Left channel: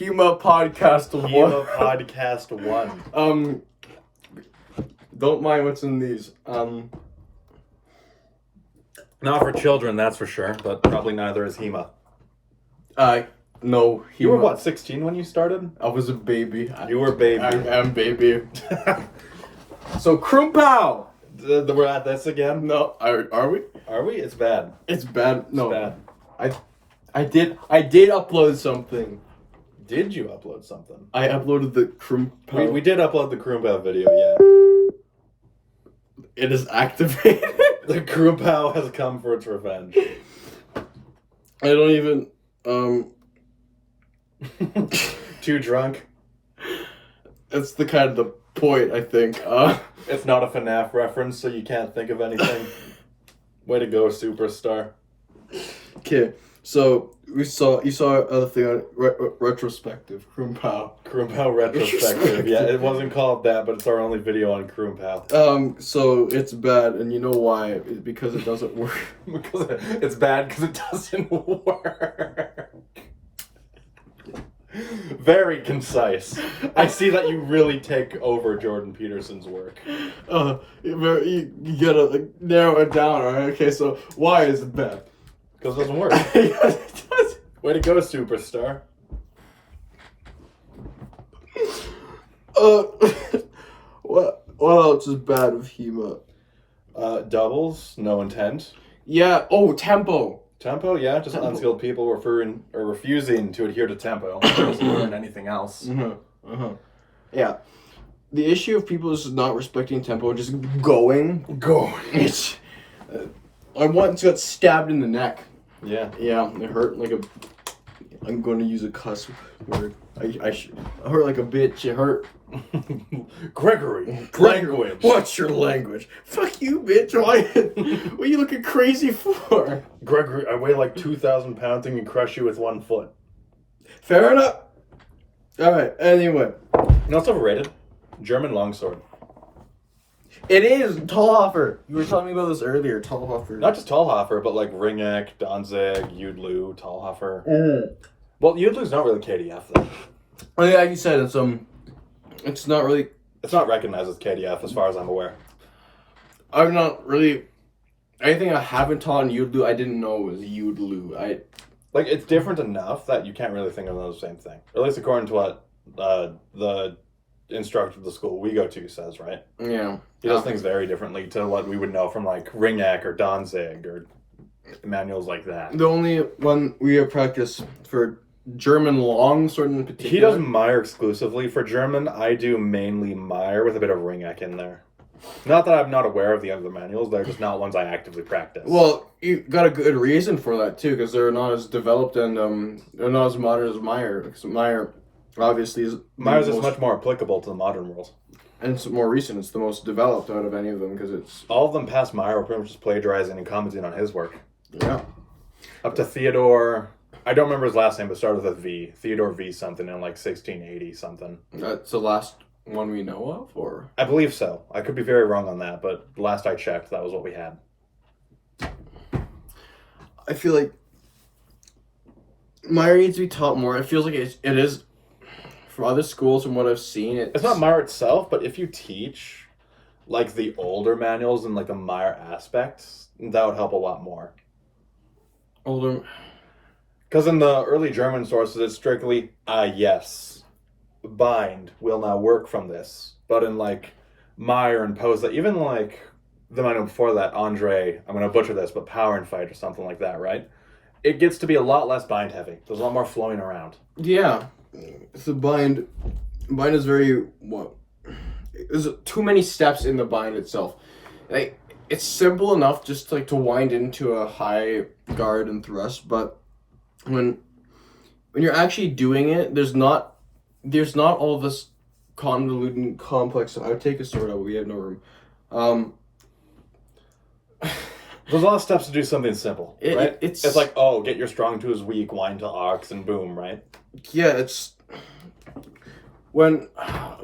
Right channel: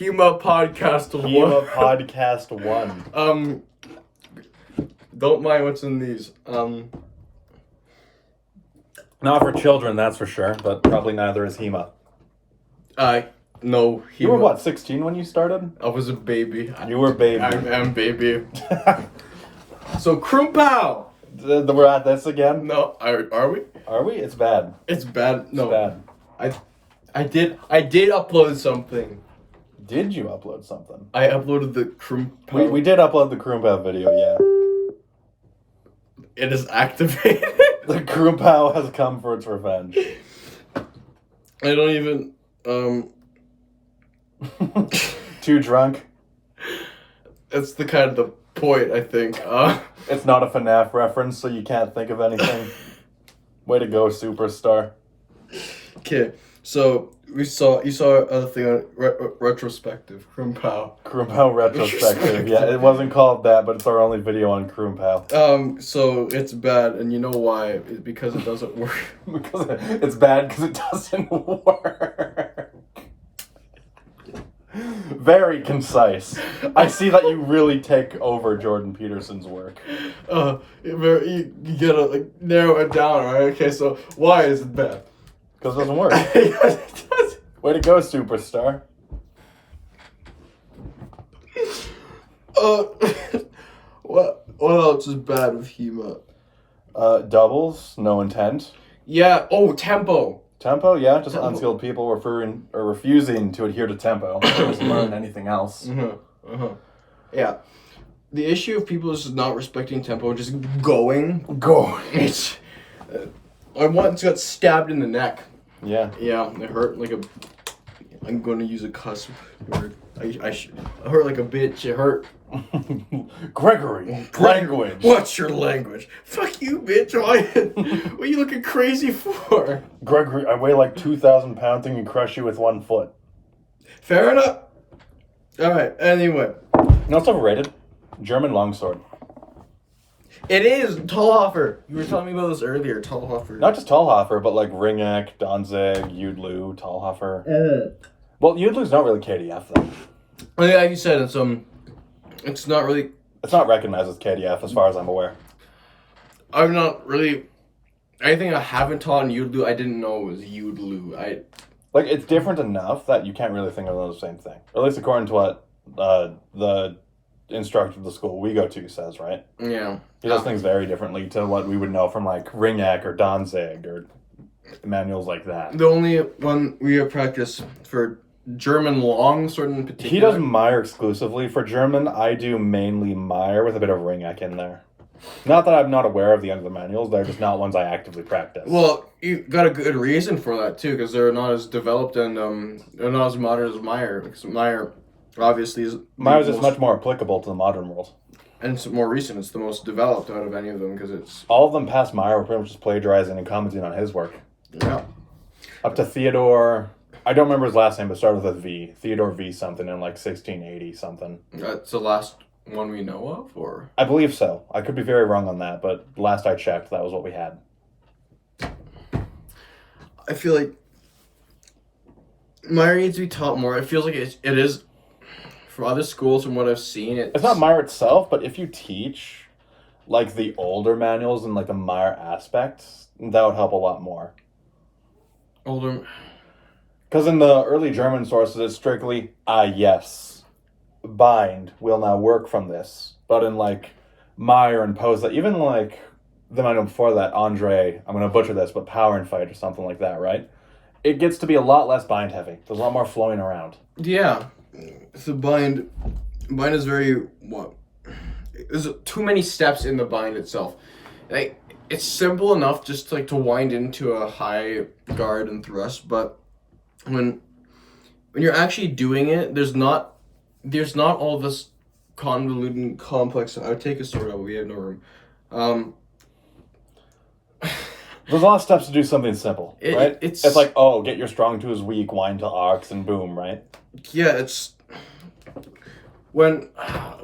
HEMA Podcast 1. HEMA Podcast 1. Don't mind what's in these. Not for children, that's for sure, but probably neither is HEMA. No. HEMA. You were what, 16 when you started? I was a baby. You were a baby. I am baby. So, Krumpow! We're at this again? No, are we? Are we? It's bad. It's bad. No. It's bad. I did upload something. Did you upload something? I uploaded the Krumpow. We did upload the Krumpow video, yeah. It is activated. The Krumpow has come for its revenge. I don't even, Too drunk? It's the kind of the point, I think. It's not a FNAF reference, so you can't think of anything. Way to go, superstar. Okay, so you saw other thing on retrospective, Krumpow. Krumpow retrospective. Yeah, it wasn't called that, but it's our only video on Krumpow. So it's bad, and you know why? It's because it doesn't work. Because it's bad because it doesn't work. Very concise. I see that you really take over Jordan Peterson's work. You gotta like narrow it down, alright? Okay, so why is it bad? Because it doesn't work. Yes, it does. Way to go, superstar. What else is bad with HEMA? Doubles, no intent. Yeah. Oh, tempo. Tempo, yeah, just Tempo. unskilled people refusing to adhere to tempo. Doesn't learn anything else. Yeah. The issue of people is not respecting tempo, just going. It's. I once got stabbed in the neck. Yeah. Yeah, it hurt like a. I'm going to use a cuss word. I hurt like a bitch. It hurt. Gregory. Language. What's your language? Fuck you, bitch. What are you looking crazy for? Gregory, I weigh like 2,000 pounds and can crush you with 1 foot. Fair enough. Alright, anyway. You know what's overrated? German longsword. It is Tallhofer. You were telling me about this earlier. Tallhofer. Not just Tallhofer, but like Ringneck, Danzig, Udlu, Tallhofer. Well, Udlu's not really KDF though. Oh yeah, like you said, it's not really. It's not recognized as KDF as far as I'm aware. I'm not really. Anything I haven't taught in Udlu, I didn't know it was Udlu. Like, it's different enough that you can't really think of them as the same thing. Or at least according to what the instructor of the school we go to says, right? Yeah. He does things very differently to what we would know from like Ringneck or Danzig or manuals like that. The only one we have practiced for German longsword in particular. He does Meyer exclusively. For German, I do mainly Meyer with a bit of Ringneck in there. Not that I'm not aware of the other manuals, they're just not ones I actively practice. Well, you got a good reason for that too, because they're not as developed and they're not as modern as Meyer. Because Meyer, obviously, is Meyer's is much more applicable to the modern world, and it's more recent. It's the most developed out of any of them because it's all of them past Meyer were pretty much just plagiarizing and commenting on his work. Yeah. Up to Theodore. I don't remember his last name, but it started with a V. Theodore V something in like 1680 something. That's the last one we know of, or? I believe so. I could be very wrong on that, but last I checked, that was what we had. I feel like Meyer needs to be taught more. It feels like it is, from other schools, from what I've seen. It's not Meyer itself, but if you teach like the older manuals and like the Meyer aspects, that would help a lot more. Older. Because in the early German sources, it's strictly, yes, bind will now work from this. But in like Meyer and Post, even like the manual before that, Andre, I'm going to butcher this, but Power and Fight or something like that, right? It gets to be a lot less bind heavy. There's a lot more flowing around. Yeah. The bind is very, there's too many steps in the bind itself. Like, it's simple enough just to wind into a high guard and thrust, but when you're actually doing it, there's not all this convoluted and complex. I would take a sword out, but we have no room. There's a lot of steps to do something simple, right? It's like, get your strong to his weak, wind to ox, and boom, right? Yeah, it's when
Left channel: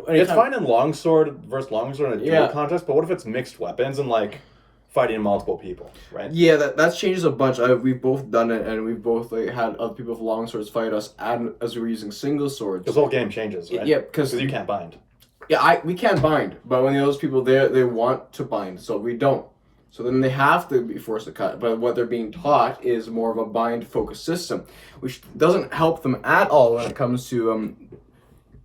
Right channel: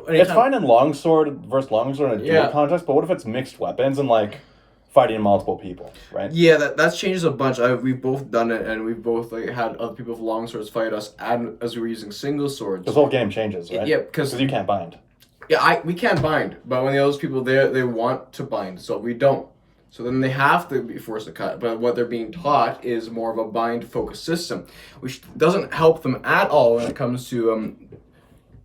it's fine in longsword versus longsword in a duel contest, but what if it's mixed weapons and like fighting multiple people, right? Yeah, that's changes a bunch. We've both done it, and we've both like had other people with long swords fight us, and as we were using single swords. This whole game changes, right? Yeah, because you can't bind. Yeah, we can't bind, but when those people they want to bind, so we don't. So then they have to be forced to cut. But what they're being taught is more of a bind focused system, which doesn't help them at all when it comes to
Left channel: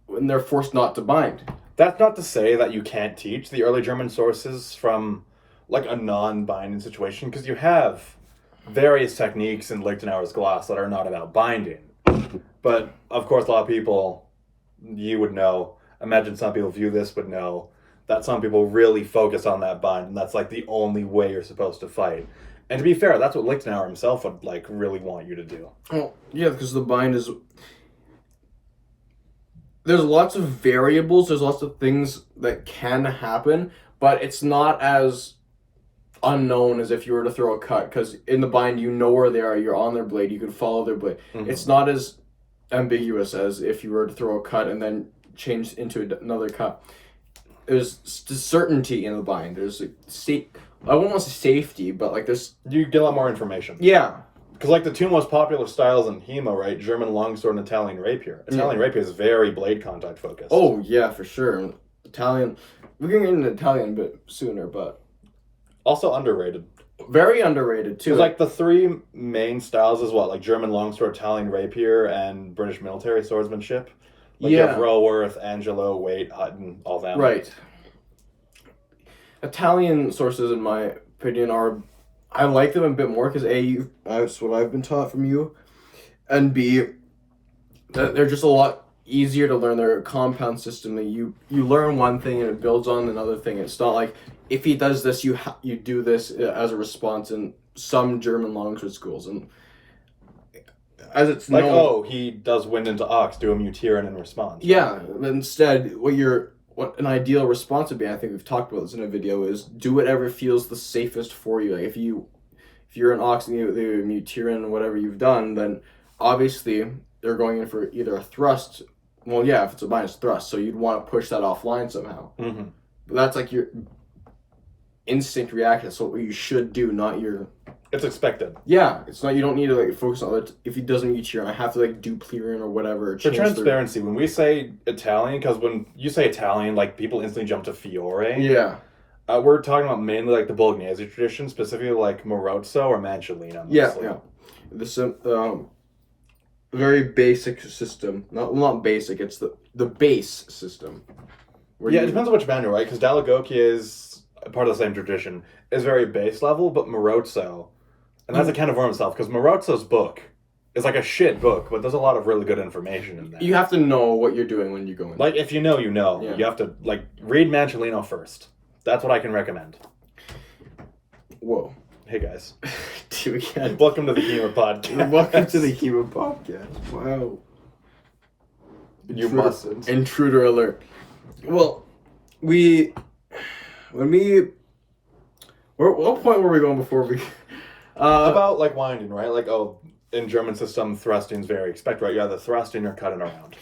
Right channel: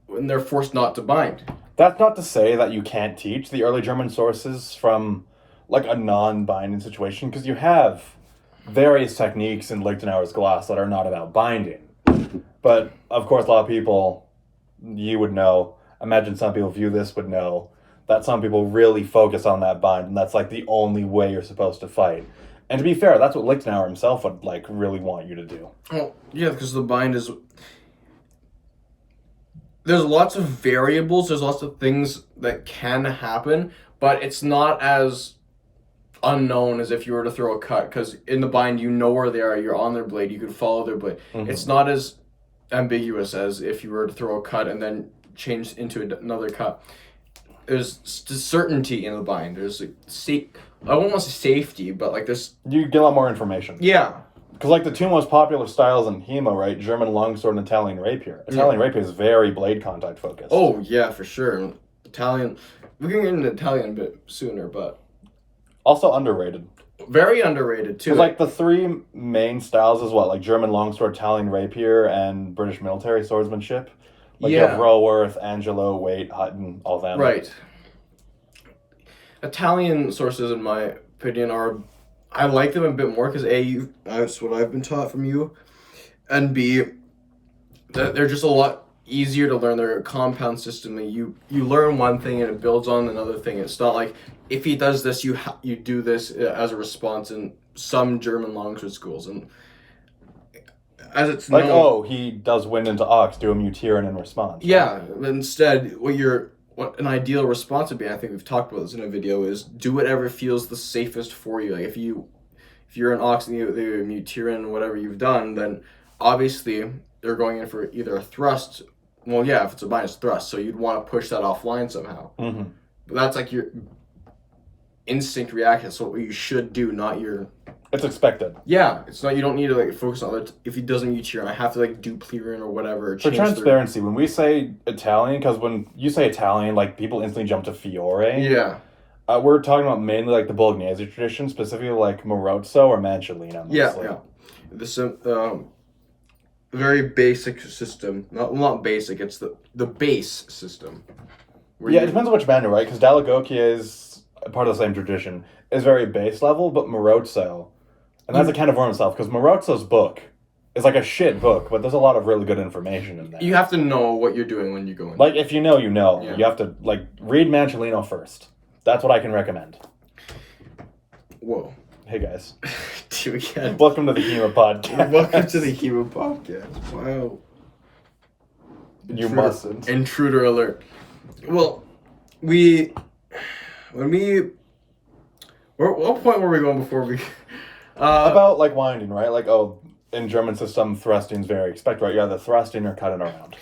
when they're forced not to bind. That's not to say that you can't teach the early German sources from like a non-binding situation, because you have various techniques in Lichtenauer's glass that are not about binding. But of course, a lot of people, you would know, imagine some people view this would know, that some people really focus on that bind, and that's like the only way you're supposed to fight. And to be fair, that's what Lichtenauer himself would like really want you to do. Well, yeah, because the bind is... There's lots of variables, there's lots of things that can happen, but it's not as unknown as if you were to throw a cut, because in the bind you know where they are, you're on their blade, you can follow their blade. Mm-hmm. It's not as ambiguous as if you were to throw a cut and then change into another cut. There's certainty in the bind. There's like I won't want to say safety, but like there's... You get a lot more information. Yeah. Because like the two most popular styles in HEMA, right? German longsword and Italian rapier. Italian rapier is very blade contact focused. Oh yeah, for sure. Italian... We're going to get into Italian a bit sooner, but... Also underrated. Very underrated too. Like the three main styles is what? Like German longsword, Italian rapier, and British military swordsmanship. Like you have Roworth, Angelo, Waite, Hutton, all that. Right. Italian sources, in my opinion, are... I like them a bit more because A, that's what I've been taught from you, and B, they're just a lot easier to learn. They're a compound system. That you learn one thing and it builds on another thing. It's not like if he does this, you do this as a response in some German longsword schools. And as it's like, known, he does wind into ox, do a mutirin in response. Yeah, but instead, what an ideal response would be, I think we've talked about this in a video, is do whatever feels the safest for you. Like if you're an ox and you mutirin whatever you've done, then obviously they're going in for either a thrust. Well, yeah, if it's a minus thrust, so you'd want to push that offline somehow. Mm-hmm. But that's like your instinct reaction. That's what you should do, not your... It's expected. Yeah, it's not. You don't need to like focus on that. If he doesn't mutirin, I have to like do clearing or whatever. For transparency, when we say Italian, because when you say Italian, like people instantly jump to Fiore. Yeah. We're talking about mainly like the Bolognese tradition, specifically like Marozzo or Manciolino. Yeah. This very basic system. Not basic. It's the base system. It depends on which manual, right? Because Dall'Agocchia is part of the same tradition. Is very base level, but Marozzo, and that's a can of worm itself, because Marozzo's book is like a shit book, but there's a lot of really good information in there. You have to know what you're doing when you go in. Like, if you know, you know. Yeah. You have to, like, read Manciolino first. That's what I can recommend. Whoa. Hey, guys. Again. Welcome to the HEMA podcast. Welcome to the HEMA podcast. Wow. You mustn't. Intruder alert. Well, what point were we going before we... about, like, winding, right? Like, in German system, thrusting is very expected, right? You either thrusting or cutting around.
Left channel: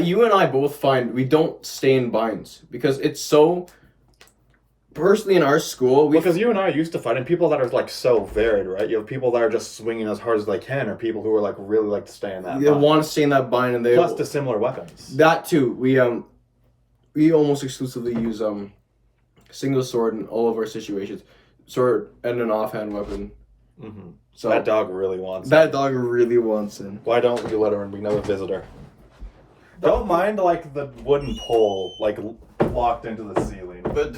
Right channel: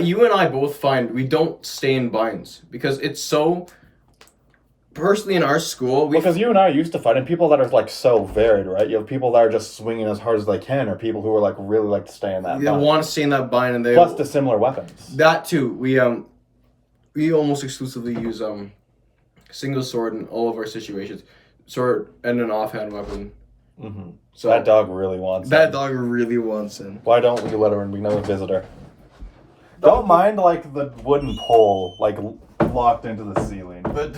You and I both find we don't stay in binds, because it's so... Personally, in our school... Because you and I are used to fighting people that are, like, so varied, right? You have people that are just swinging as hard as they can, or people who are, like, really like to stay in that bind. They want to stay in that bind, and they... Plus dissimilar weapons. That, too. We almost exclusively use, single sword in all of our situations. Sword and an offhand weapon. Mm-hmm. So that dog really wants That dog really wants in. Why don't we let her in? We know a visitor. Don't mind, like, the wooden pole, like, locked into the ceiling. But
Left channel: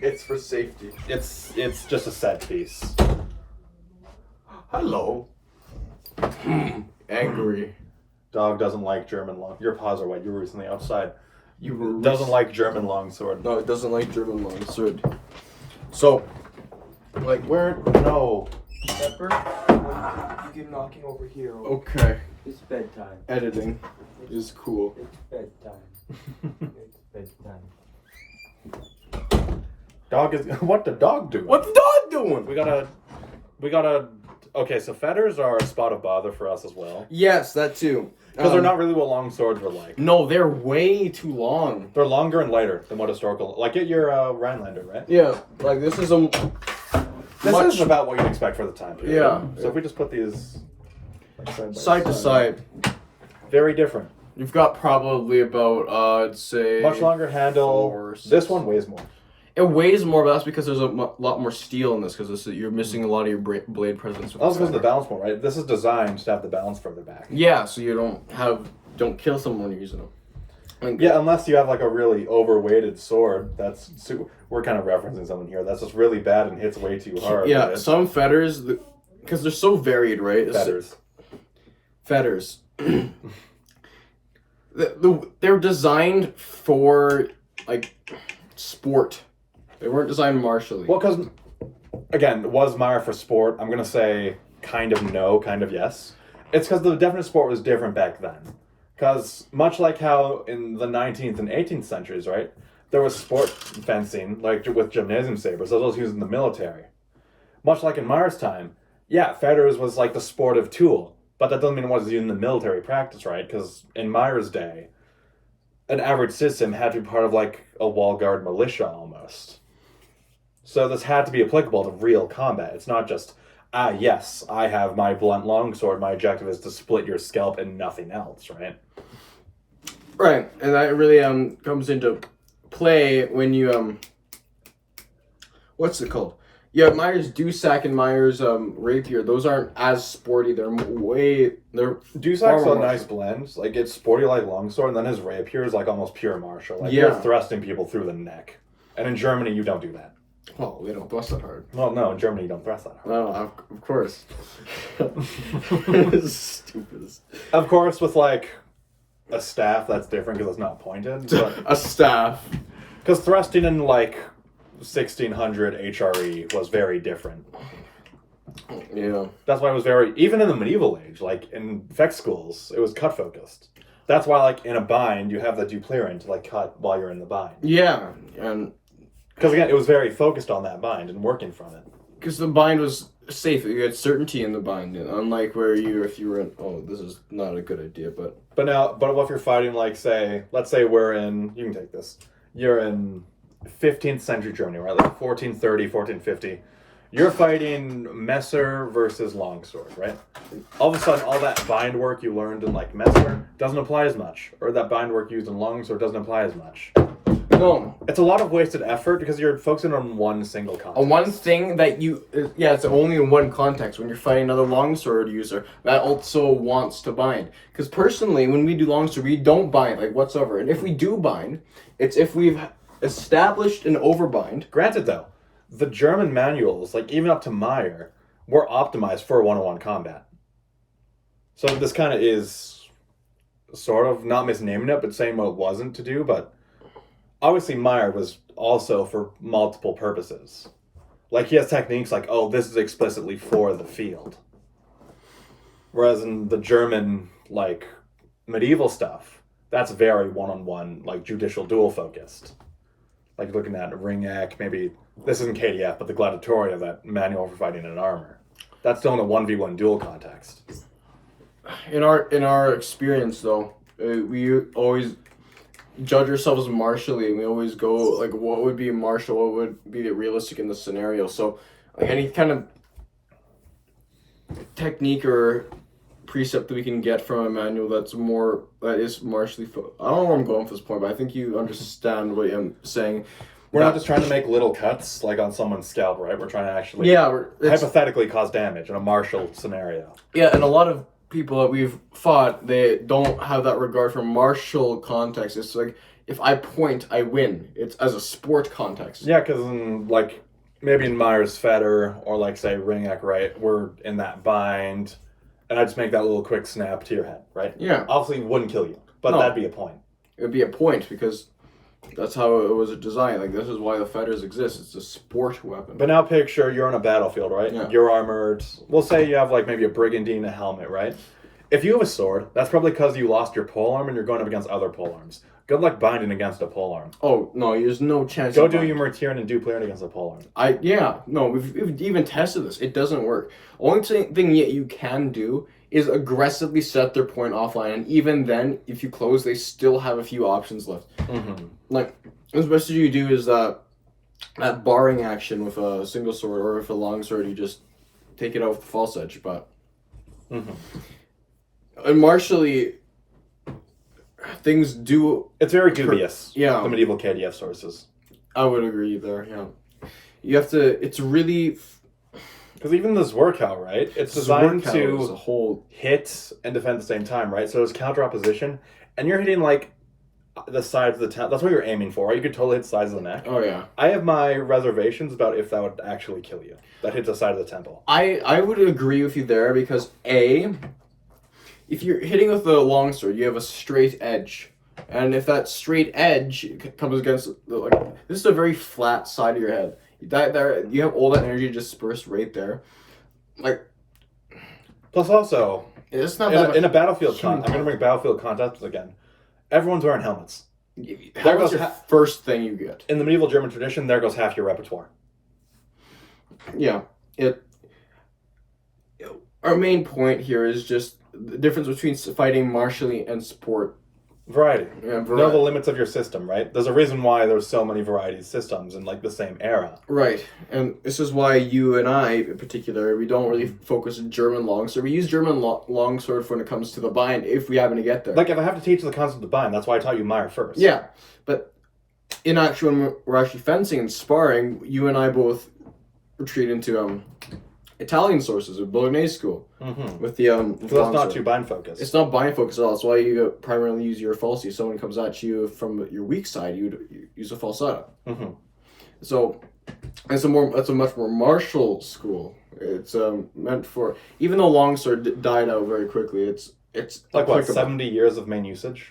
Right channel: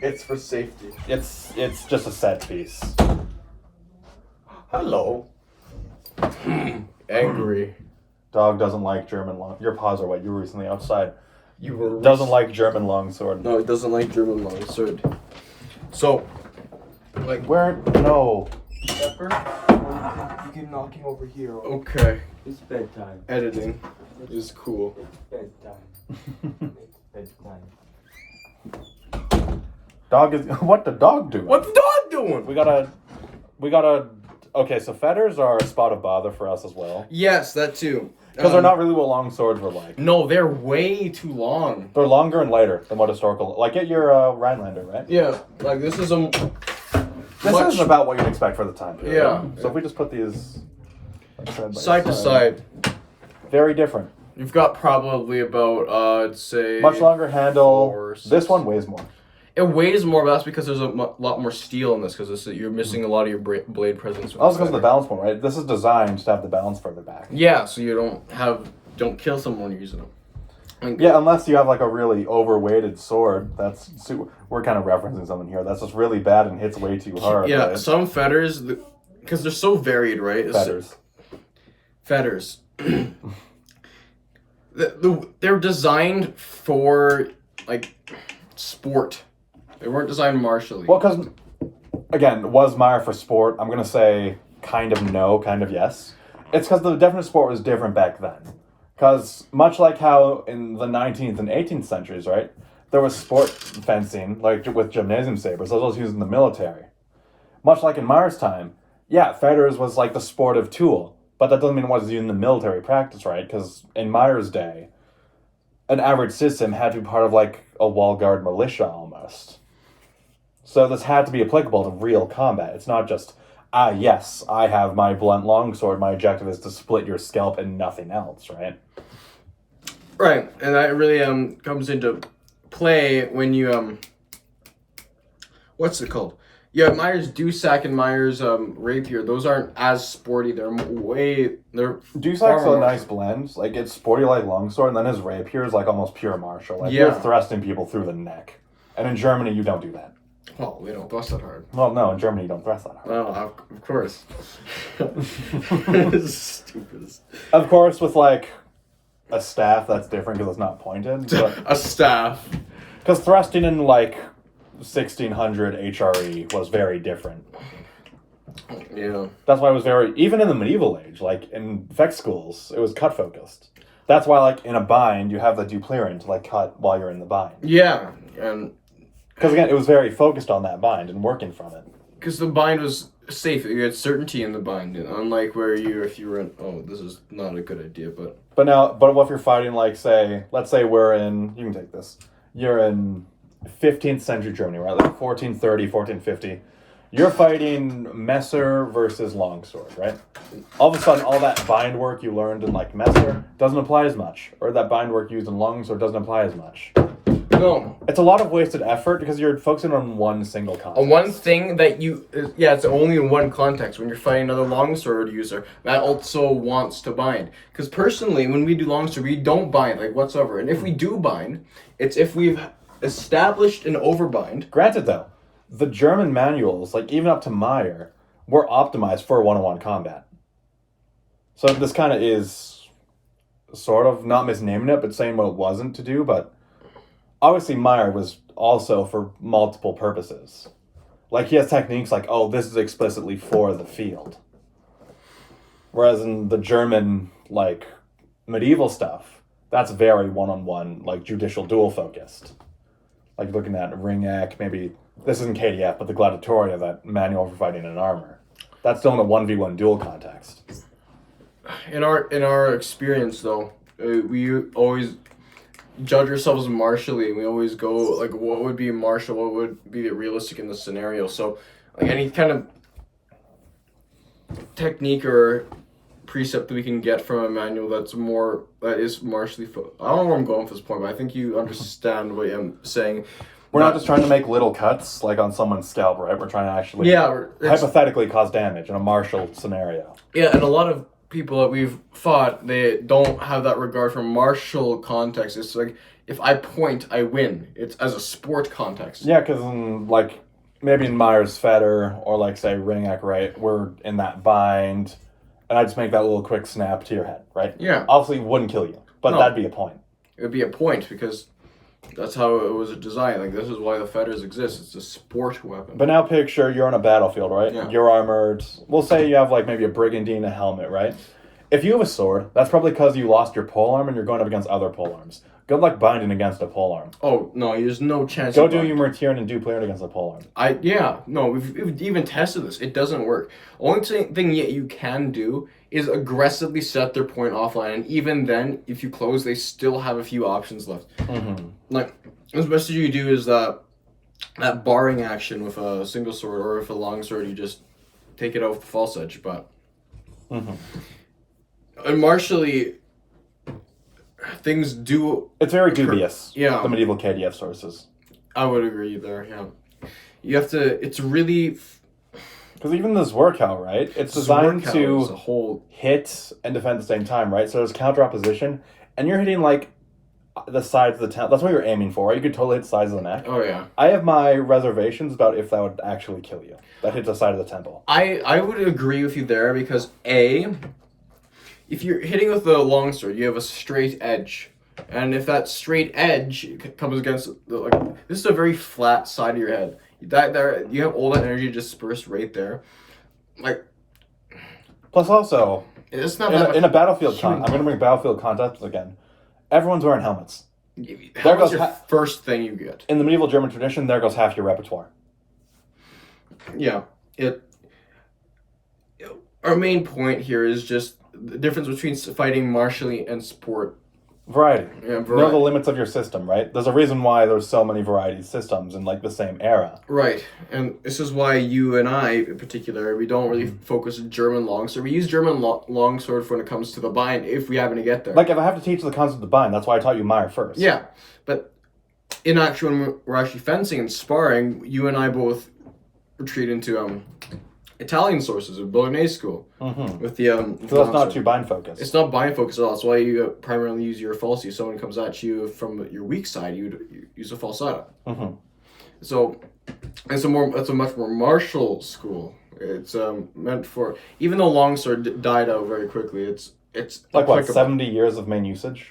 it's for safety. It's just a set piece. Hello. Angry. Dog doesn't like German long... Your paws are wet. You were recently outside. Doesn't like German longsword. No, it doesn't like German longsword. So, like, where? No. Pepper, you keep knocking over here. Okay. It's bedtime. Editing is cool. It's bedtime. It's bedtime. Dog is... What the dog doing? What's the dog doing? We gotta... Okay, so fetters are a spot of bother for us as well. Yes, that too. Because they're not really what long swords were like. No, they're way too long. They're longer and lighter than what historical... Like, get your Rhinelander, right? Yeah, like this is a... much is about what you'd expect for the time period. Yeah. So if we just put these like, side to side. very different. You've got probably about I'd say Much longer handle. 4, 6. This one weighs more. It weighs more, but that's because there's a lot more steel in this. Because you're missing a lot of your blade presence. with Also because of the feather. balance point, right? This is designed to have the balance further back. Yeah, so you don't kill someone when you're using them. Like, Yeah, unless you have like a really overweighted sword. We're kind of referencing something here. That's just really bad and hits way too hard. yeah. right? Some fetters, because they're so varied, right? Fetters. They're designed for like sport. They weren't designed martially. Well, because again, was Meyer for sport? I'm gonna say kind of no, kind of yes. It's because the definition of sport was different back then. Because much like how in the 19th and 18th centuries, right, there was sport fencing, like with gymnasium sabers, those was used in the military. Much like in Meyer's time, yeah, fetters was like the sportive tool, but that doesn't mean it was used in the military practice, right? Because in Meyer's day, an average citizen had to be part of like a wall guard militia almost. So this had to be applicable to real combat. It's not just, yes, I have my blunt longsword, my objective is to split your scalp and nothing else, right? Right, and that really comes into play when you what's it called? Yeah, Meyer's Dussac and Meyer's rapier. Those aren't as sporty. They're Dusac's far a nice blend. Like it's sporty like longsword, and then his rapier is like almost pure martial. Like Yeah. you're thrusting people through the neck. And in Germany, you don't do that. Oh, they don't bust that hard. Well, no, in Germany, you don't thrust that hard. Well, of course. Stupid. Of course, with like a staff, that's different because it's not pointed. But A staff. because thrusting in like 1600 HRE was very different. Yeah. That's why it was very, even in the medieval age, like in effect schools, it was cut focused. That's why, like in a bind, you have the duplerian to like cut while you're in the bind. Yeah, and Because again, it was very focused on that bind and working from it. because the bind was safe, you had certainty in the bind, unlike where if you were in, oh, this is not a good idea, but But what if you're fighting like, say, let's say we're in, you can take this, you're in 15th century Germany, right? Like 1430, 1450. You're fighting Messer versus longsword, right? All of a sudden, all that bind work you learned in like Messer doesn't apply as much, or that bind work used in longsword doesn't apply as much. no. It's a lot of wasted effort because you're focusing on one single context. One thing that it's only in one context. When you're fighting another longsword user, that also wants to bind. Because personally, when we do longsword, we don't bind like whatsoever. And if we do bind, it's if we've established an overbind. Granted, though, the German manuals, like even up to Meyer, were optimized for one-on-one combat. So this kind of is sort of not misnaming it, but saying what it wasn't to do. But obviously, Meyer was also for multiple purposes. Like he has techniques like, oh, this is explicitly for the field. Whereas in the German, like medieval stuff, that's very one-on-one, like judicial duel focused. Like looking at Ringak, maybe this isn't KDF, but the Gladiatoria, that manual for fighting in armor. That's still in a 1v1 duel context. In our experience, though, we always judge ourselves martially. We always go like, what would be martial? What would be realistic in the scenario? So, like any kind of technique or precept that we can get from a manual that is martially. I don't know where I'm going for this point, but I think you understand what I'm saying. We're not just trying to make little cuts like on someone's scalp, right? We're trying to actually hypothetically cause damage in a martial scenario. Yeah, and a lot of people that we've fought, they don't have that regard for martial context. It's like, if I point, I win. It's as a sport context. Yeah, because like maybe in Meyer's Fetter or like say Ringak, right? We're in that bind, and I just make that little quick snap to your head, right? Yeah. Obviously, it wouldn't kill you, but No. that'd be a point. It would be a point because that's how it was designed. Like, this is why the fetters exist. It's a sport weapon. But now picture you're on a battlefield, right? Yeah. You're armored. We'll say you have like maybe a brigandine, a helmet, right? If you have a sword, that's probably because you lost your polearm and you're going up against other polearms. Good luck binding against a polearm. Oh, no, there's no chance. Go of do bind. your Mertian and Duplerian against a polearm. We've even tested this. It doesn't work. Only thing yet you can do is aggressively set their point offline, and even then, if you close, they still have a few options left. Mm-hmm. Like, the best you do is that barring action with a single sword, or with a long sword, you just take it out with the false edge. But and martially, things do. It's very dubious. Yeah. The medieval KDF sources. I would agree there. Yeah, you have to. It's really. Because even the Zwerkow, right? It's designed Zwerkow to hit and defend at the same time, right? So there's counter opposition, and you're hitting like the sides of the temple. That's what you're aiming for, right? You could totally hit the sides of the neck. Oh yeah. I have my reservations about if that would actually kill you. That hits the side of the temple. I would agree with you there because if you're hitting with the longsword, you have a straight edge, and if that straight edge comes against this is a very flat side of your head. That there you have all that energy dispersed right there, like. Plus, also, It's not in a battlefield I'm going to bring battlefield concepts again. Everyone's wearing helmets. Helmet's your first thing you get. In the medieval German tradition, there goes half your repertoire. Yeah, our main point here is just the difference between fighting martially and sport. Variety. Yeah, Know the limits of your system, right? There's a reason why there's so many variety systems in like the same era. Right, and this is why you and I, in particular, we don't really focus on German longsword. We use German longsword when it comes to the bind, if we happen to get there. Like if I have to teach the concept of bind, that's why I taught you Meyer first. Yeah, but in actual, when we're actually fencing and sparring, you and I both retreat into Italian sources of Bolognese school with the So that's not too bind focused. It's not bind focused at all. That's why you primarily use your falsi. If someone comes at you from your weak side, you use a falsata. So it's a much more martial school. It's meant for, even though longsword died out very quickly. It's like what, 70 years of main usage.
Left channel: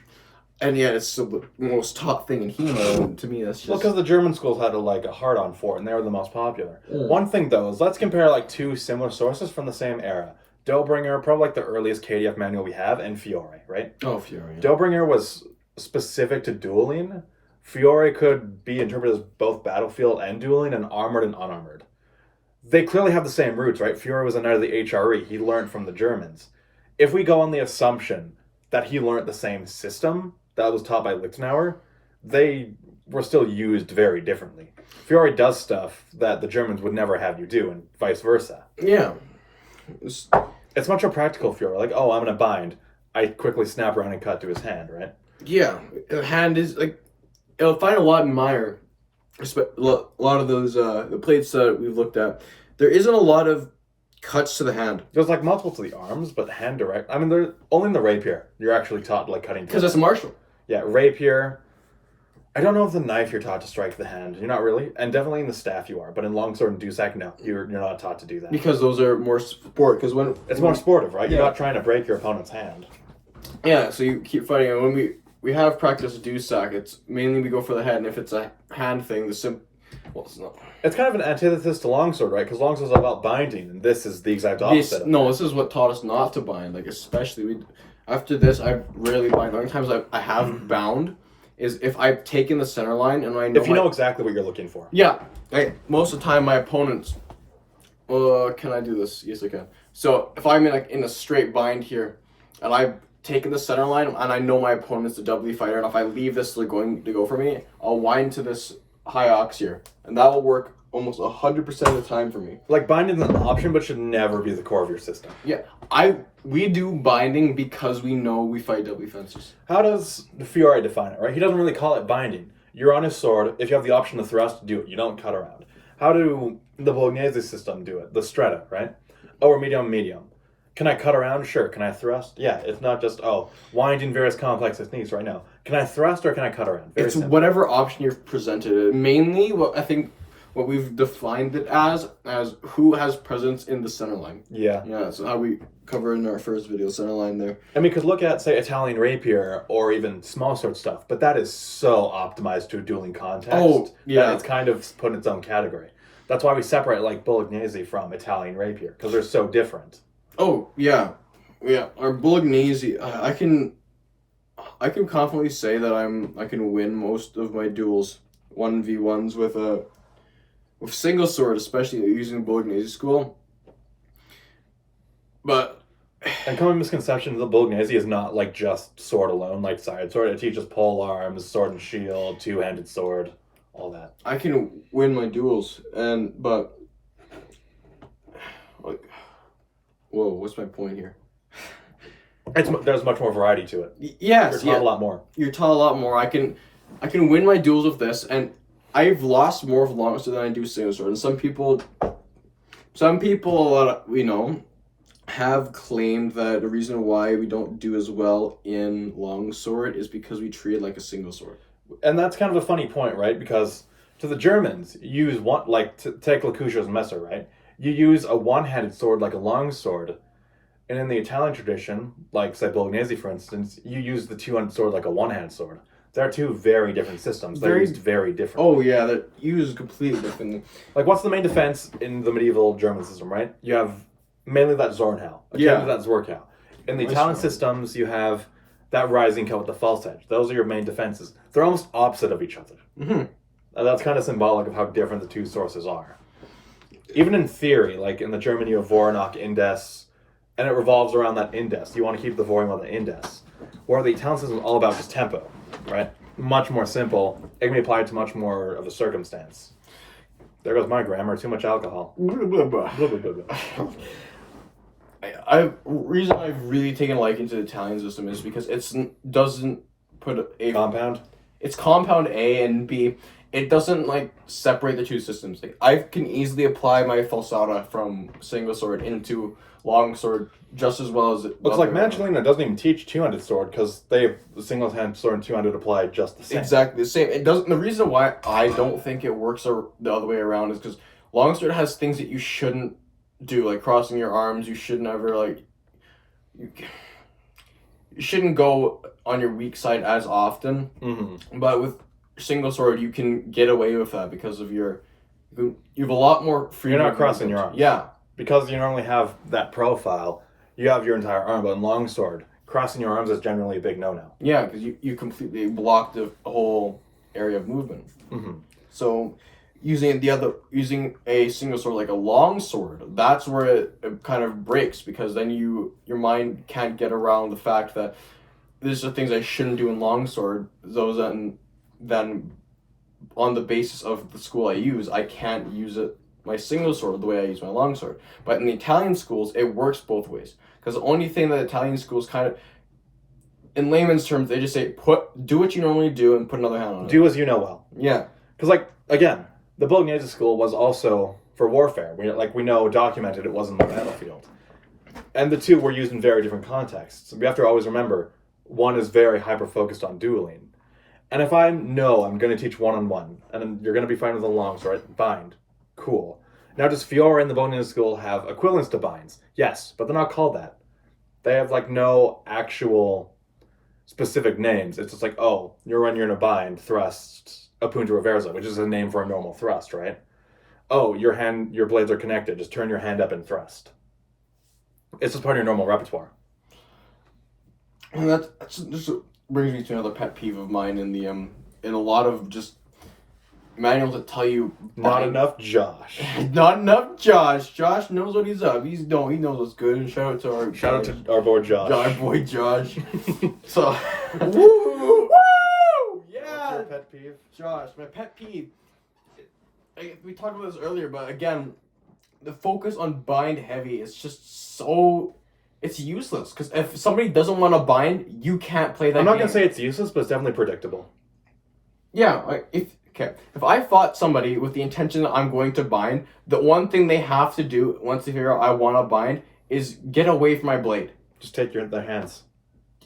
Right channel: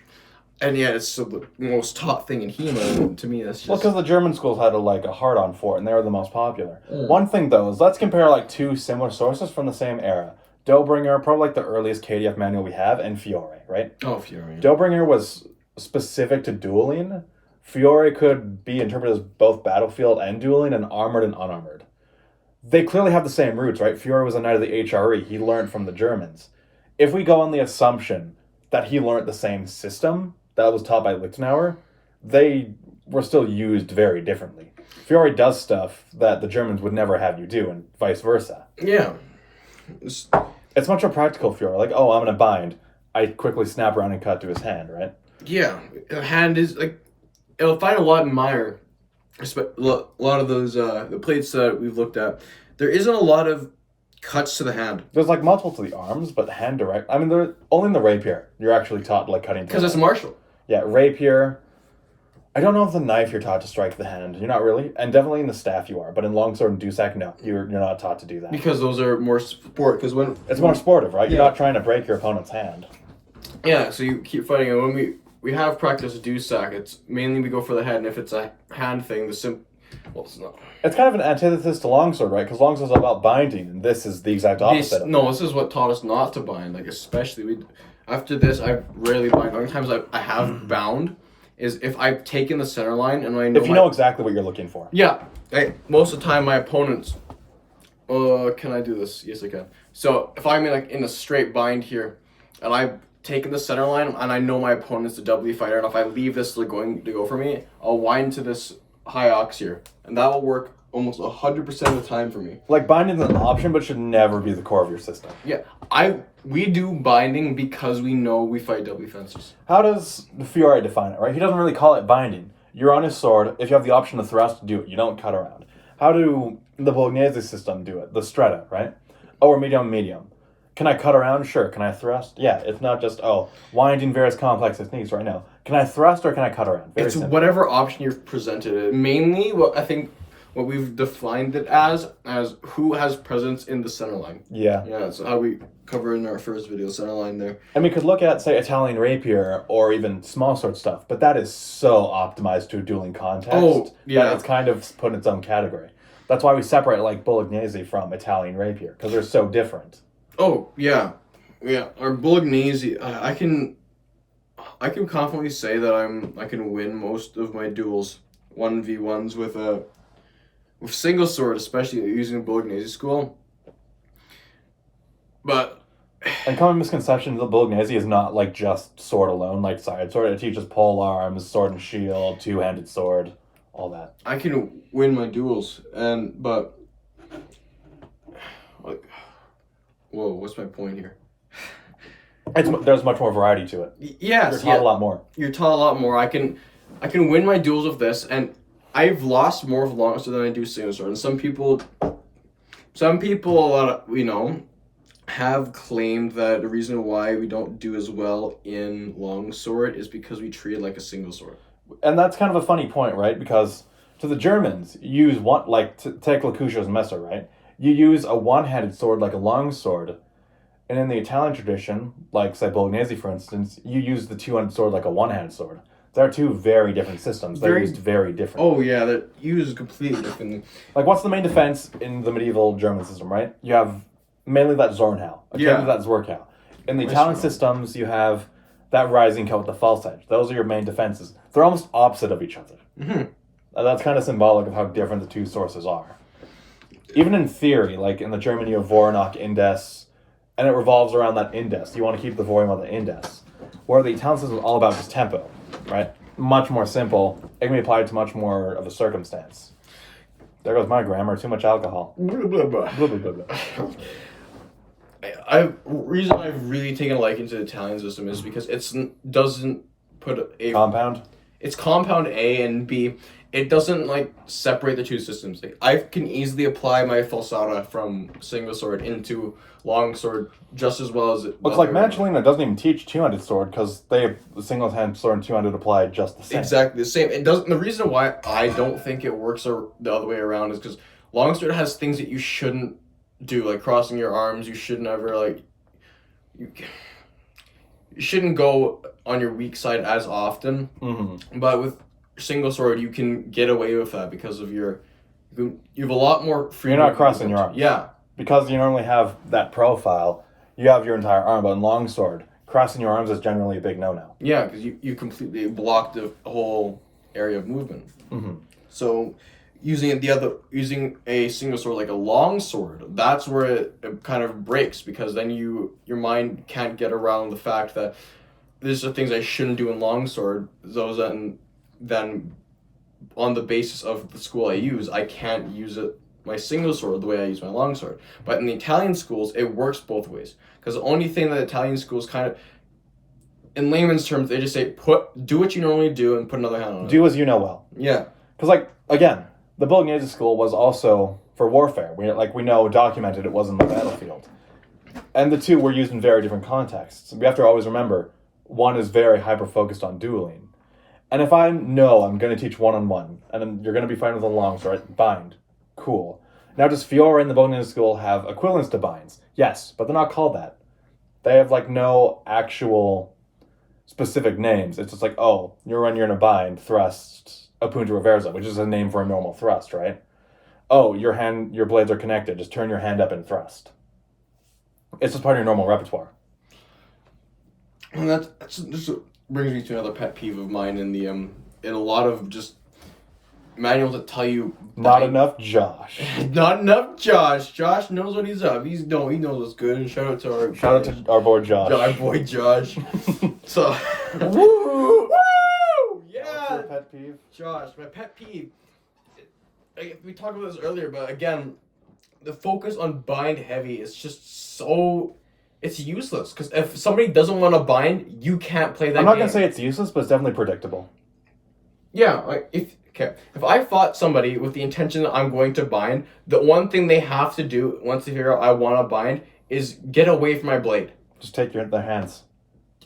And yeah, it's the most taught thing in HEMA, and to me that's just... Well, because the German schools had a hard-on for it, and they were the most popular. One thing, though, is let's compare, like, two similar sources from the same era. Doughbringer, probably, like, the earliest KDF manual we have, and Fiore, right? Oh, Fiore. Yeah. Doughbringer was specific to dueling. Fiore could be interpreted as both battlefield and dueling, and armored and unarmored. They clearly have the same roots, right? Fiore was a knight of the HRE. He learned from the Germans. If we go on the assumption that he learned the same system that was taught by Lichtenauer, they were still used very differently. Fiore does stuff that the Germans would never have you do, and vice versa. Yeah. It's much more practical Fiore. Like, oh, I'm going to bind. I quickly snap around and cut to his hand, right? Yeah. Hand is, like, you'll find a lot in Meyer. A lot of those, the plates that we've looked at, there isn't a lot of cuts to the hand. There's, like, multiple to the arms, but hand direct. I mean, they're only in the rapier. You're actually taught, like, cutting. Because that's martial. Yeah, rapier. I don't know if the knife you're taught to strike the hand. You're not really. And definitely in the staff you are. But in longsword and dusek, no. You're not taught to do that. Because those are more sport. Because when it's more sportive, right? You're not trying to break your opponent's hand. Yeah, so you keep fighting. And when we have practice dusek, it's mainly we go for the head. And if it's a hand thing, well, it's not. It's kind of an antithesis to longsword, right? Because longsword's all about binding. And this is the exact opposite. This is what taught us not to bind. Like, especially after this, I rarely bind. The only times I have bound is if I've taken the center line and I know if you know exactly what you're looking for. Yeah. Most of the time, my opponents... can I do this? Yes, I can. So, if I'm in a straight bind here, and I've taken the center line, and I know my opponent's a doubly fighter, and if I leave this going to go for me, I'll wind to this high ox here. And that will work almost 100% of the time for me. Like, binding's an option, but should never be the core of your system. Yeah, we do binding because we know we fight doubly fences. How does the Fiore define it, right? He doesn't really call it binding. You're on his sword. If you have the option to thrust, do it. You don't cut around. How do the Bolognese system do it? The stretta, right? Oh, we're medium. Can I cut around? Sure. Can I thrust? Yeah, it's not just, winding various complex techniques right now. Can I thrust or can I cut around? Very simple. Whatever option you've presented. Mainly, what we've defined it as who has presence in the center line. Yeah. Yeah, that's how we covered in our first video, center line there. And we could look at, say, Italian rapier or even small sword stuff, but that is so optimized to a dueling context. Oh, yeah. It's kind of put in its own category. That's why we separate, like, Bolognese from Italian rapier, because they're so different. Oh, yeah. Yeah, our Bolognese, I can confidently say that I can win most of my duels 1v1s with single sword, especially using Bolognese school. But a common misconception of the Bolognese is not like just sword alone, like side sword. It teaches pole arms, sword and shield, two-handed sword, all that. I can win my duels, but like, whoa, what's my point here? There's much more variety to it. Yes, You're taught a lot more. You're taught a lot more. I can win my duels with this, and I've lost more of longsword than I do single sword. And some people, a lot of, have claimed that the reason why we don't do as well in longsword is because we treat it like a single sword. And that's kind of a funny point, right? Because to the Germans, you use one, like, take Lacuscio's Messer, right? You use a one-handed sword like a longsword. And in the Italian tradition, like, say, Bolognese, for instance, you use the two-handed sword like a one-handed sword. They're two very different systems. They're used very different. Oh, yeah, they're used completely differently. Like, what's the main defense in the medieval German system, right? You have mainly that Zornhau. Yeah. That Zorkau. In the Italian systems, you have that rising coat with the false edge. Those are your main defenses. They're almost opposite of each other. Mm-hmm. That's kind of symbolic of how different the two sources are. Even in theory, like in the German, you have Voronok Indes, and it revolves around that indes. You want to keep the volume on the indes. Where the Italian system is all about just tempo, right? Much more simple. It can be applied to much more of a circumstance. There goes my grammar. Too much alcohol. Blah, blah, blah. Blah, blah, blah, blah. Reason I've really taken a liking to the Italian system is because doesn't put a Compound? It's compound A and B. It doesn't separate the two systems. I can easily apply my falsata from single sword into long sword just as well as it. Looks like Magellina doesn't even teach two-handed sword because they have the single-handed sword and two-handed apply just the same. Exactly the same. It doesn't. The reason why I don't think it works the other way around is because long sword has things that you shouldn't do, like crossing your arms. You should never you shouldn't go on your weak side as often. Mm-hmm. But with single sword, you can get away with that because of you have a lot more freedom. You're not crossing your arms. Yeah. Because you normally have that profile, you have your entire arm, but in longsword, crossing your arms is generally a big no-no. Yeah, because you completely block the whole area of movement. Mm-hmm. So using a single sword like a long sword, that's where it kind of breaks, because then your mind can't get around the fact that these are things I shouldn't do in longsword. Those then on the basis of the school I use, I can't use my single sword the way I use my longsword. But in the Italian schools, it works both ways. Because the only thing that Italian schools kind of, in layman's terms, they just say, do what you normally do and put another hand on it. Do as you know well. Yeah. Because, again, the Bolognese school was also for warfare. We know, documented, it was in the battlefield. And the two were used in very different contexts. We have to always remember, one is very hyper-focused on dueling. And if I'm going to teach one-on-one, and then you're going to be fighting with a longsword, bind. Cool. Now, does Fiora and the Bolognese school have equivalents to binds? Yes, but they're not called that. They have, no actual specific names. It's just you're in a bind, thrust, a punta reversa, which is a name for a normal thrust, right? Oh, your blades are connected. Just turn your hand up and thrust. It's just part of your normal repertoire. And this brings me to another pet peeve of mine in a lot of just manuals that tell you Not enough Josh. Not enough Josh. Josh knows what he's up. He knows what's good. And shout out to our boy Josh. Our boy Josh. So woo! Yeah. What's your pet peeve? Josh, my pet peeve. We talked about this earlier, but again, the focus on bind heavy is just it's useless. Because if somebody doesn't want to bind, you can't play that I'm not game. going to say it's useless, but it's definitely predictable. Yeah, if I fought somebody with the intention that I'm going to bind, the one thing they have to do once they figure out I want to bind is get away from my blade. Just take their hands.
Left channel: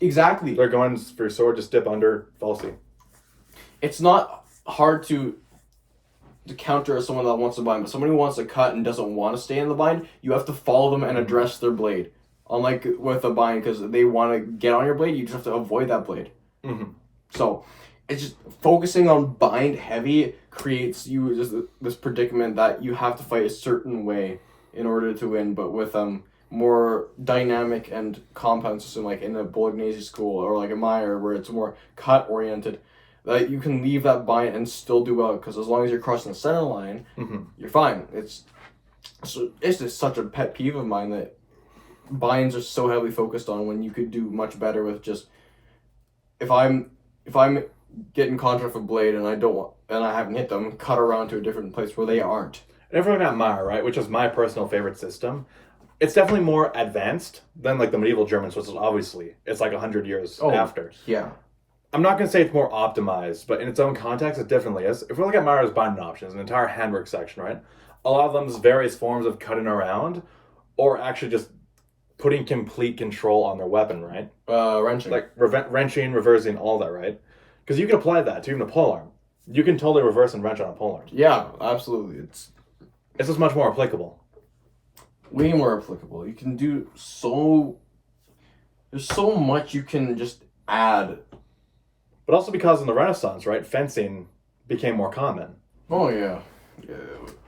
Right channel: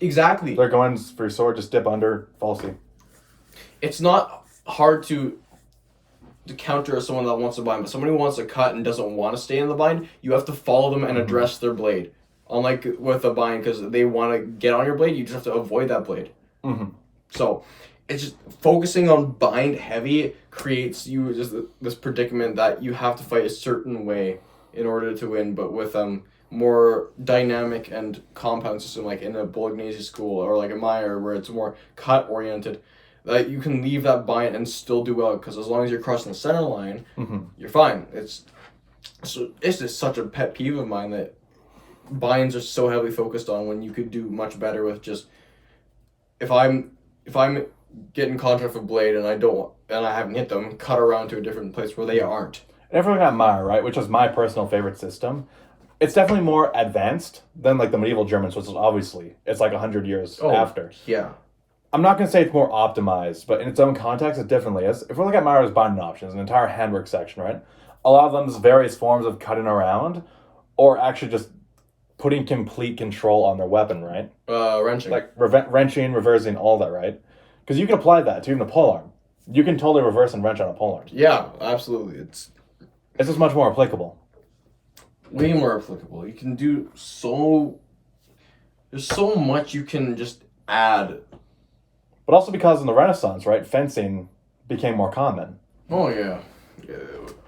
Exactly. They're going for your sword, just dip under, falsy. It's not hard to counter someone that wants to bind, but somebody who wants to cut and doesn't want to stay in the bind, you have to follow them and address their blade. Unlike with a bind, because they want to get on your blade, you just have to avoid that blade. Mm-hmm. So it's just focusing on bind heavy creates you just this predicament that you have to fight a certain way in order to win. But with more dynamic and compound system, like in a Bolognese school or like a Meyer, where it's more cut oriented, that you can leave that bind and still do well, because as long as you're crossing the center line, you're fine. It's just such a pet peeve of mine that binds are so heavily focused on when you could do much better with just if I'm get in contact with a blade and I haven't hit them, cut around to a different place where they aren't. And if we look at Meyer, right, which is my personal favorite system, it's definitely more advanced than like the medieval Germans, which is obviously it's like 100 years after. Yeah. I'm not going to say it's more optimized, but in its own context, it definitely is. If we look at Meyer's binding options, an entire handwork section, right? A lot of them is various forms of cutting around, or actually just putting complete control on their weapon, right? Wrenching. Like wrenching, reversing, all that, right? Because you can apply that to even a polearm. You can totally reverse and wrench on a polearm. Yeah, absolutely. It's just much more applicable. Way more applicable. You can do there's so much you can just add. But also because in the Renaissance, right, fencing became more common. Oh, yeah.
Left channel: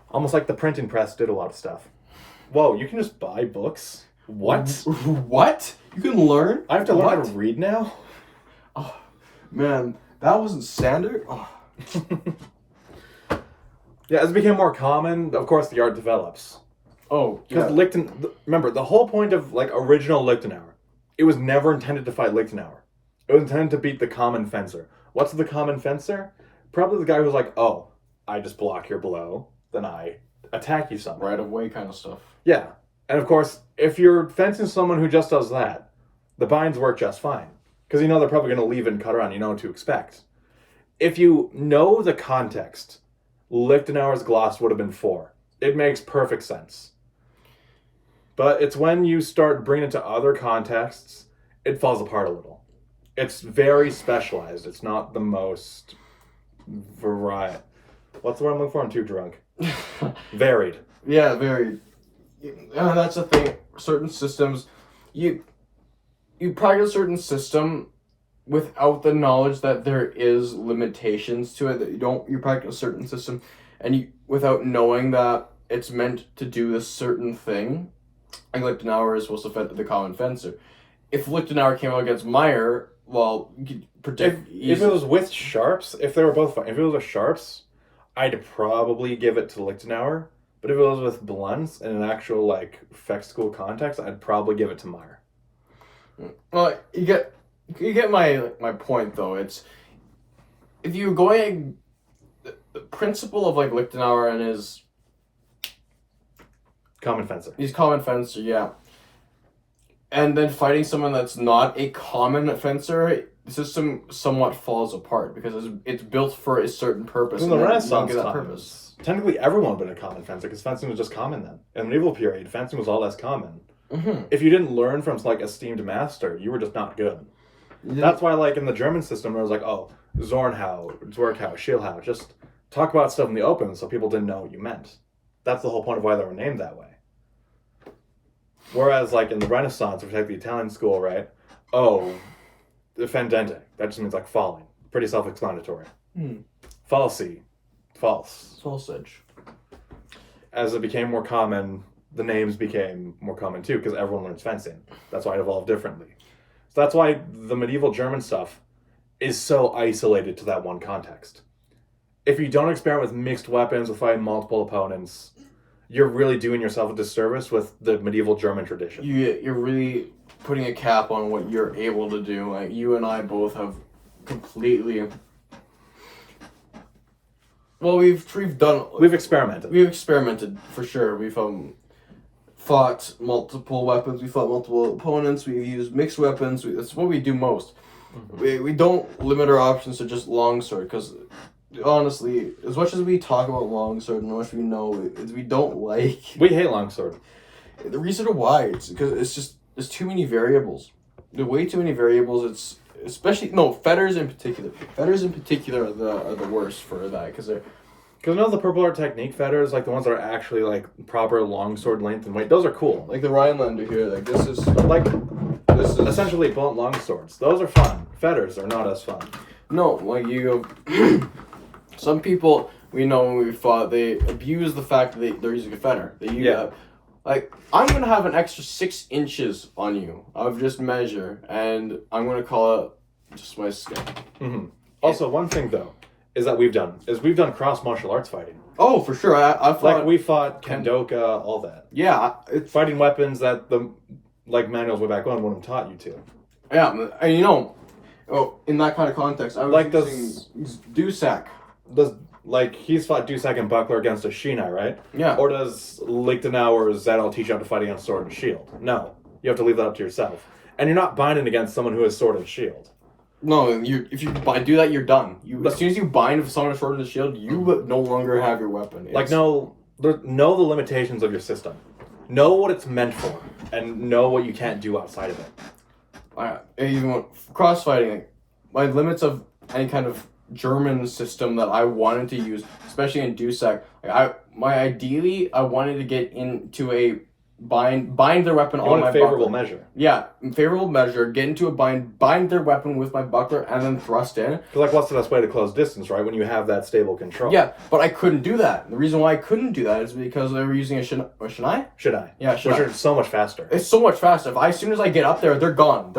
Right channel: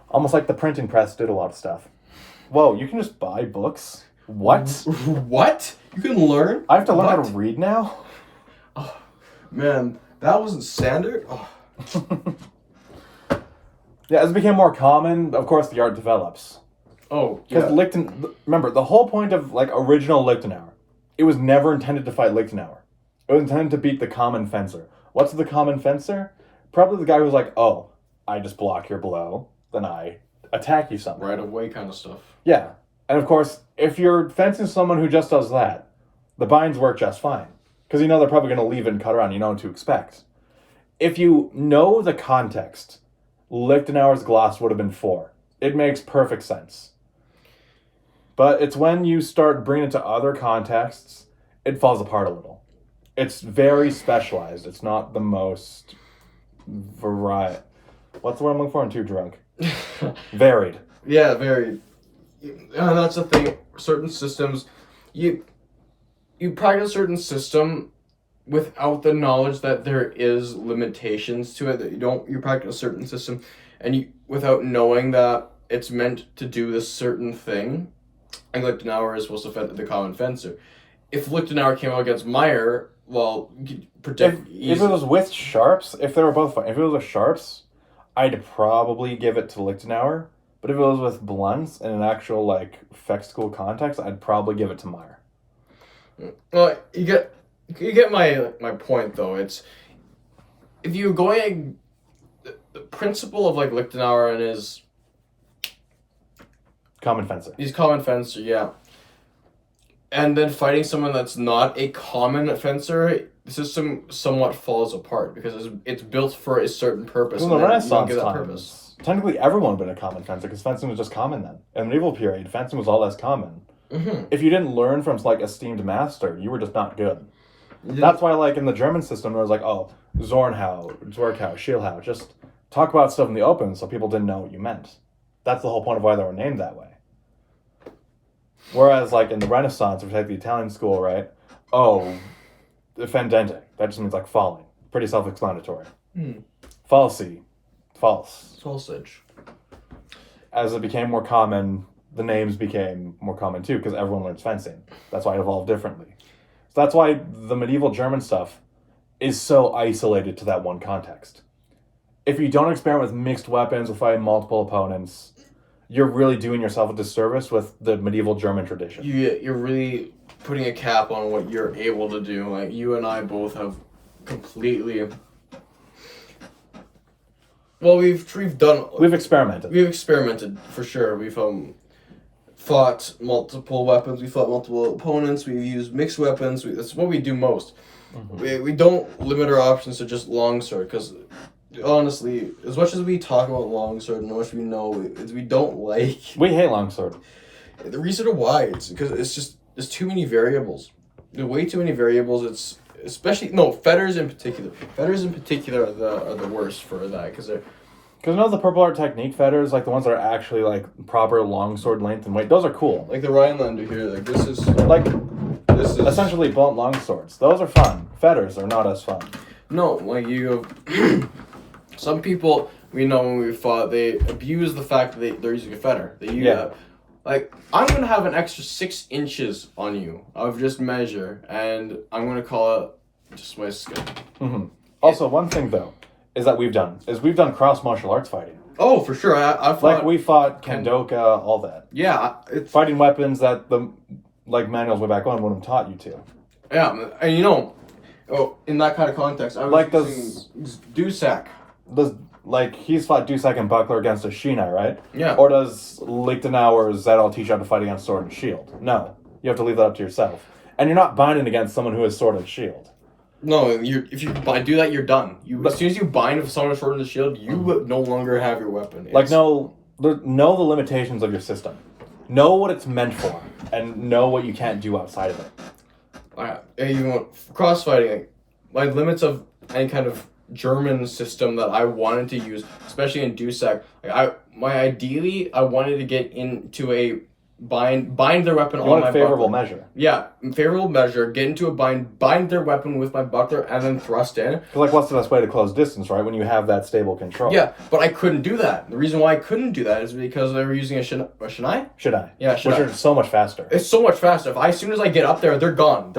Almost like the printing press did a lot of stuff. Whoa, you can just buy books? What? What? You can learn? I have to learn how to read now? Oh, man, that wasn't standard? Oh. Yeah, as it became more common, of course the art develops. Oh, yeah. Because remember, the whole point of like original Lichtenauer, it was never intended to fight Lichtenauer. It was intended to beat the common fencer. What's the common fencer? Probably the guy who's like, oh, I just block your blow, then I attack you somehow. Right away kind of stuff. Yeah. And of course, if you're fencing someone who just does that, the binds work just fine. Because you know they're probably going to leave and cut around. You know what to expect. If you know the context, Lichtenauer's gloss would have been 4. It makes perfect sense. But it's when you start bringing it to other contexts, it falls apart a little. It's very specialized. It's not the most varied. What's the word I'm looking for? I'm too drunk. Varied. Yeah, varied. And that's the thing. Certain systems, you practice a certain system without the knowledge that there is limitations to it. That you practice a certain system, and without knowing that it's meant to do this certain thing. Like Lichtenauer is supposed to fend the common fencer. If Lichtenauer came out against Meyer, well, you could protect. If it was with sharps, if they were both fine, if it was with sharps, I'd probably give it to Lichtenauer. But if it was with blunts in an actual like Feck school context, I'd probably give it to Meyer. Well, you get my point though. It's if you're going the principle of like Lichtenauer and his common fencer. He's common fencer, yeah. And then fighting someone that's not a common fencer, the system somewhat falls apart because it's built for a certain purpose. In the Renaissance that times, purpose. Technically everyone would have been a common fencer because fencing was just common then. In the medieval period, fencing was all less common. Mm-hmm. If you didn't learn from like esteemed master, you were just not good. Yeah. That's why like in the German system, it was like, oh, Zornhau, Zwerghau, Schielhau, just talk about stuff in the open so people didn't know what you meant. That's the whole point of why they were named that way. Whereas, like, in the Renaissance, if you take the Italian school, right? Oh, fendente. That just means, like, falling. Pretty self-explanatory. Falsi. False. Falsage. As it became more common, the names became more common, too, because everyone learns fencing. That's why it evolved differently. So that's why the medieval German stuff is so isolated to that one context. If you don't experiment with mixed weapons, with fighting multiple opponents, you're really doing yourself a disservice with the medieval German tradition. You're really putting a cap on what you're able to do. Like, you and I both have completely... Well, we've experimented. We've experimented, for sure. We've fought multiple weapons. We fought multiple opponents. We've used mixed weapons. That's what we do most. Mm-hmm. We don't limit our options to just longsword, because... Honestly, as much as we talk about longsword and how much we know, we don't like... We hate longsword. The reason why, it's because there's too many variables. There's way too many variables. It's especially... No, fetters in particular. Fetters in particular are the worst for that, because they're... Because none of the purple art technique fetters, like the ones that are actually like proper longsword length and weight, those are cool. Like the Rhinelander here, like this is essentially blunt longswords. Those are fun. Fetters are not as fun. No, like you go... Some people we know when we fought, they abuse the fact that they're using a fetter. Like, I'm going to have an extra 6 inches on you of just measure, and I'm going to call it just my skin. Mm-hmm. Also, one thing, though, is that we've done cross martial arts fighting. Oh, for sure. I fought... Like, we fought Kendoka, all that. Yeah. Fighting weapons that the manuals way back on would have taught you to. Yeah, and Oh, in that kind of context, I was Like using Dusak. Does like he's fought Dusak and Buckler against a Shina, right? Yeah. Or does Lichtenau or Zedal teach you how to fight against Sword and Shield? No, you have to leave that up to yourself. And you're not binding against someone who has Sword and Shield. No, if you do that, you're done. As soon as you bind with someone with Sword and Shield, you no longer have your weapon. Know the limitations of your system. Know what it's meant for, and know what you can't do outside of it. Even crossfighting, like, my limits of any kind of German system that I wanted to use, especially in Dusak, ideally I wanted to get into a bind their weapon You on want my a favorable buckler. measure. Yeah, favorable measure. Get into a bind their weapon with my buckler, and then thrust in. Like, what's the best way to close distance, right? When you have that stable control. Yeah, but I couldn't do that. The reason why I couldn't do that is because they were using a Shinai. Should I? Yeah, Which are so much faster. It's so much faster. As soon as I get up there, they're gone.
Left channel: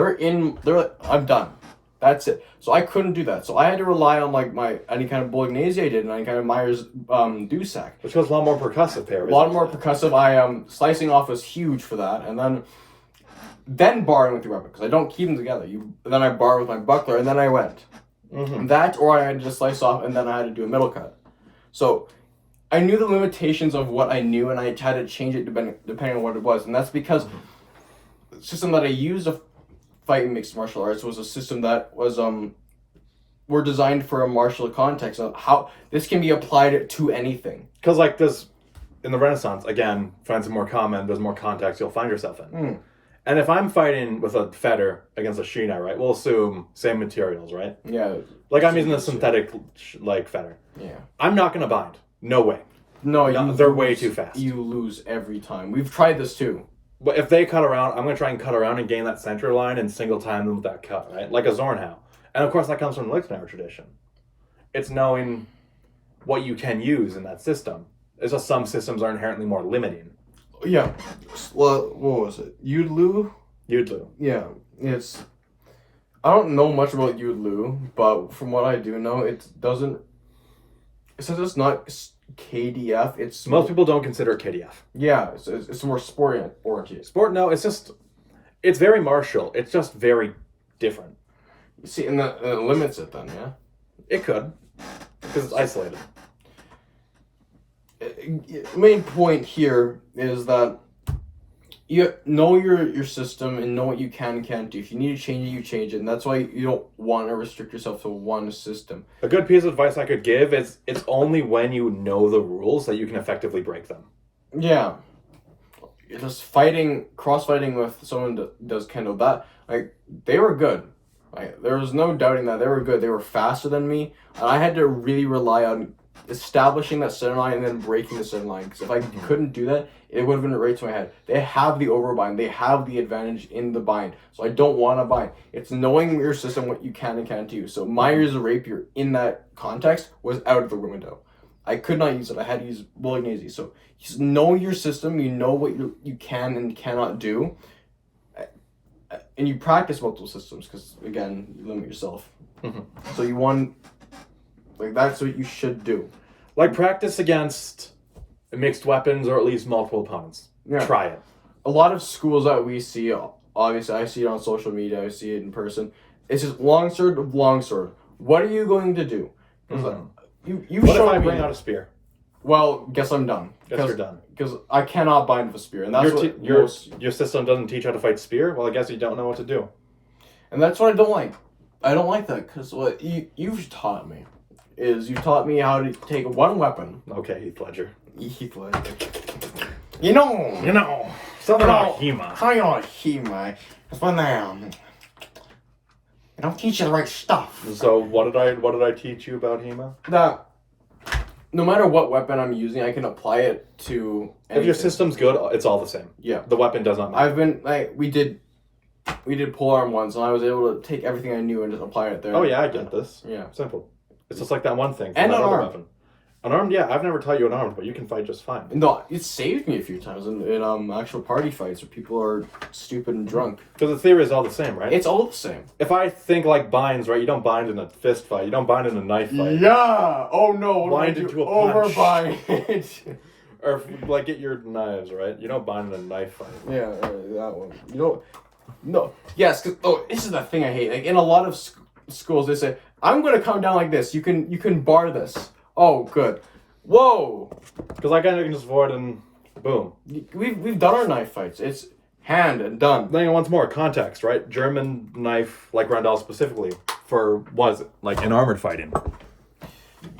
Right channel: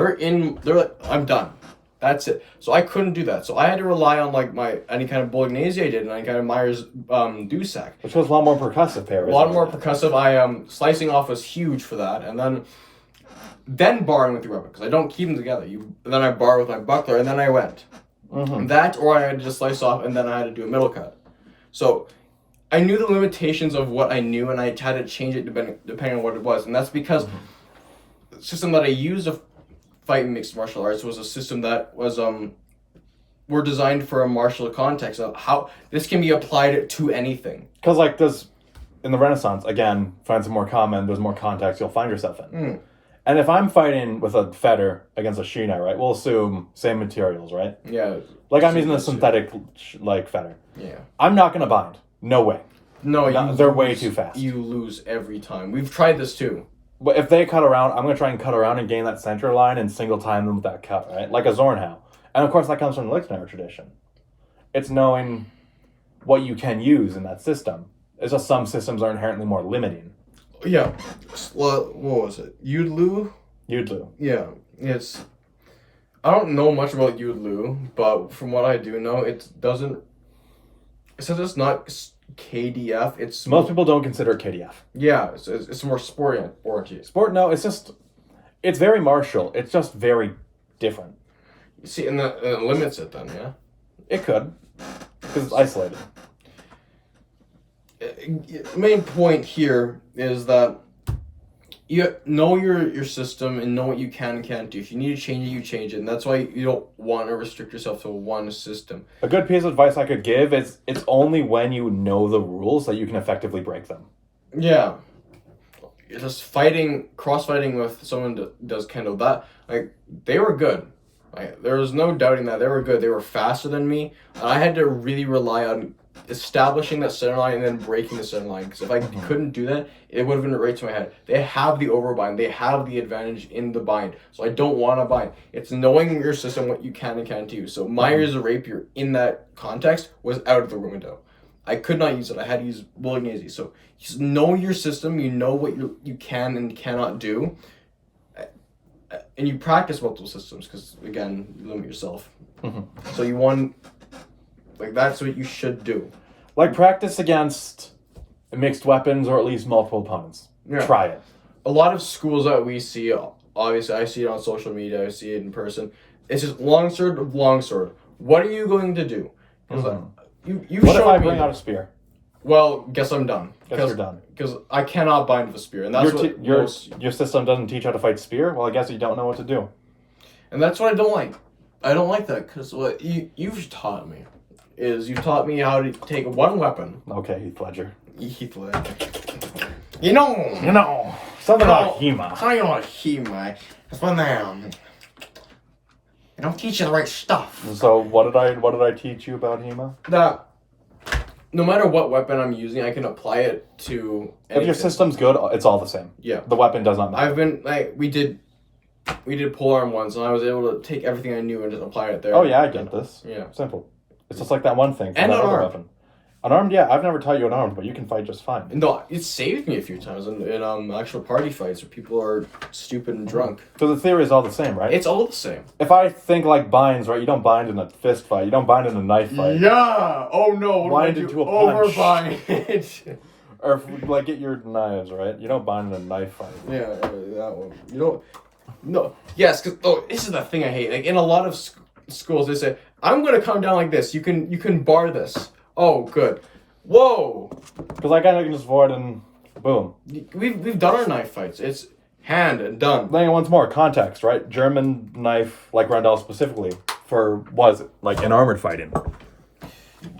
I'm done. That's it. So I couldn't do that. So I had to rely on like any kind of Bolognese I did, and any kind of Myers Dusak. Which was a lot more percussive there. A lot more percussive. Slicing off was huge for that, and then barring with your weapon, because I don't keep them together. Then I bar with my buckler, and then I went. Mm-hmm. That, or I had to just slice off, and then I had to do a middle cut. So I knew the limitations of what I knew, and I had to change it depending on what it was, and that's because the system that I used to fight in mixed martial arts was a system that was were designed for a martial context of how this can be applied to anything. Because like this, in the Renaissance, again, friends are more common. There's more context you'll find yourself in. And if I'm fighting with a fetter against a Shina, right, we'll assume same materials, right? Yeah. Like I'm using a synthetic like fetter. Yeah. I'm not gonna bind. No way. No, they're way too fast. You lose every time. We've tried this too. But if they cut around, I'm gonna try and cut around and gain that center line and single time them with that cut, right? Like a Zornhau. And of course that comes from the Lichtenauer tradition. It's knowing what you can use in that system. It's just some systems are inherently more limiting. Yeah. Well, what was it? Yudlu? Yudlu. Yeah. I don't know much about Yudlu, but from what I do know, it says it's not KDF. Most people don't consider it KDF. Yeah, it's more sport oriented. No, it's very martial. It's just very different. You see, and that it limits it then, yeah? It could, because it's isolated. Main point here is that you know your system and know what you can and can't do. If you need to change it, you change it, and that's why you don't want to restrict yourself to one system. A good piece of advice I could give is it's only when you know the rules that you can effectively break them. Yeah. Just cross-fighting with someone that does Kendo, that, like, they were good. Like, there was no doubting that. They were good. They were faster than me, and I had to really rely on establishing that center line and then breaking the center line, because if I couldn't do that, it would have been right to my head. They have the overbind. They have the advantage in the bind, so I don't want to bind. It's knowing your system, what you can and can't do. So my use of rapier in that context was out of the window. I could not use it. I had to use Bolognese. So just know your system. You know what you can and cannot do, and you practice multiple systems, because again, you limit yourself. So you want, like, that's what you should do. Like, practice against mixed weapons or at least multiple opponents. Yeah. Try it. A lot of schools that we see, obviously I see it on social media, I see it in person, it's just longsword. What are you going to do? Because you What if showed I me. bring out a spear? Well, guess I'm done. Guess you're done. Because I cannot bind with a spear, and that's Your system doesn't teach how to fight spear? Well, I guess you don't know what to do. And that's what I don't like. I don't like that, because what you've taught me is you taught me how to take one weapon. Okay, Heath Ledger. You know. Something about HEMA. Something about HEMA. That's when they don't teach you the right stuff. So what did I teach you about HEMA? That no matter what weapon I'm using, I can apply it to anything. If your system's good, it's all the same. Yeah. The weapon does not matter. I've been, like, we did polearm once, and I was able to take everything I knew and just apply it there. Oh yeah, I get this. Yeah. Simple. It's just like that one thing. And that other unarmed. weapon. Unarmed, yeah. I've never taught you unarmed, but you can fight just fine. No, it saved me a few times in actual party fights where people are stupid and drunk. Because the theory is all the same, right? It's all the same. If I think like binds, right? You don't bind in a fist fight. You don't bind in a knife fight. Yeah. Oh no. What Bind do I into do? a punch. Overbind. Or if, like get your knives, right? You don't bind in a knife fight. Yeah, that one. You don't. No. Yes. Cause this is the thing I hate. Like in a lot of schools, they say, I'm gonna come down like this. You can bar this. Oh, good. Whoa. Because I can just avoid and boom. We've done our knife fights. It's hand and done. Then once more, context, right? German knife, like Rondell specifically, for was like in armored fighting.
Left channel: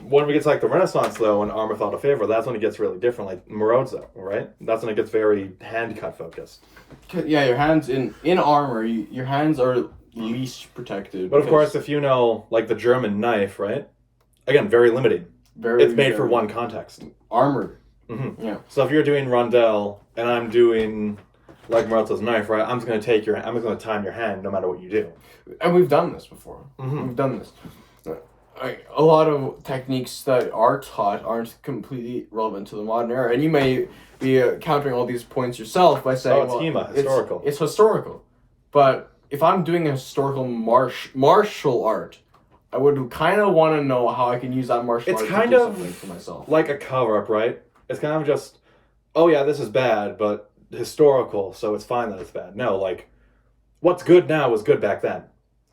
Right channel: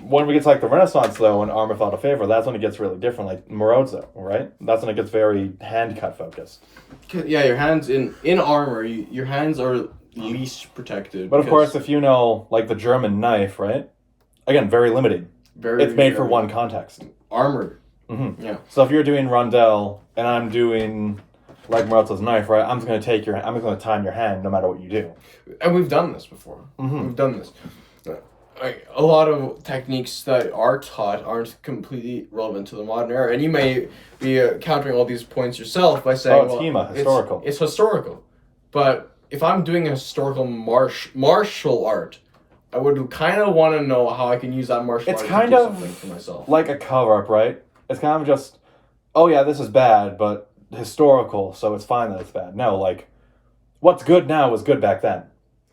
When we get to like the Renaissance though, and armor thought of favor, that's when it gets really different. Like Marozzo, right? That's when it gets very hand cut focused. Yeah, your hands in armor. Your hands are least protected. But of course, if you know like the German knife, right? Again, very limiting. It's made for one context. Armored. Mm-hmm. Yeah. So if you're doing Rondell and I'm doing like Marozzo's knife, right? I'm just gonna time your hand no matter what you do. And we've done this before. Mm-hmm. We've done this. A lot of techniques that are taught aren't completely relevant to the modern era, and you may be countering all these points yourself by saying, it's HEMA, historical. It's historical. But if I'm doing a historical martial art, I would kind of want to know how I can use that martial art to do something for myself. Like a cover-up, right? It's kind of just, oh yeah, this is bad, but historical, so it's fine that it's bad. No, like, what's good now was good back then.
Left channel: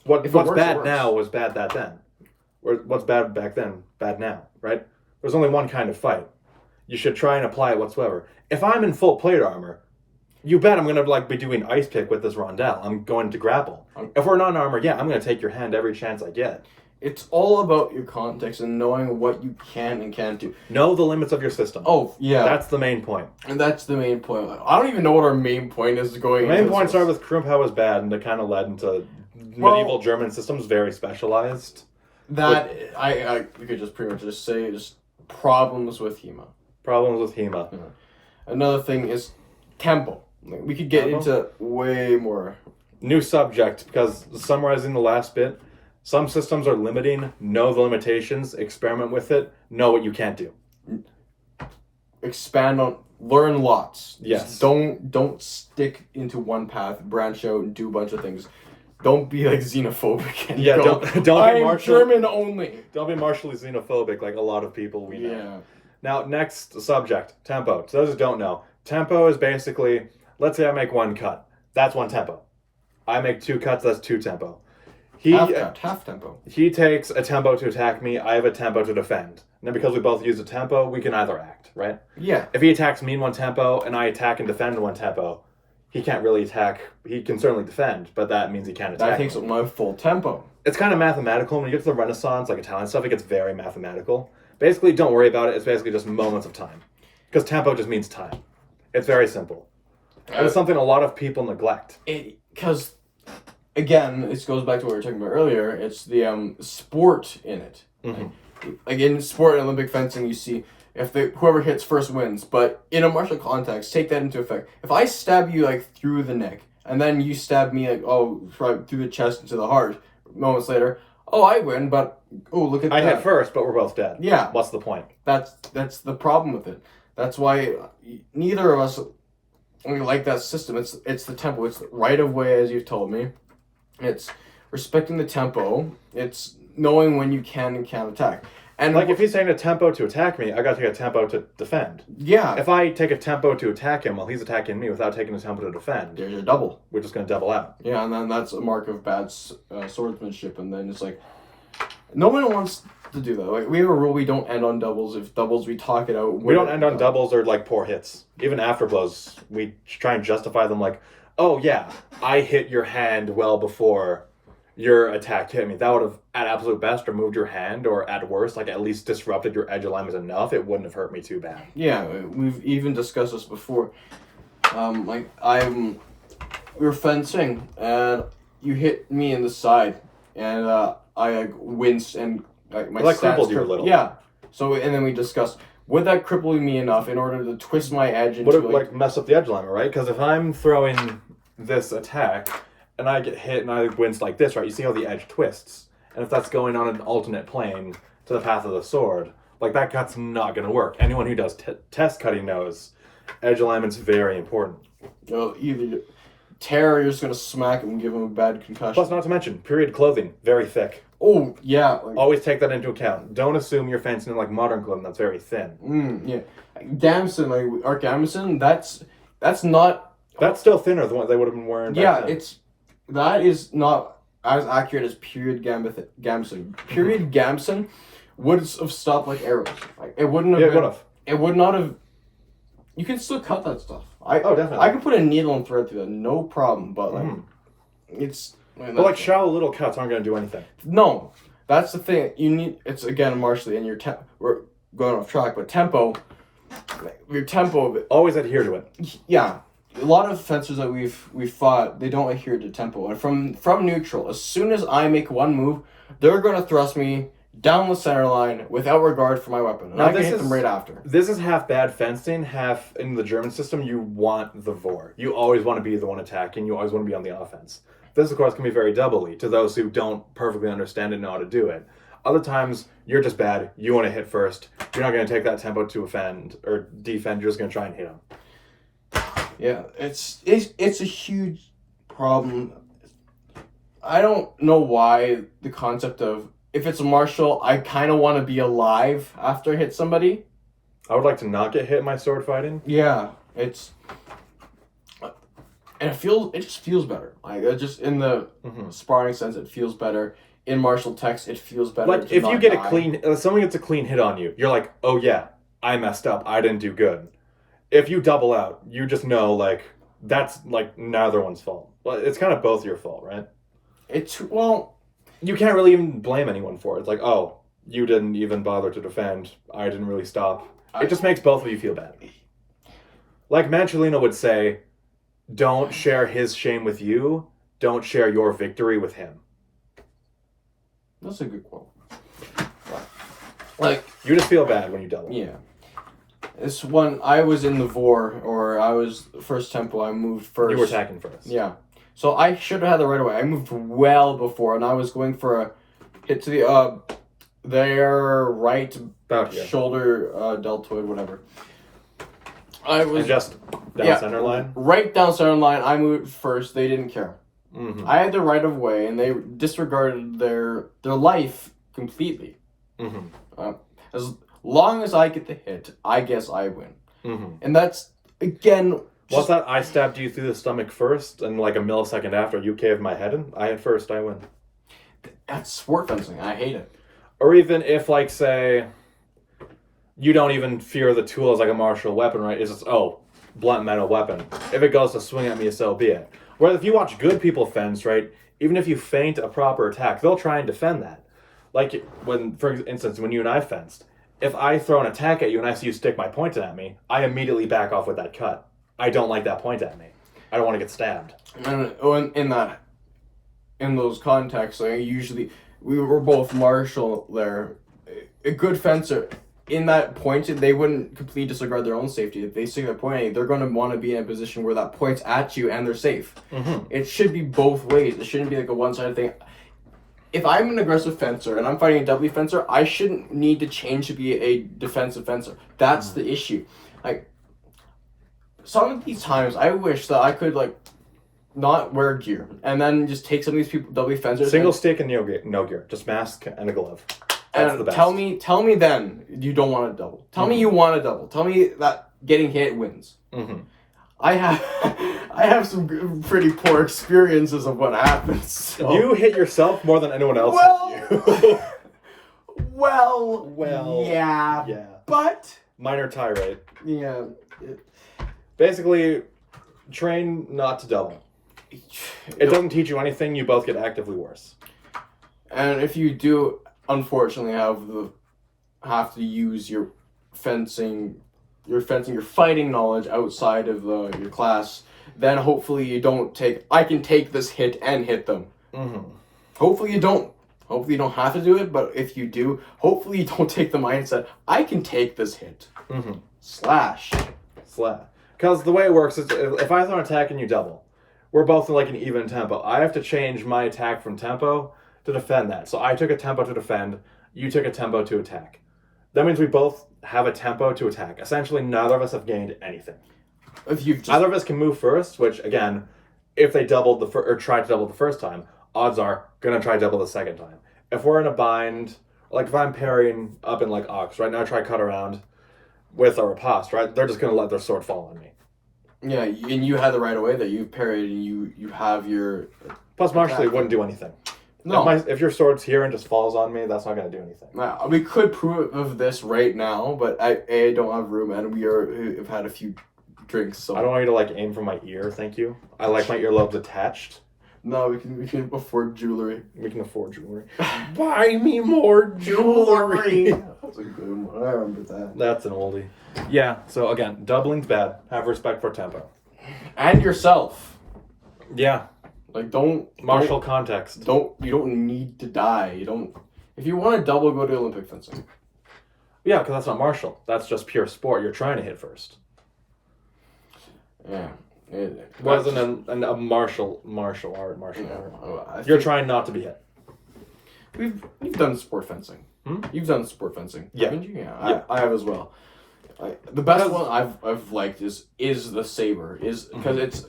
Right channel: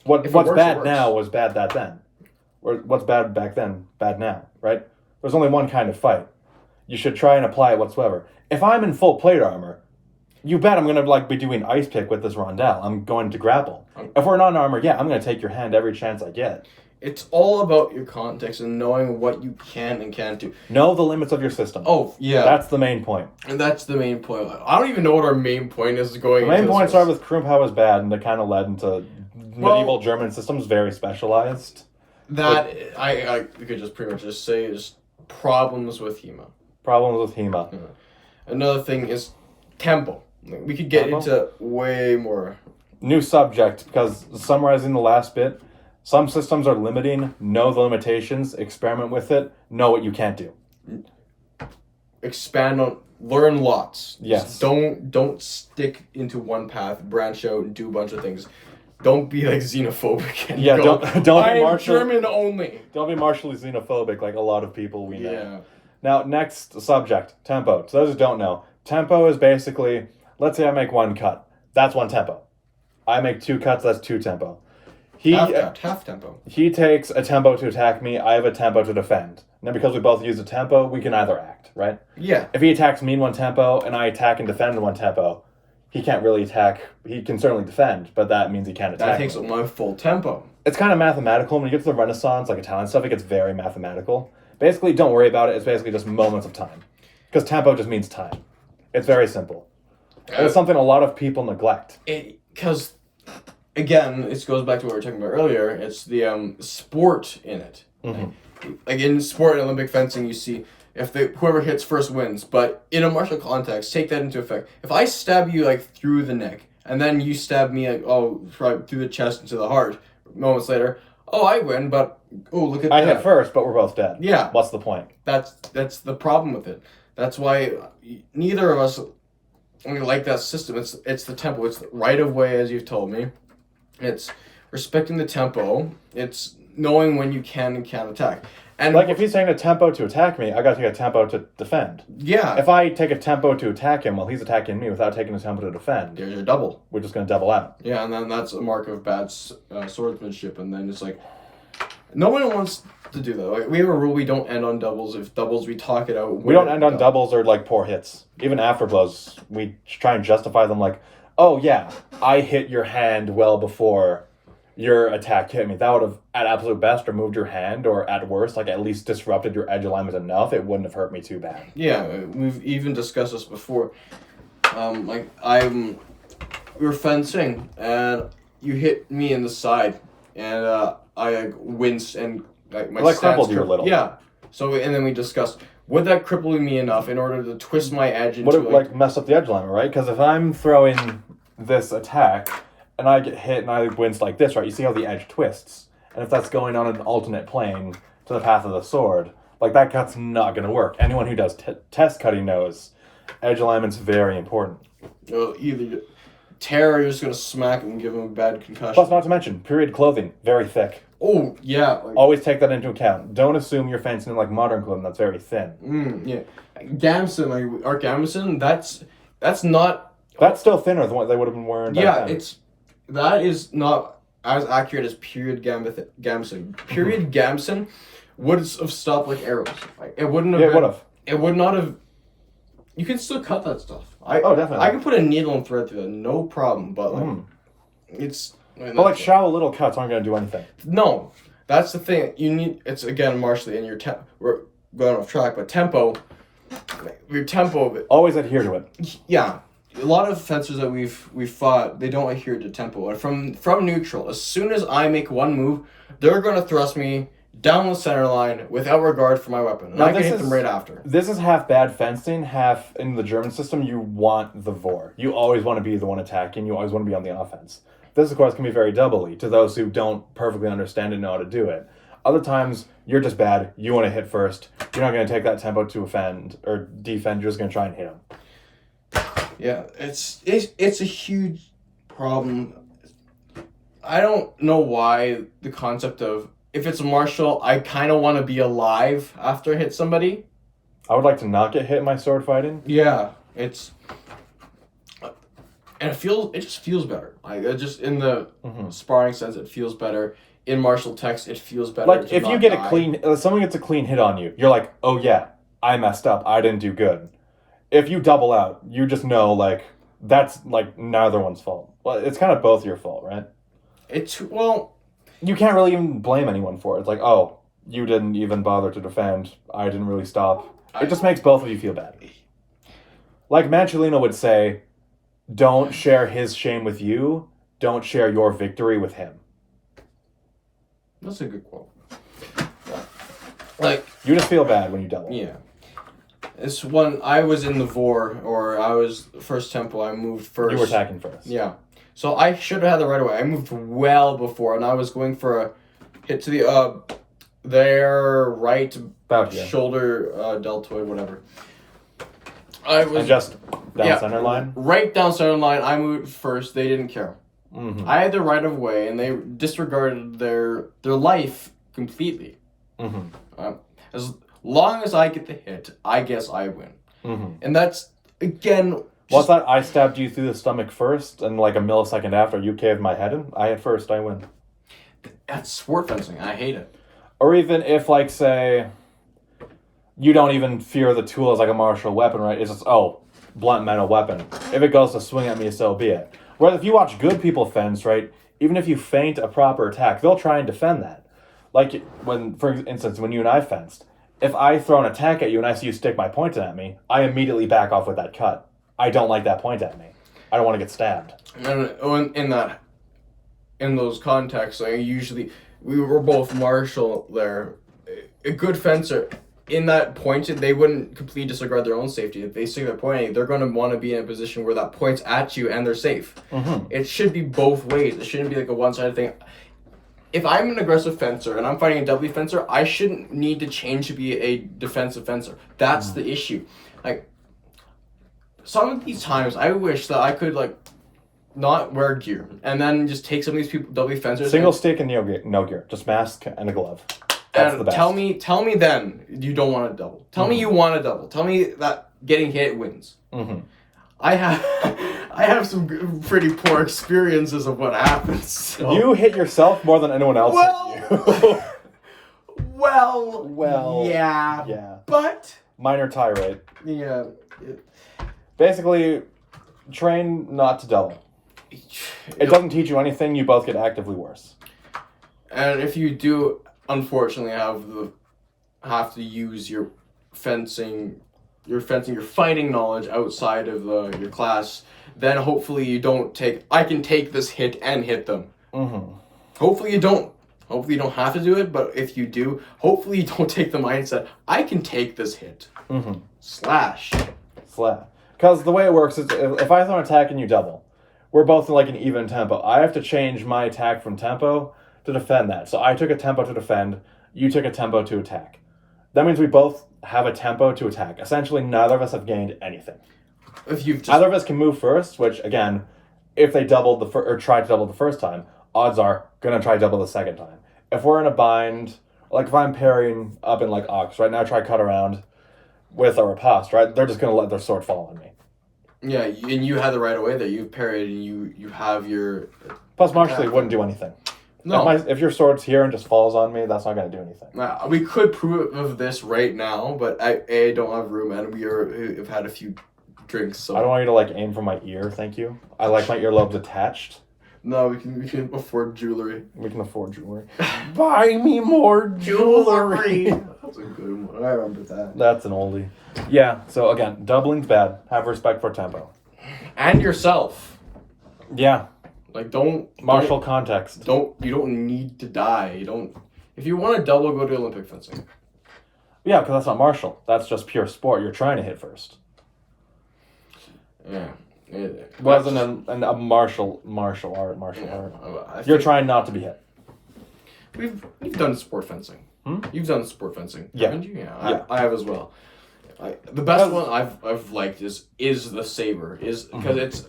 What's bad now was bad that then. Or what's bad back then, bad now, right? There's only one kind of fight. You should try and apply it whatsoever. If I'm in full plate armor, you bet I'm gonna like be doing ice pick with this Rondell. I'm going to grapple. If we're not in armor, yeah, I'm gonna take your hand every chance I get. It's all about your context and knowing what you can and can't do. Know the limits of your system. Oh, yeah. That's the main point. And that's the main point. I don't even know what our main point is going The main point started with Krumpau was bad, and it kind of led into medieval German systems, very specialized. That, we could just pretty much just say is problems with HEMA. Problems with HEMA. Yeah. Another thing is tempo. We could get into way more. New subject, because summarizing the last bit, some systems are limiting, know the limitations, experiment with it, know what you can't do. Expand on, learn lots. Yes. Just don't stick into one path, branch out and do a bunch of things. Don't be like xenophobic and don't be German only. Don't be martially xenophobic like a lot of people we know. Yeah. Now, next subject, tempo. So those who don't know, tempo is basically, let's say I make one cut. That's one tempo. I make two cuts, that's two tempo. Half tempo. He takes a tempo to attack me, I have a tempo to defend. Now, because we both use a tempo, we can either act, right? Yeah. If he attacks me in one tempo and I attack and defend in one tempo, he can't really attack. He can certainly defend, but that means he can't attack. That takes up my full tempo. It's kind of mathematical. When you get to the Renaissance, like Italian stuff, it gets very mathematical. Basically, don't worry about it. It's basically just moments of time. Because tempo just means time. It's very simple. And it's something a lot of people neglect. Because, again, it goes back to what we were talking about earlier. It's the sport in it. Mm-hmm. Like in sport and Olympic fencing, you see whoever hits first wins. But in a martial context, take that into effect. If I stab you like through the neck, and then you stab me like right through the chest into the heart, moments later, I win. But look at that. I hit first, but we're both dead. Yeah. What's the point? That's the problem with it. That's why neither of us like that system. It's the tempo. It's right of way, as you've told me. It's respecting the tempo. It's knowing when you can and can't attack. And like, if he's taking a tempo to attack me, I gotta take a tempo to defend. Yeah. If I take a tempo to attack him while he's attacking me without taking a tempo to defend, there's a double. We're just gonna double out. Yeah, and then that's a mark of bad swordsmanship. And then it's like, no one wants to do that. Like, we have a rule: we don't end on doubles. If doubles, we talk it out. We don't end on doubles or like poor hits. Even after blows, we try and justify them like, oh yeah, I hit your hand well before your attack hit me. That would have, at absolute best, removed your hand, or at worst, like at least disrupted your edge alignment enough. It wouldn't have hurt me too bad. Yeah, we've even discussed this before. We were fencing, and you hit me in the side, and I like winced, and like my stats crippled you a little. Yeah. So and then we discussed, would that cripple me enough in order to twist my edge into would it like mess up the edge alignment, right? Because if I'm throwing this attack and I get hit and I wince like this, right? You see how the edge twists. And if that's going on an alternate plane to the path of the sword, like that cut's not going to work. Anyone who does test cutting knows edge alignment's very important. Either tear or you're just going to smack him and give him a bad concussion. Plus, not to mention, period clothing, very thick. Oh, yeah. Always take that into account. Don't assume you're fencing in like modern clothing that's very thin. Yeah. Gamson, like Art Gamson, that's not... That's still thinner than what they would have been wearing back then. That is not as accurate as period Gamson. Period Gamson would have stopped like arrows. Like it wouldn't have. Yeah, it would have. It would not have. You could still cut that stuff. Oh, definitely. I could put a needle and thread through that, no problem. But like, it's. But like shallow little cuts aren't gonna do anything. No, that's the thing. You need. It's again, Marshall, in your we're going off track, but tempo. Your tempo. Always adhere to it. Yeah. A lot of fencers that we've fought, they don't adhere to tempo. And from neutral, as soon as I make one move, they're going to thrust me down the center line without regard for my weapon. And I can hit them right after. This is half bad fencing, half in the German system, you want the vor. You always want to be the one attacking. You always want to be on the offense. This, of course, can be very doubly to those who don't perfectly understand and know how to do it. Other times, you're just bad. You want to hit first. You're not going to take that tempo to offend or defend. You're just going to try and hit them. Yeah, it's a huge problem. I don't know why the concept of, if it's a martial, I kind of want to be alive after I hit somebody. I would like to not get hit in my sword fighting. Yeah, and it just feels better. Like just in the sparring sense, it feels better. In martial text, it feels better. Like if you get someone gets a clean hit on you, you're like, oh yeah, I messed up. I didn't do good. If you double out, you just know, like, that's, like, neither one's fault. Well, it's kind of both your fault, right? You can't really even blame anyone for it. It's like, oh, you didn't even bother to defend. I didn't really stop. It just makes both of you feel bad. Like Manchelino would say, don't share his shame with you. Don't share your victory with him. That's a good quote. Like, you just feel bad when you double. Yeah. It's when I was in the vor, or I was first tempo, I moved first. You were attacking first. Yeah. So I should have had the right away. I moved well before, and I was going for a hit to the their right shoulder deltoid, whatever. I was just down center line? Right down center line. I moved first. They didn't care. Mm-hmm. I had the right of way, and they disregarded their life completely. Mm-hmm. As long as I get the hit, I guess I win. Mm-hmm. And that's, again... Was that I stabbed you through the stomach first, and like a millisecond after, you caved my head in? I hit first, I win. That's sport fencing. I hate it. Or even if, like, say, you don't even fear the tool as like a martial weapon, right? It's just, oh, blunt metal weapon. If it goes to swing at me, so be it. Whereas if you watch good people fence, right, even if you feint a proper attack, they'll try and defend that. Like, when, for instance, when you and I fenced, if I throw an attack at you and I see you stick my point at me, I immediately back off with that cut. I don't like that point at me. I don't want to get stabbed. And in those contexts, like usually we were both martial there. A good fencer, in that point, they wouldn't completely disregard their own safety. If they see their point, they're going to want to be in a position where that point's at you and they're safe. Mm-hmm. It should be both ways. It shouldn't be like a one-sided thing. If I'm an aggressive fencer and I'm fighting a doubly fencer, I shouldn't need to change to be a defensive fencer. That's the issue. Like, some of these times, I wish that I could, like, not wear gear and then just take some of these people doubly fencers. Single stick and no gear. Just mask and a glove. That's the best. Tell me then you don't want to double. Tell me you want to double. Tell me that getting hit wins. Mm-hmm. I have some pretty poor experiences of what happens. So. You hit yourself more than anyone else hit you. well, yeah. But minor tirade. Yeah. Basically, train not to double. It doesn't teach you anything. You both get actively worse. And if you do, unfortunately, have to use your fighting knowledge outside of your class, then hopefully you don't I can take this hit and hit them. Mm-hmm. Hopefully you don't have to do it, but if you do, hopefully you don't take the mindset, I can take this hit. Mm-hmm. Slash. Because the way it works is, if I throw an attack and you double, we're both in like an even tempo. I have to change my attack from tempo to defend that. So I took a tempo to defend, you took a tempo to attack. That means we both have a tempo to attack. Essentially, neither of us have gained anything. Neither of us can move first, which, again, if they doubled or tried to double the first time, odds are gonna try to double the second time. If we're in a bind, like if I'm parrying up in like Ox, right now try cut around with a riposte, right? They're just gonna let their sword fall on me. Yeah, and you had the right away that you've parried and you have your... Plus, martially, it wouldn't do anything. No. If your sword's here and just falls on me, that's not gonna do anything. We could prove of this right now, but I don't have room, and we've had a few drinks, so I don't want you to like aim for my ear, thank you. I like my earlobes attached. no, we can afford jewelry. We can afford jewelry. Buy me more jewelry. That's a good one. I remember that. That's an oldie. Yeah. So again, doubling's bad. Have respect for tempo. And yourself. Yeah. Like don't Martial context. you don't need to die. You don't. If you want to double, go to Olympic fencing. Yeah, because that's not martial. That's just pure sport. You're trying to hit first. Yeah. Rather than a martial art. You're trying not to be hit. We've done sport fencing. You've done sport fencing, Yeah. haven't you? Yeah, I have as well. The best one I've liked is the saber, because it's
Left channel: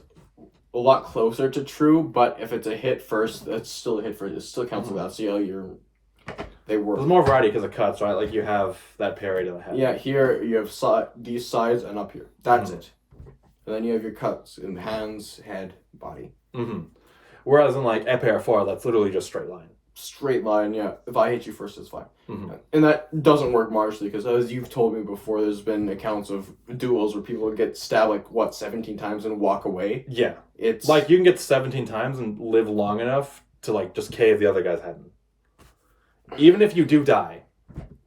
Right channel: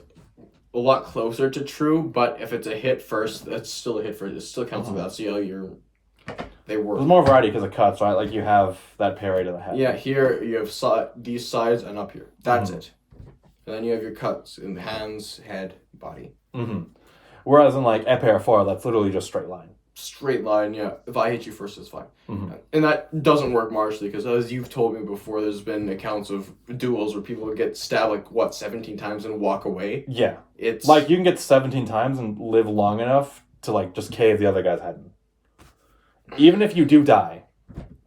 a lot closer to true, but if it's a hit first, that's still a hit first. It still counts as that. So they work. There's more variety because of cuts, right? Like you have that parry to the head. Yeah, here you have these sides and up here. That's it. And then you have your cuts in the hands, head, body. Whereas in like épée 4, that's literally just straight line. Straight line, yeah. If I hit you first, it's fine. And that doesn't work martially, because as you've told me before, there's been accounts of duels where people get stabbed 17 times and walk away. Yeah. It's like you can get 17 times and live long enough to like just cave the other guy's head in. Even if you do die,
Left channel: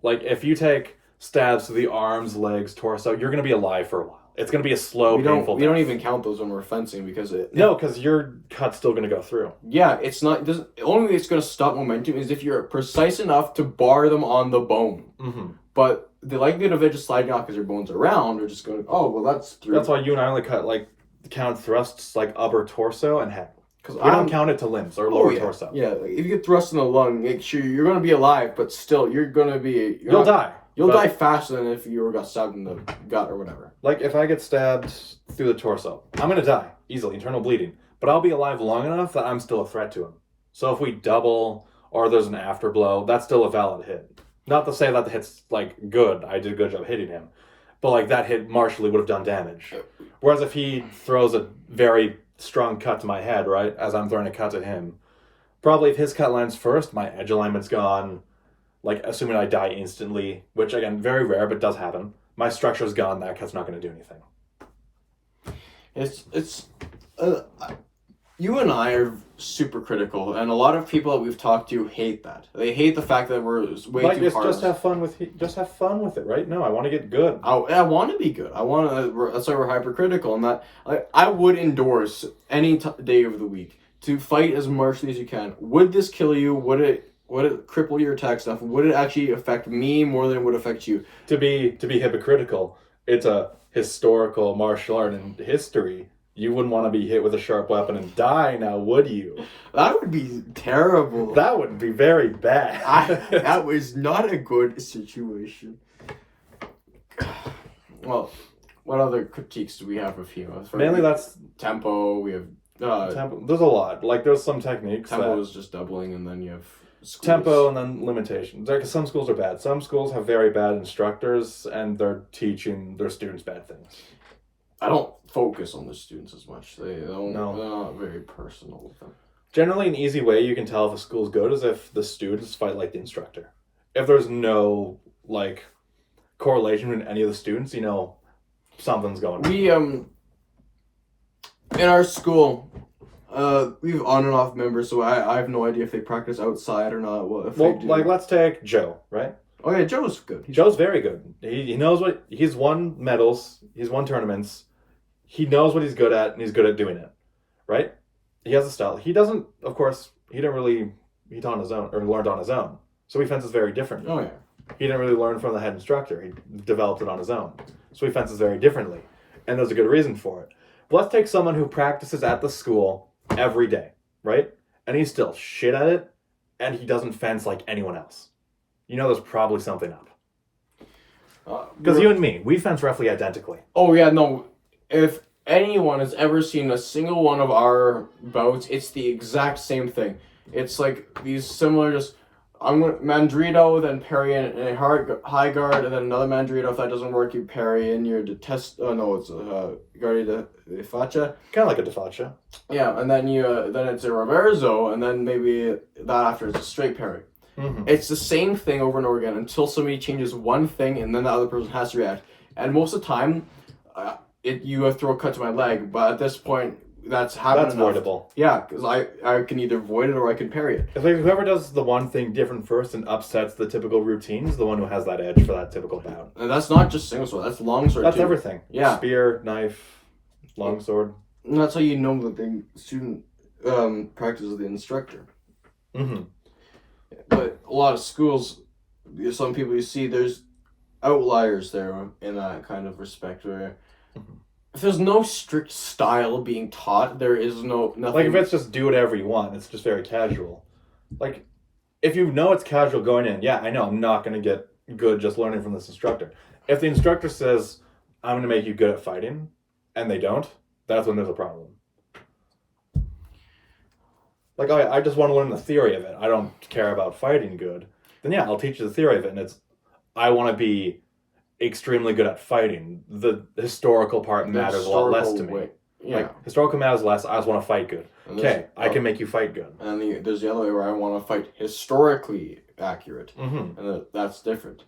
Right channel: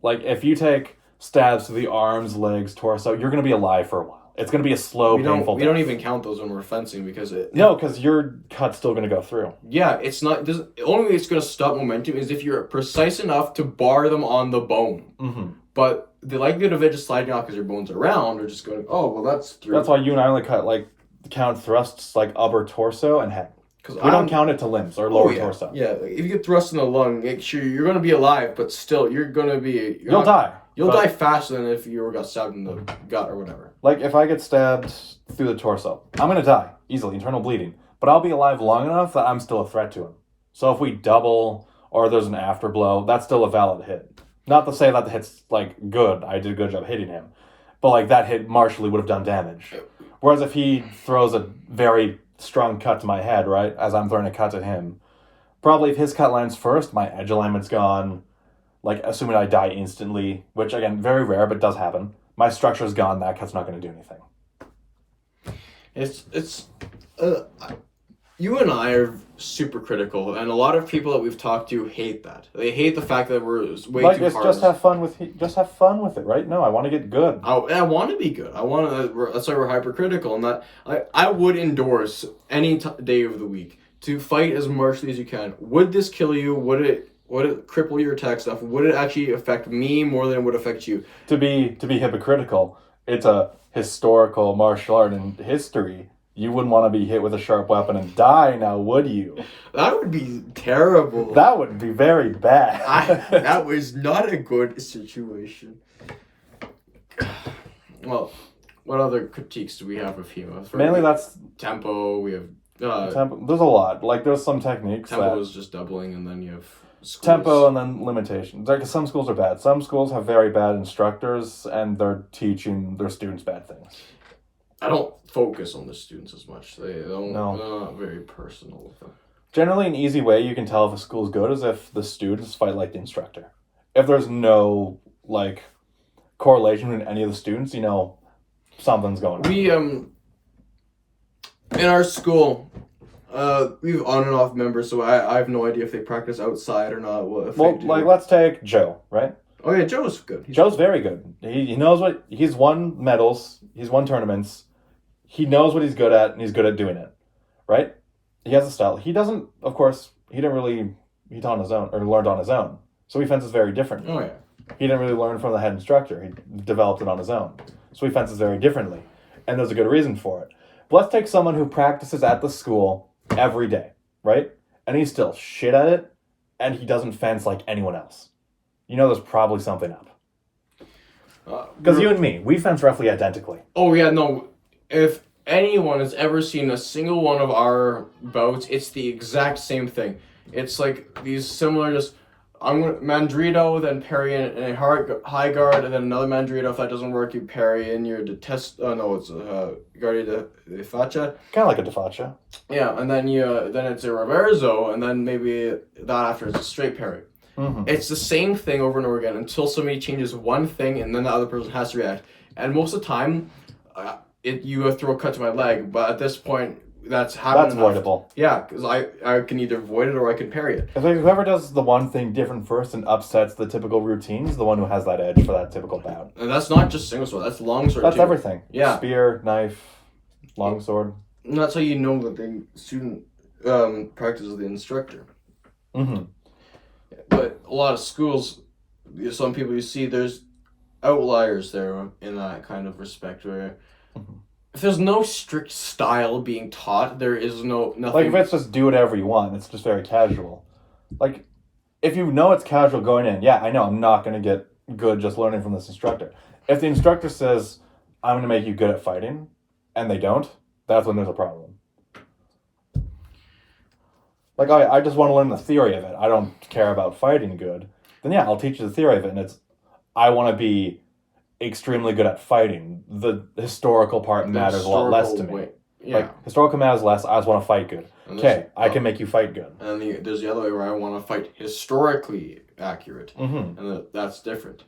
like if you take stabs to the arms, legs, torso, you're gonna be alive for a while. It's gonna be a slow, painful. We don't even count those when we're fencing, because because your cut's still gonna go through. Yeah, it's not. The only way it's gonna stop momentum is if you're precise enough to bar them on the bone. But the likelihood of it just sliding off because your bones are round, or just going, oh well, that's through. That's why you and I only count thrusts like upper torso and head. Because we don't count it to limbs or lower torso. Yeah, like if you get thrust in the lung, make sure you're gonna be alive, but still you're gonna be. You'll die. You'll die faster than if you got stabbed in the gut or whatever. Like, if I get stabbed through the torso, I'm going to die, easily, internal bleeding. But I'll be alive long enough that I'm still a threat to him. So if we double, or there's an afterblow, that's still a valid hit. Not to say that the hit's, like, good, I did a good job hitting him. But, like, that hit martially would have done damage. Whereas if he throws a very strong cut to my head, right, as I'm throwing a cut to him, probably if his cut lands first, my edge alignment's gone. Like, assuming I die instantly, which, again, very rare, but does happen. My structure's gone, that cut's not going to do anything. You and I are super critical, and a lot of people that we've talked to hate that. They hate the fact that we're way too hard. Just have fun with it, right? No, I want to get good. I want to be good. That's why we're hypercritical, and that I would endorse any day of the week to fight as martially as you can. Would this kill you? Would it cripple your attack stuff? Would it actually affect me more than it would affect you? To be hypocritical, it's a historical martial art in history. You wouldn't want to be hit with a sharp weapon and die, now would you? That would be terrible. That would be very bad. That was not a good situation. Well, what other critiques do we have of HEMA? Mainly that's tempo. We have tempo. There's a lot. Like there's some techniques. Tempo is just doubling, and then you have schools. Tempo and then limitations. Like some schools are bad. Some schools have very bad instructors, and they're teaching their students bad things. I don't focus on the students as much. They're not very personal with them. Generally, an easy way you can tell if a school's good is if the students fight like the instructor. If there's no like correlation between any of the students, you know something's going on. We in our school, we have on and off members, so I have no idea if they practice outside or not. Like let's take Joe, right? Oh yeah, Joe's good. Joe's very good. He knows what he's won medals. He's won tournaments. He knows what he's good at, and he's good at doing it, right? He has a style. He doesn't, of course. He taught on his own or learned on his own. So he fences very differently. Oh yeah. He didn't really learn from the head instructor. He developed it on his own. So he fences very differently, and there's a good reason for it. But let's take someone who practices at the school every day, right? And he's still shit at it, and he doesn't fence like anyone else. You know there's probably something up. Because you and me, we fence roughly identically. Oh yeah, no. If anyone has ever seen a single one of our bouts, it's the exact same thing. It's like these similar, just I'm going to Mandrito, then parry in a high guard, and then another Mandrito. If that doesn't work, you parry in your detest. Oh no, it's Guardia de Faccia. Kind of like a defacha. Yeah, and then then it's a reverso, and then maybe that after is a straight parry. Mm-hmm. It's the same thing over and over again until somebody changes one thing, and then the other person has to react. And most of the time, you throw a cut to my leg, but at this point, that's avoidable. Yeah, because I can either avoid it or I can parry it. I think whoever does the one thing different first and upsets the typical routine is the one who has that edge for that typical bout. And that's not just single sword, that's long sword That's too. everything. Yeah. Spear, knife, long sword. And that's how you know that the student practices the instructor. Mm-hmm. But a lot of schools, some people you see, there's outliers there in that kind of respect where if there's no strict style being taught, there is nothing. Like if it's just do whatever you want, it's just very casual. Like if you know it's casual going in, yeah, I know I'm not going to get good just learning from this instructor. If the instructor says, I'm going to make you good at fighting, and they don't, that's when there's a problem. Like, I just want to learn the theory of it. I don't care about fighting good. Then yeah, I'll teach you the theory of it, and I want to be extremely good at fighting. The historical part matters a lot less to me. Yeah. Like, historical matters less, I just want to fight good. Okay, I can make you fight good. And there's the other way where I want to fight historically accurate. Mm-hmm. And that's different.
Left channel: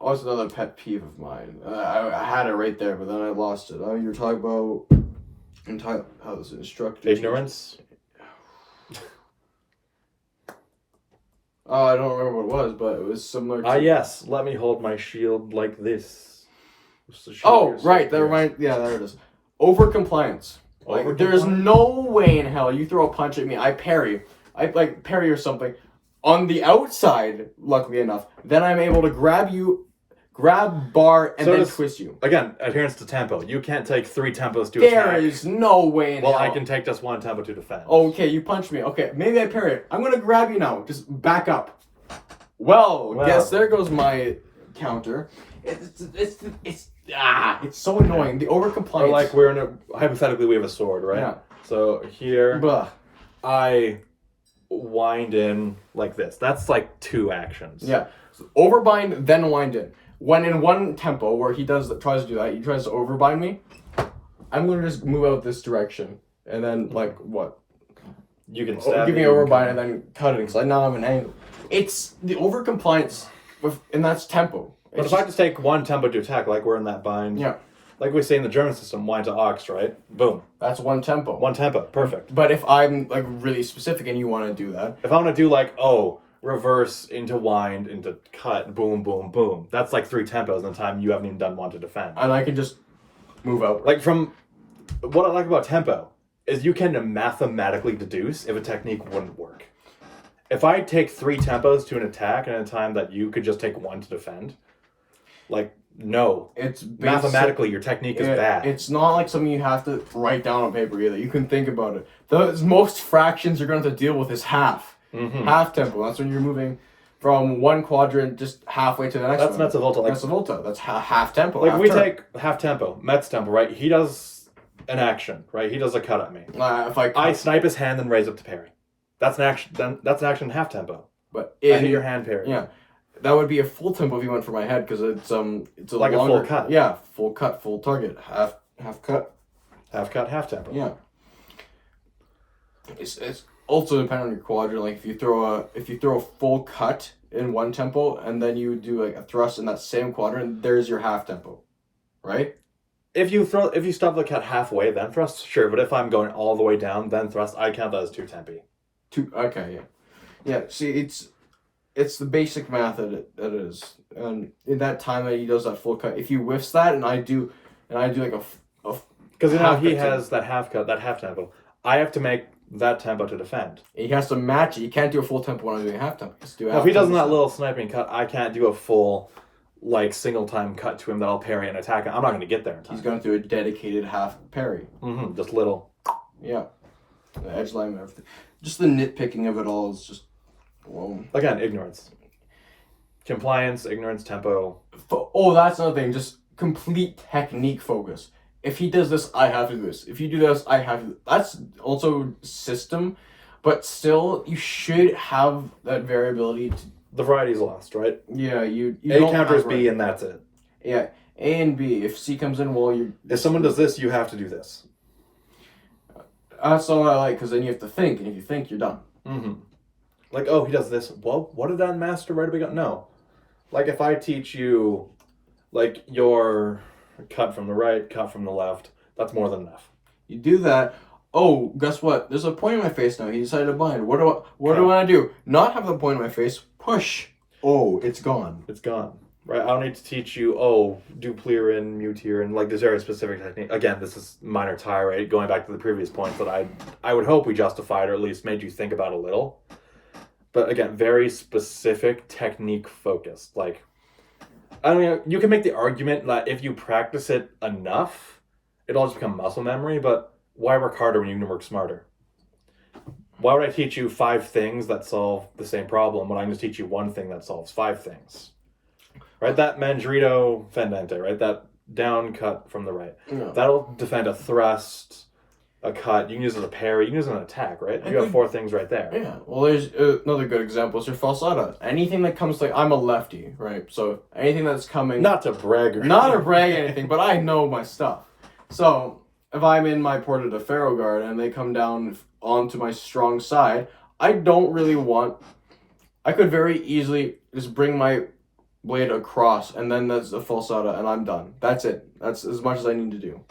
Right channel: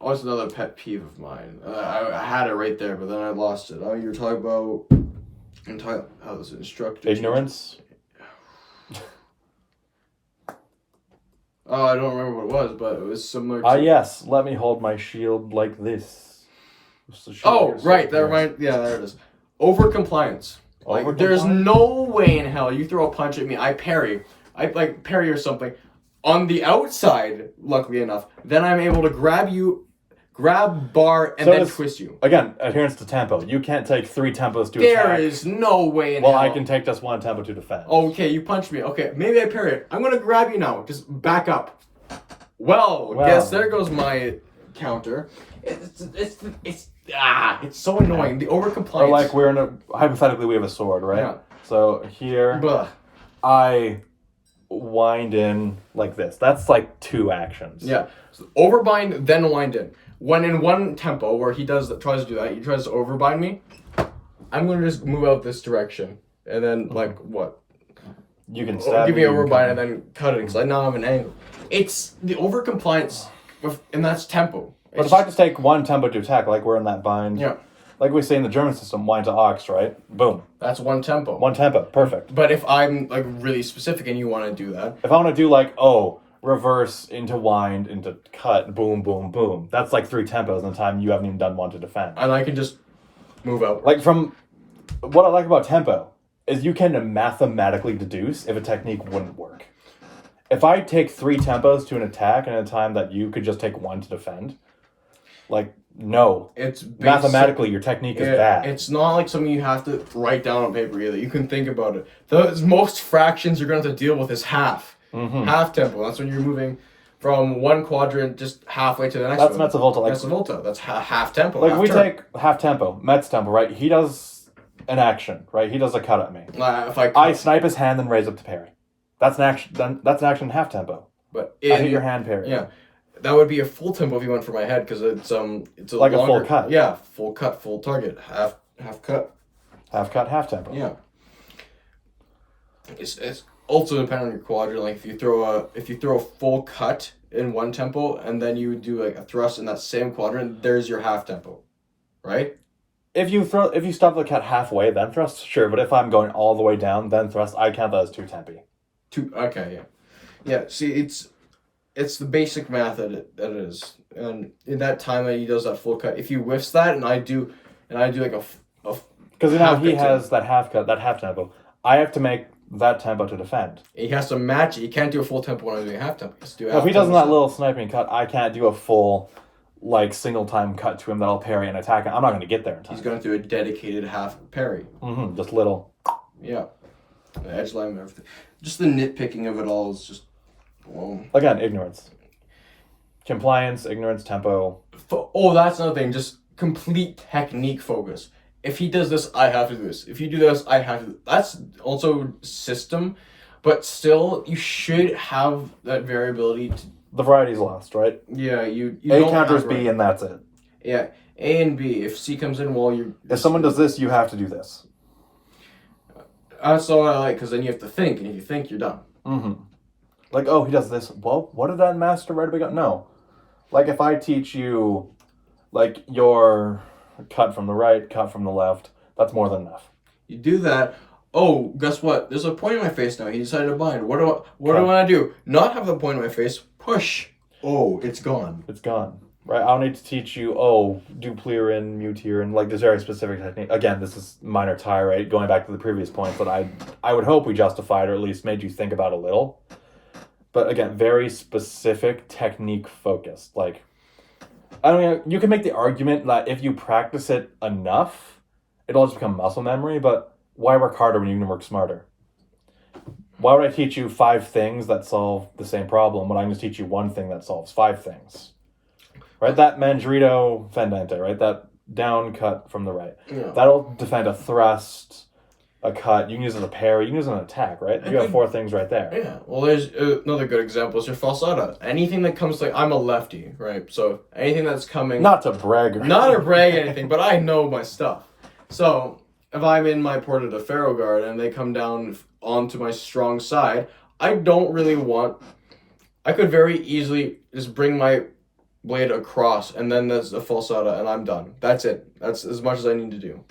Oh, it's another pet peeve of mine. I had it right there, but then I lost it. Oh, you're talking about how this instructor... Ignorance? Oh, I don't remember what it was, but it was similar to... Yes. Let me hold my shield like this. Oh, right. That reminds... Yeah, there it is. Over-compliance. Like, there's no way in hell you throw a punch at me, I parry or something. On the outside, luckily enough, then I'm able to grab bar, and then twist you. Again, adherence to tempo. You can't take 3 tempos to attack. There is no way in hell. Well, I can take just 1 tempo to defend. Okay, you punched me. Okay, maybe I parry it. I'm going to grab you now. Just back up. Well, guess there goes my counter. It's so annoying. The over-compliance. Or like hypothetically we have a sword, right? Yeah. So here, I wind in like this. That's like 2 actions. Yeah. So overbind, then wind in. When in one tempo where he tries to do that, he tries to overbind me, I'm going to just move out this direction. And then, like, what? You can stab give me overbind and then cut it, because I now have an angle. It's the overcompliance, and that's tempo. But if I just take 1 tempo to attack, like we're in that bind, yeah, like we say in the German system, wind to ox, right? Boom. That's 1 tempo. 1 tempo, perfect. But if I'm like really specific and you want to do that, if I want to do like reverse into wind into cut, boom, boom, boom, that's like 3 tempos in the time you haven't even done 1 to defend. And I can just move out. Like from what I like about tempo is you can mathematically deduce if a technique wouldn't work. If I take 3 tempos to an attack in a time that you could just take 1 to defend, like, no. It's mathematically your technique is bad. It's not like something you have to write down on paper either. You can think about it. Those most fractions you're going to have to deal with is half. Mm-hmm. Half tempo. That's when you're moving from one quadrant just halfway to the next one. That's mezzo volta. Mezzo volta. That's half tempo. Like we take half tempo, Met's tempo, right? He does an action, right? He does a cut at me. If I snipe his hand and raise up to parry. That's an action. That's an action half tempo. But I hit your hand parry. Yeah, that would be a full tempo if you went for my head because it's a like longer, a full cut. Yeah, full cut, full target, half cut. Half cut, half tempo. Yeah. It's also depending on your quadrant. Like if you throw a full cut in one tempo and then you do like a thrust in that same quadrant, there's your half tempo, right? If you stop the cut halfway, then thrust, sure. But if I'm going all the way down, then thrust, I count that as 2 tempi. Okay, yeah. See, it's the basic math that it is. And in that time that he does that full cut, if he whiffs that, and I do like a because now he has that half cut, that half tempo. I have to make that tempo to defend. He has to match it. You can't do a full tempo when I'm doing half tempo. If he does that little sniping cut, I can't do a full, like, single time cut to him that I'll parry and attack. I'm not going to get there in time. He's going through a dedicated half parry. Mm-hmm. Just little. Yeah. The edge line and everything. Just the nitpicking of it all is just, well... Again, ignorance. Compliance, ignorance, tempo. That's another thing. Just complete technique focus. If he does this, I have to do this. If you do this, I have to do this. That's also system. But still, you should have that variability. The variety's lost, right? Yeah, you A don't counters have B, and that's it. Yeah, A and B. If C comes in, well, If someone does this, you have to do this. That's all I like, because then you have to think, and if you think, you're done. Mm-hmm. Like, oh, he does this. Well, what did that master write about? No. Like, if I teach you, like, your cut from the right, cut from the left, that's more than enough. You do that. Oh, guess what? There's a point in my face now. He decided to bind. What do I do? Not have the point in my face. Push. Oh, it's gone. It's gone. Right? I don't need to teach you, oh, duplirin, mutirin, like, there's very specific technique. Again, this is minor tie, right? Going back to the previous point, but I would hope we justified or at least made you think about a little. But again, very specific technique focused. Like, I don't know, you can make the argument that if you practice it enough, it'll just become muscle memory, but why work harder when you can work smarter? Why would I teach you 5 things that solve the same problem when I'm going to teach you one thing that solves 5 things? Right? That mangerito fendente, right? That down cut from the right. Yeah. That'll defend a thrust, a cut. You can use it as a parry. You can use it as an attack, right? You have 4 things right there. Yeah. Well, there's another good example is your falsata. Anything that comes, like, I'm a lefty, right? So anything that's coming... Not to brag. Not to brag anything, but I know my stuff. So if I'm in my Porta de Ferro guard and they come down onto my strong side, I don't really want... I could very easily just bring my blade across, and then there's a falsata, and I'm done. That's it. That's as much as I need to do.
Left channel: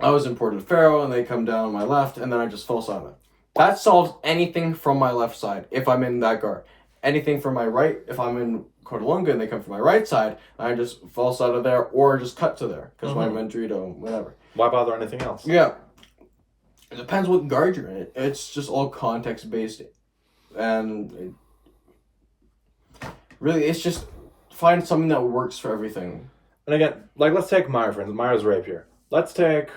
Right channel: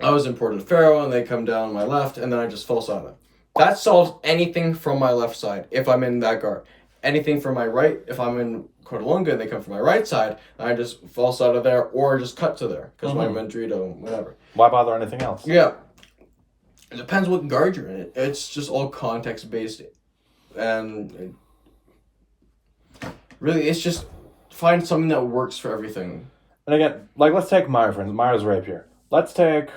I was in Porta de Ferro, and they come down on my left, and then I just falsata. That solves anything from my left side, if I'm in that guard. Anything from my right, if I'm in Cordalunga, and they come from my right side, I just falsata there, or just cut to there, because my Mandrito, whatever. Why bother anything else? Yeah. It depends what guard you're in. It's just all context-based, and... Really, it's just find something that works for everything. And again, like, let's take Meyer, for instance. Meyer's rapier. Let's take...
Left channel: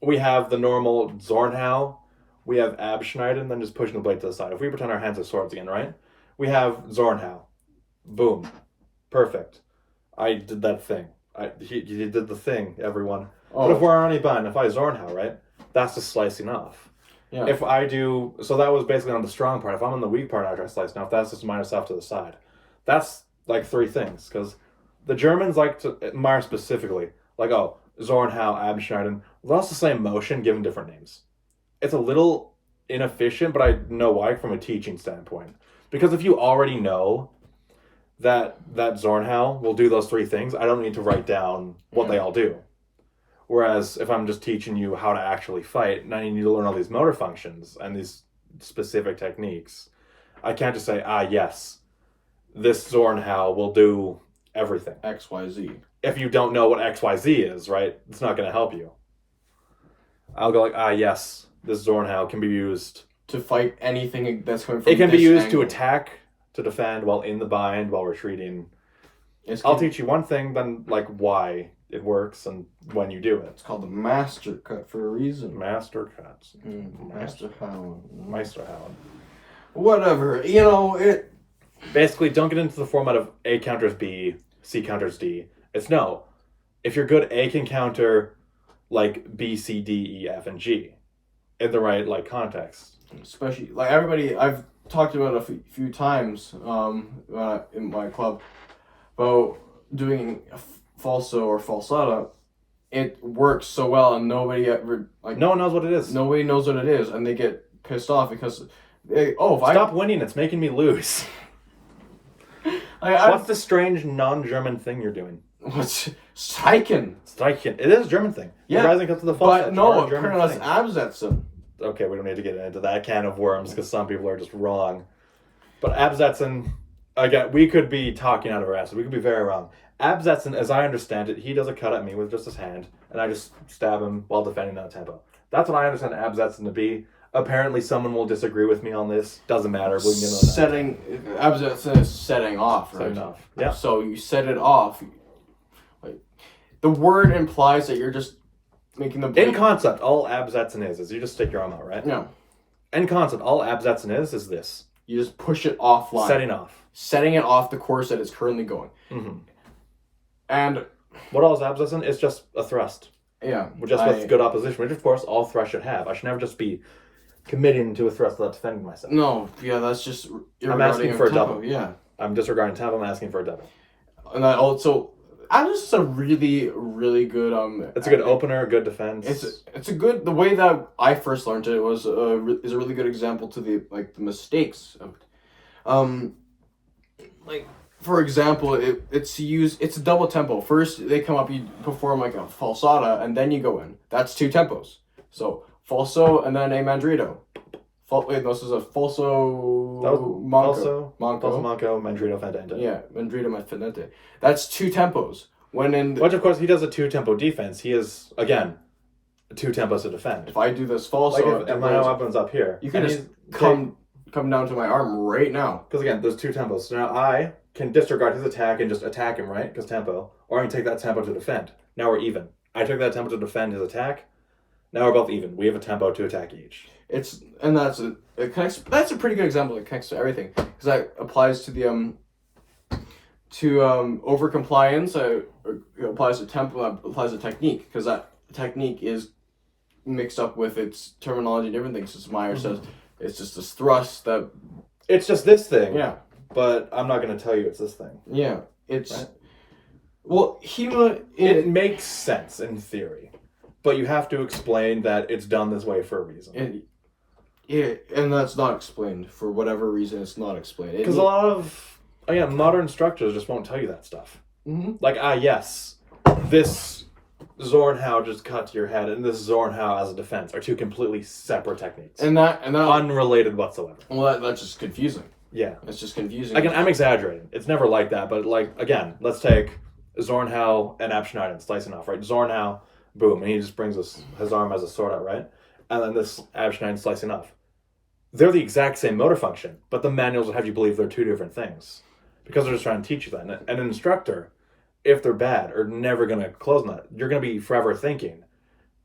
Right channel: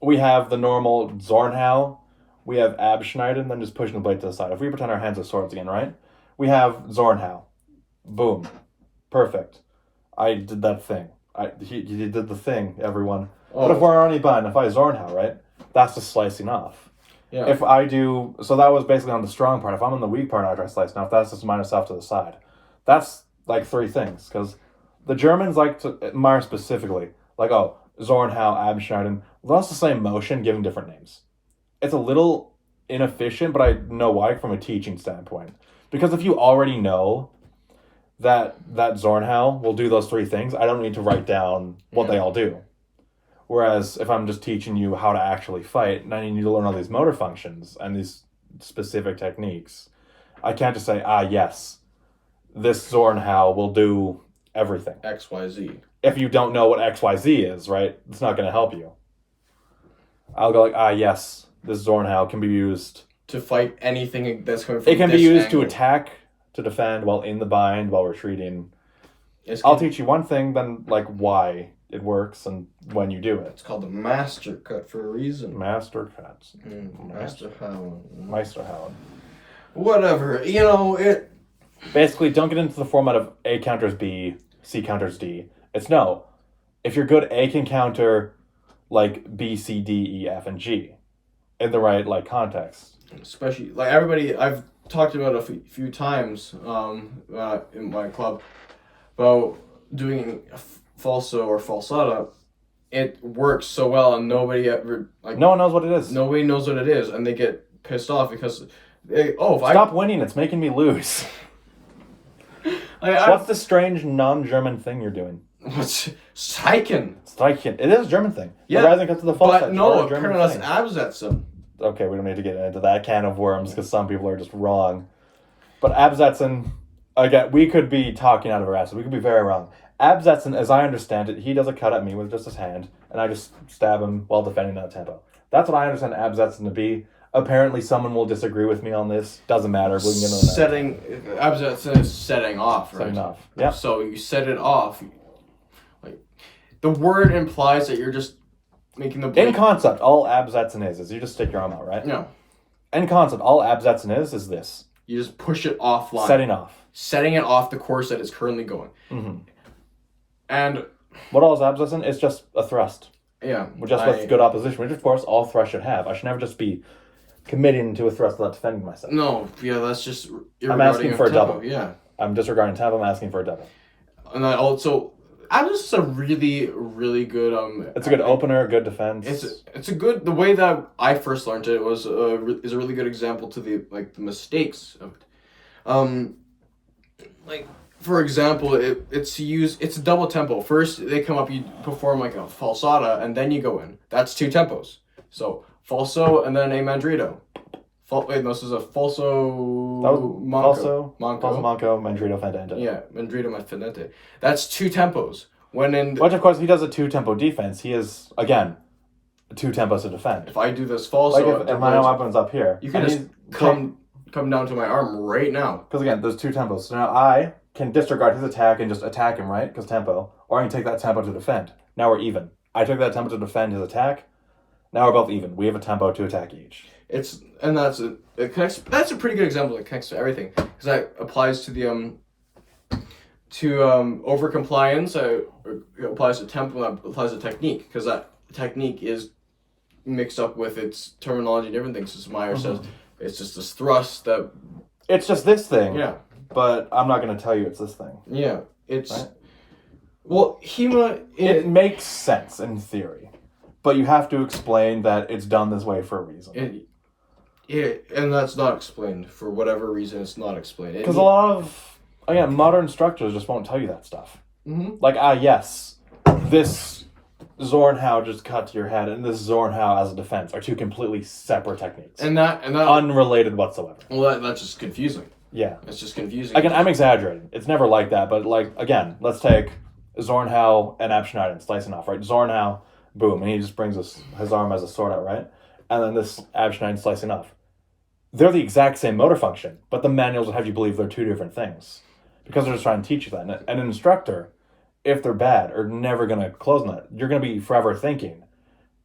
We have the normal Zornhau. We have Abschneiden, then just pushing the blade to the side. If we pretend our hands are swords again, right? We have Zornhau. Boom. Perfect. I did that thing. He did the thing, everyone. Oh. But if we're already bind, if I Zornhau, right? That's just slicing off. Yeah. If I do... So that was basically on the strong part. If I'm on the weak part and I try slicing off, that's just minus off to the side. That's like 3 things, because the Germans like to, Meyer specifically, like, oh, Zornhau, Abschneiden, well, that's the same motion given different names. It's a little inefficient, but I know why from a teaching standpoint. Because if you already know that Zornhau will do those 3 things, I don't need to write down what they all do. Whereas if I'm just teaching you how to actually fight, and I need you to learn all these motor functions and these specific techniques, I can't just say, yes, this Zornhau will do everything. XYZ. If you don't know what XYZ is, right, it's not going to help you. I'll go like, yes, this Zornhau can be used... To fight anything that's coming from It can be used angle. to attack, to defend, while in the bind, while retreating. I'll teach you one thing, then, like, why it works and when you do it. It's called the master cut for a reason. Master cuts. Master how? Meisterhauen. Whatever. You know, it... Basically, don't get into the format of A counters B, C counters D. It's no. If you're good, A can counter, like, B, C, D, E, F, and G. In the right, like, context. Especially, like, everybody... I've talked about it a few times in my club about doing falso or falsata. It works so well, and nobody ever... like, no one knows what it is. Nobody knows what it is, and they get pissed off because... Stop winning, it's making me lose. What's the strange non-German thing you're doing? What's Steichen? Steichen. It is a German thing. Yeah. It doesn't come to the But no, German apparently thing. that's Absetzen. Okay, we don't need to get into that can of worms because some people are just wrong. But Absetzen, again, we could be talking out of our asses. We could be very wrong. Absetzen, as I understand it, he does a cut at me with just his hand, and I just stab him while defending that tempo. That's what I understand Absetzen to be. Apparently, someone will disagree with me on this. Doesn't matter. We can get into that. Absetzen is setting off, right? Setting off. Yeah. So you set it off. Like, the word implies that you're just making the blade. In concept, all Absetzen is you just stick your arm out, right? No. In concept, all Absetzen is this. You just push it offline. Setting off. Setting it off the course that it's currently going. Mm-hmm. And... what all is Absetzen? It's just a thrust. Yeah. With good opposition, which of course all thrusts should have. I should never just be committing to a thrust without defending myself. No, yeah, that's just I'm asking for a tempo. double. Yeah, I'm disregarding tempo. I'm asking for a double. and that also, Adam's just a really, really good It's a good opener, a good defense. It's a good. The way that I first learned it was is a really good example to the mistakes of it. Like for example, it's a double tempo. First they come up, you perform like a falsata, and then you go in. That's 2 tempos. So falso and then a mandrito. Wait, no, this is a falso. Falso, manco, mandrito, fendente. Yeah, mandrito, fendente. That's 2 tempos. When in Which of course he does a 2-tempo defense. He is again 2 tempos to defend. if I do this falso, Like if my weapon's up here, you can just come down to my arm right now. Because again, there's 2 tempos. So now I can disregard his attack and just attack him, right? Because tempo. Or I can take that tempo to defend. Now we're even. I took that tempo to defend his attack. Now we're both even. We have a tempo to attack each. That's a pretty good example that connects to everything, because that applies to the over compliance. It applies to tempo. That applies to technique, because that technique is mixed up with its terminology and different things. As Meyer says, it's just this thrust that. It's just this thing. Yeah. But I'm not going to tell you it's this thing. Yeah. It's. Right? Well, HEMA. It makes sense in theory, but you have to explain that it's done this way for a reason. And that's not explained for whatever reason. It's not explained Because a lot of modern instructors just won't tell you that stuff. Mm-hmm. Like yes, this Zornhau just cut to your head, and this Zornhau as a defense are 2 completely separate techniques, and that unrelated whatsoever. Well, that's just confusing. Yeah, it's just confusing. Again, I'm exaggerating. It's never like that, but like again, let's take Zornhau and Abschneiden slicing off, right? Zornhau, boom, and he just brings his arm as a sword out, right? And then this Abschneiden slicing off. They're the exact same motor function, but the manuals would have you believe they're 2 different things. Because they're just trying to teach you that. And an instructor, if they're bad, are never going to close on that. You're going to be forever thinking,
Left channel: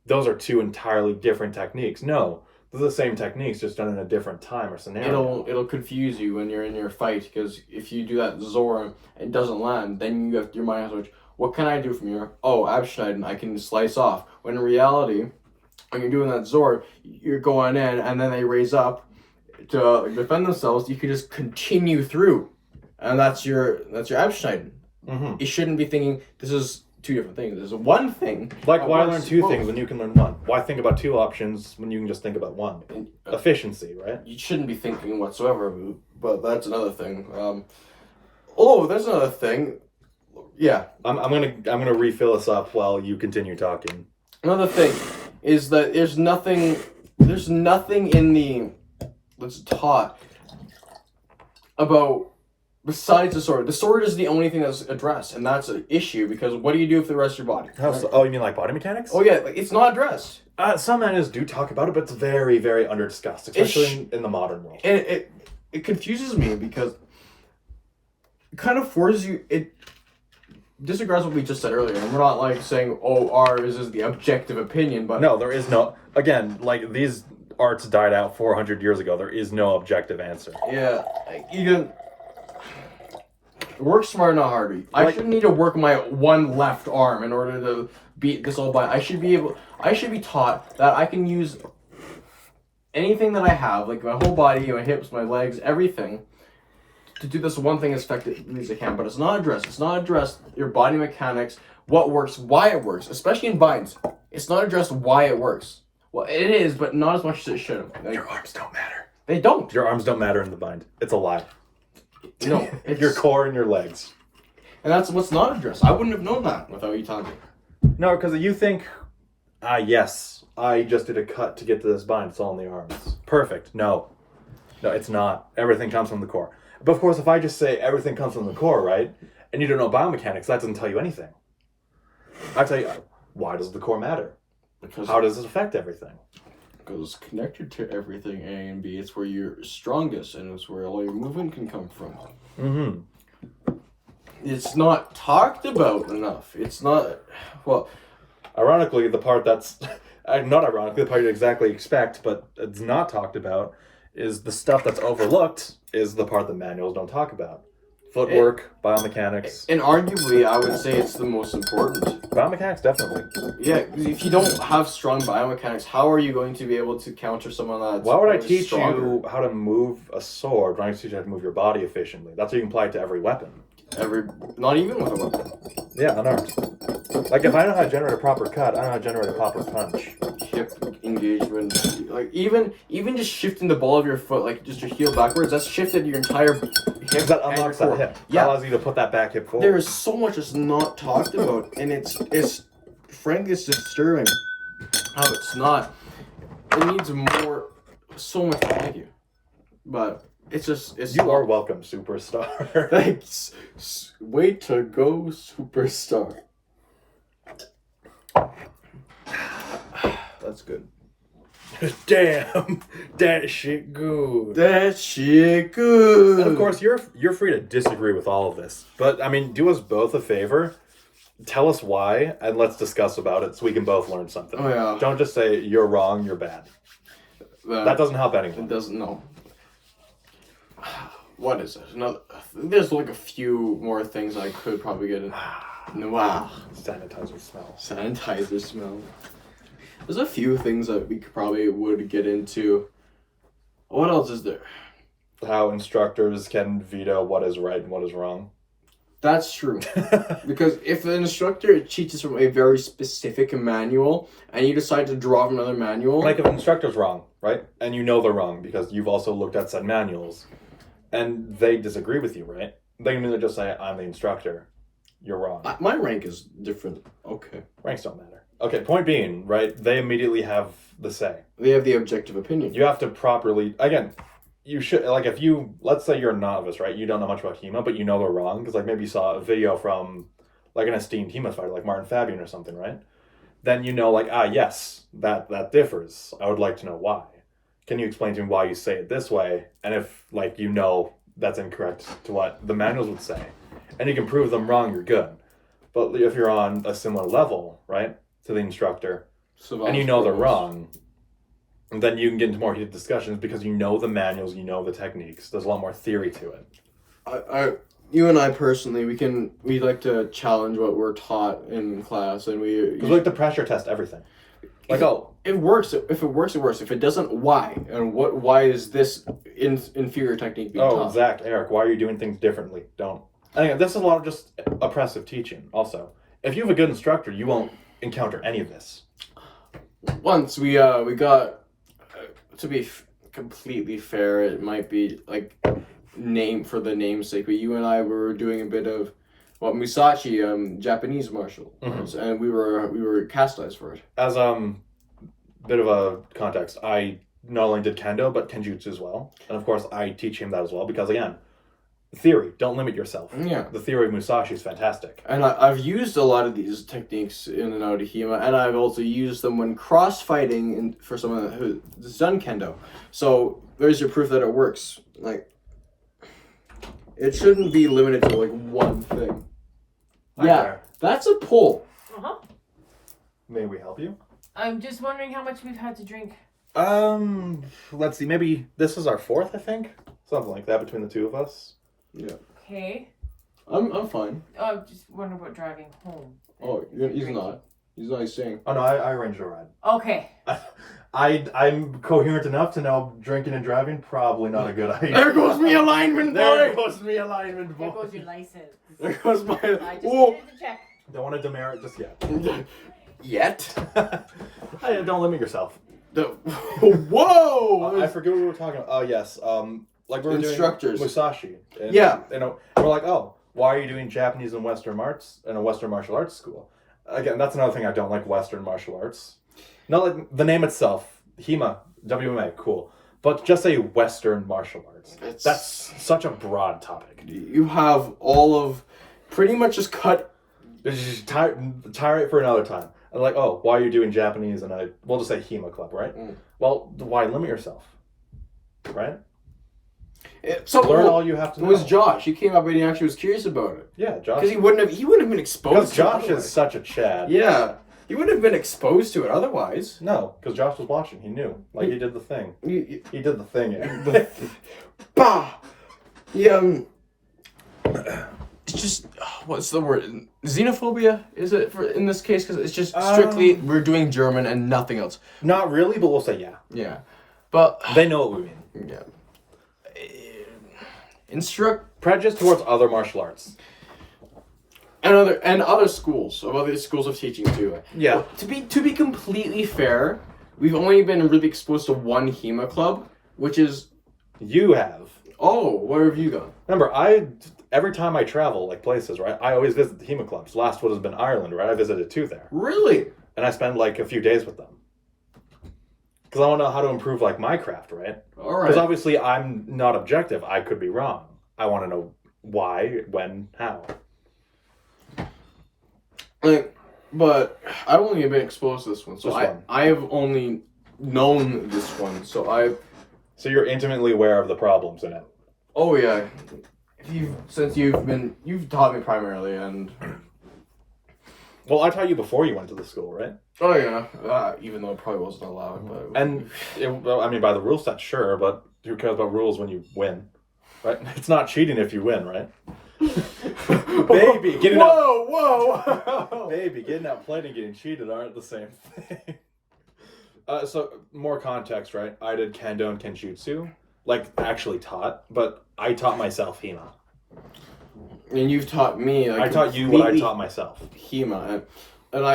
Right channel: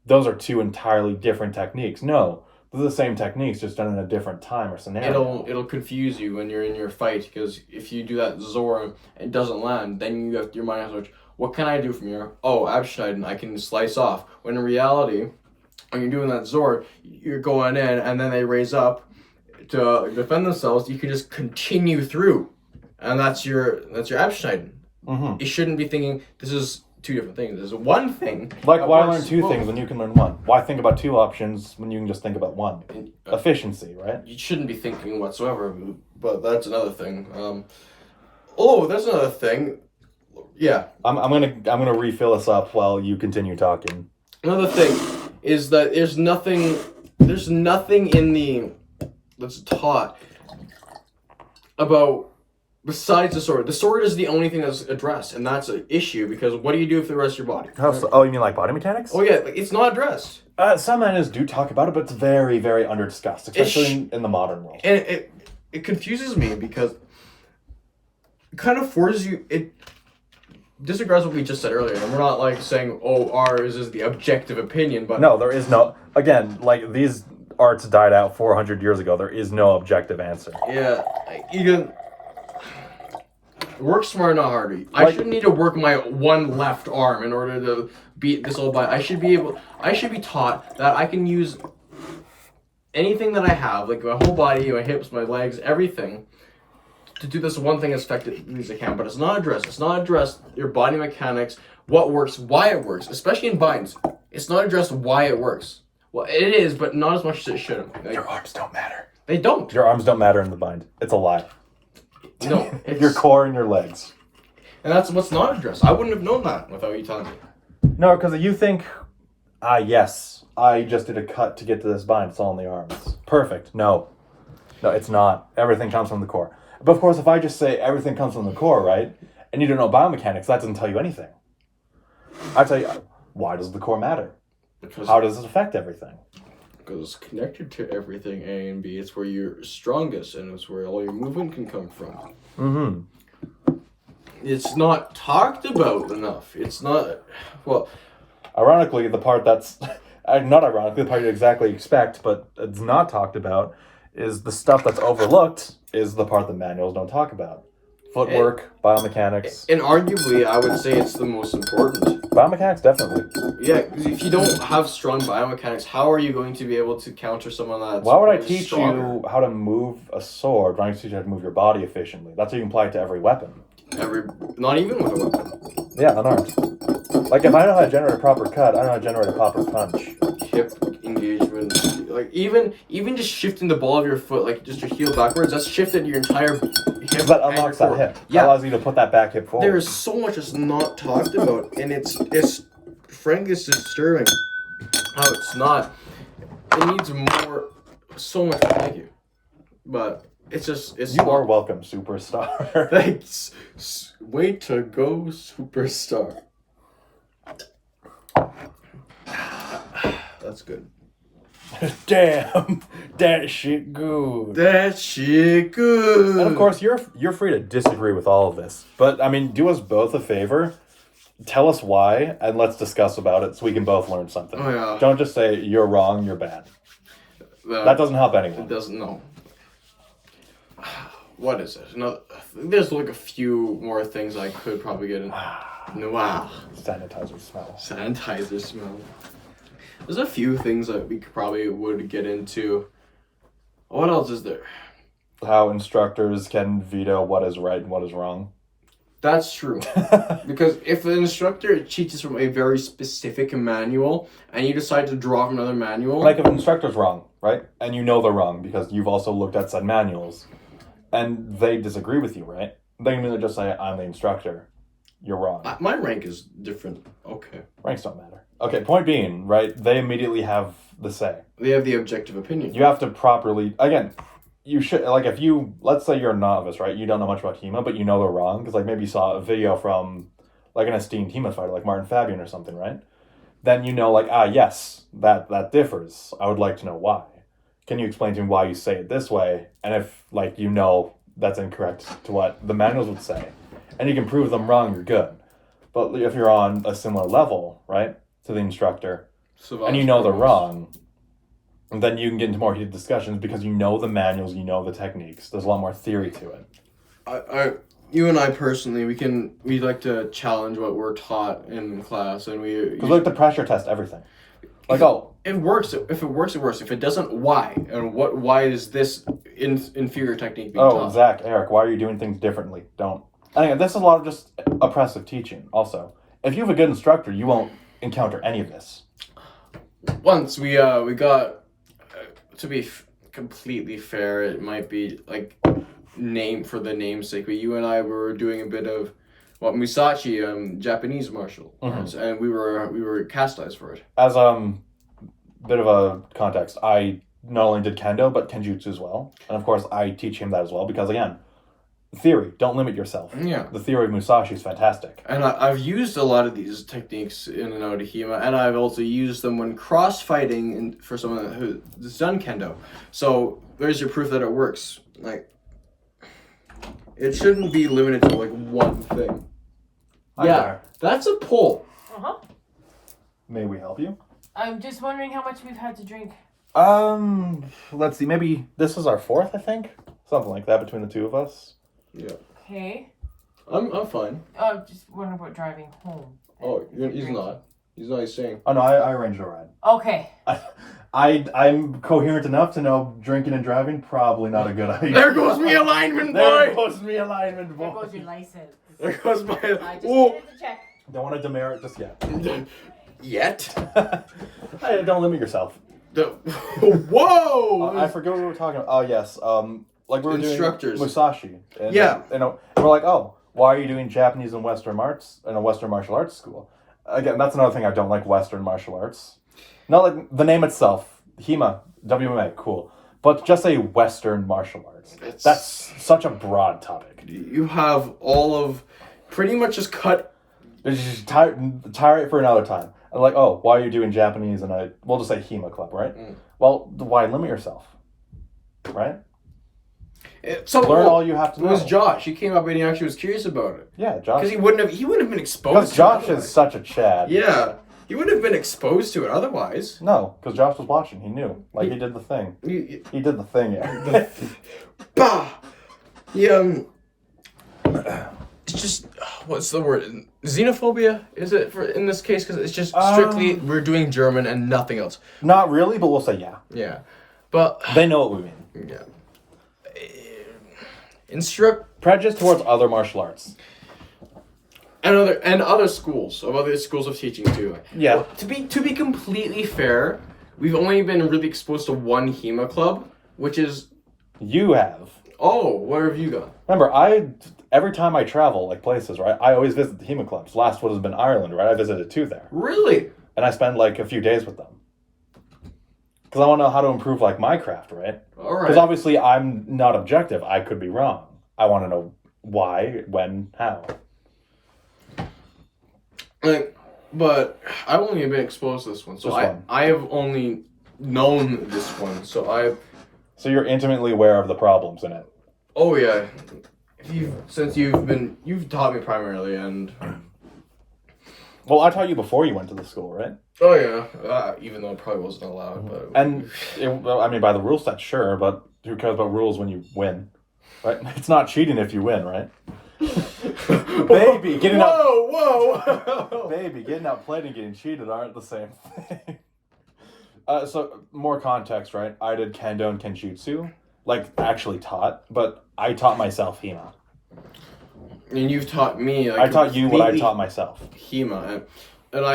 those are 2 entirely different techniques. No, they're the same techniques, just done in a different time or scenario. It'll confuse you when you're in your fight, because if you do that Zor and it doesn't land, then your mind has to switch. What can I do from here? Oh, Abschneiden, I can slice off. When in reality, when you're doing that Zor, you're going in, and then they raise up to defend themselves. You can just continue through, and that's your Abschneiden. Mm-hmm. You shouldn't be thinking this is 2 different things. There's one thing. Like, why learn 2 things when you can learn 1? Why think about 2 options when you can just think about 1? Efficiency, right? You shouldn't be thinking whatsoever, but that's another thing. There's another thing. Yeah, I'm gonna refill us up while you continue talking. Another thing is that there's nothing in the that's taught about besides the sword. The sword is the only thing that's addressed, and that's an issue, because what do you do with the rest of your body? Oh, you mean like body mechanics? Oh yeah, it's not addressed. Some manuals do talk about it, but it's very, very under discussed, especially in the modern world. And it confuses me, because it kind of forces you. It disregards what we just said earlier, and we're not like saying, oh, ours is the objective opinion, but no, there is no. Again, like these arts died out 400 years ago. There is no objective answer. Yeah, you can work smart, not harder. I shouldn't need to work my one left arm in order to beat this old guy. I should be taught that I can use anything that I have, like my whole body, my hips, my legs, everything, to do this one thing as effectively as I can. But it's not addressed. It's not addressed your body mechanics, what works, why it works, especially in binds. It's not addressed why it works. Well, it is, but not as much as it should. Like, your arms don't matter. They don't. Your arms don't matter in the bind. It's a lie. No, your core and your legs. And that's what's not addressed. I wouldn't have known that without you telling me. No, because you think, yes, I just did a cut to get to this bind. It's all in the arms. Perfect. No, it's not. Everything comes from the core. But of course, if I just say everything comes from the core, right, and you don't know biomechanics, that doesn't tell you anything. I tell you, why does the core matter? Because how does it affect everything? Because it's connected to everything, A and B. It's where you're strongest, and it's where all your movement can come from. Mm-hmm. It's not talked about enough. It's not, well... Ironically, the part that's... not ironically, the part you exactly expect, but it's not talked about, is the stuff that's overlooked is the part that manuals don't talk about. Footwork, biomechanics. And arguably, I would say it's the most important. Biomechanics, definitely. Yeah, 'cause if you don't have strong biomechanics, how are you going to be able to counter someone that's Why would I probably teach stronger? you how to move a sword? Why don't you teach you how to move your body efficiently? That's what you can apply to every weapon. Not even with a weapon. Yeah, unarmed. Like, if I know how to generate a proper cut, I know how to generate a proper punch. Hip engagement, like even just shifting the ball of your foot, like just your heel backwards, that's shifted your entire hip. That and unlocks your that core. hip. Yeah. That allows you to put that back hip forward. There is so much that's not talked about, and it's frankly it's disturbing how it's not. It needs more, so much more. Thank you, but it's You are welcome, superstar. Thanks. Way to go, superstar. That's good. Damn, that shit good. That shit good. And of course, you're free to disagree with all of this, but I mean, do us both a favor. Tell us why, and let's discuss about it so we can both learn something. Oh yeah. Don't just say you're wrong, you're bad. That doesn't help anyone. It doesn't. No. What is it? Another. There's like a few more things I could probably get in. No. Wow. Sanitizer smell. Sanitizer smell. There's a few things that we probably would get into. What else is there? How instructors can veto what is right and what is wrong. That's true. Because if an instructor teaches from a very specific manual and you decide to draw from another manual. Like if an instructor's wrong, right? And you know they're wrong because you've also looked at said manuals and they disagree with you, right? They can either just say, I'm the instructor. You're wrong. My rank is different. Okay. Ranks don't matter. Okay, point being, right? They immediately have the say. They have the objective opinion. You have to properly, again, you should, like if you, let's say you're a novice, right? You don't know much about HEMA, but you know they're wrong because like maybe you saw a video from like an esteemed HEMA fighter, like Martin Fabian or something, right? Then you know like, yes, that differs. I would like to know why. Can you explain to me why you say it this way? And if like you know that's incorrect to what the manuals would say, and you can prove them wrong, you're good. But if you're on a similar level, right, to the instructor, and you know they're wrong, then you can get into more heated discussions because you know the manuals, you know the techniques. There's a lot more theory to it. You and I personally, we like to challenge what we're taught in class, and we like to pressure test everything. Like, it works. If it works, it works. If it doesn't, why? And why is this inferior technique being taught? Zach, Eric, why are you doing things differently? Don't. And again, this is a lot of just oppressive teaching. Also, if you have a good instructor, you won't encounter any of this. Once we got to be completely fair, it might be like name for the namesake, but you and I were doing a bit of Musashi, Japanese martial arts, and we were chastised for it. As bit of a context, I not only did kendo but kenjutsu as well, and of course I teach him that as well because again, theory, don't limit yourself. Yeah, the theory of Musashi is fantastic, and I've used a lot of these techniques in and out of HEMA, and I've also used them when cross fighting for someone who's done kendo. So there's your proof that it works. Like, it shouldn't be limited to like one thing. Yeah, that's a pull. Uh-huh. May we help you? I'm just wondering how much we've had to drink. Let's see. Maybe this is our fourth, I think. Something like that between the two of us. Yeah. Okay. I'm fine. Oh, I'm just wondering about driving home. Oh, he's not. He's not saying. Oh no, I arranged a ride. Okay. I'm coherent enough to know drinking and driving probably not a good idea. There goes me alignment, boy. There goes me alignment, boy. There goes your license. There goes my. I just Oh. needed to check. Don't want to demerit just yet. Yet. Hey, don't limit yourself. Whoa! I forget what we were talking about. Oh yes, like we were Instructors. doing Musashi. And, Yeah. And we're like, oh, why are you doing Japanese and Western arts in a Western martial arts school? Again, that's another thing I don't like Western martial arts. Not like the name itself, HEMA, WMA, cool. But just say Western martial arts. That's such a broad topic. You have all of, pretty much just cut. Just tire it for another time. And like, oh, why are you doing Japanese and we'll just say HEMA club, right? Well, why limit yourself? Right? Learn all you have to know. It was Josh. He came up and he actually was curious about it. Yeah, Josh. Because he wouldn't have been exposed to Josh it. is such a Chad. Yeah. He wouldn't have been exposed to it otherwise. No, because Josh was watching. He knew. Like, he did the thing. He did the thing, yeah. Bah! He, it's just what's the word? Xenophobia is it for in this case? Because it's just strictly we're doing German and nothing else. Not really, but we'll say yeah. Yeah, but They know what we mean. yeah. Instruct Prejudice towards other martial arts. and other schools of teaching too. Yeah. Well, to be completely fair, we've only been really exposed to one HEMA club, which is You have. where have you gone? Remember, every time I travel, like places, right, I always visit the HEMA clubs. Last one has been Ireland, right? I visited 2 there. Really? And I spend like a few days with them. Because I want to know how to improve like my craft, right? All right. Because obviously I'm not objective. I could be wrong. I want to know why, when, how. But I've only been exposed to this one, so This one. I have only known this one. So So you're intimately aware of the problems in it. oh yeah, you've taught me primarily, and Well, I taught you before you went to the school, right? oh yeah, even though it probably wasn't allowed, but And, I mean, by the rule set, sure, but who cares about rules when you win? Right? It's not cheating if you win, right? Baby, getting whoa. Baby, getting outplayed and getting cheated aren't the same thing. So, more context, right? I did Kendo and Kenjutsu, like, actually taught, but I taught myself HEMA. And you've taught me. Like, I taught you what I taught myself. HEMA, and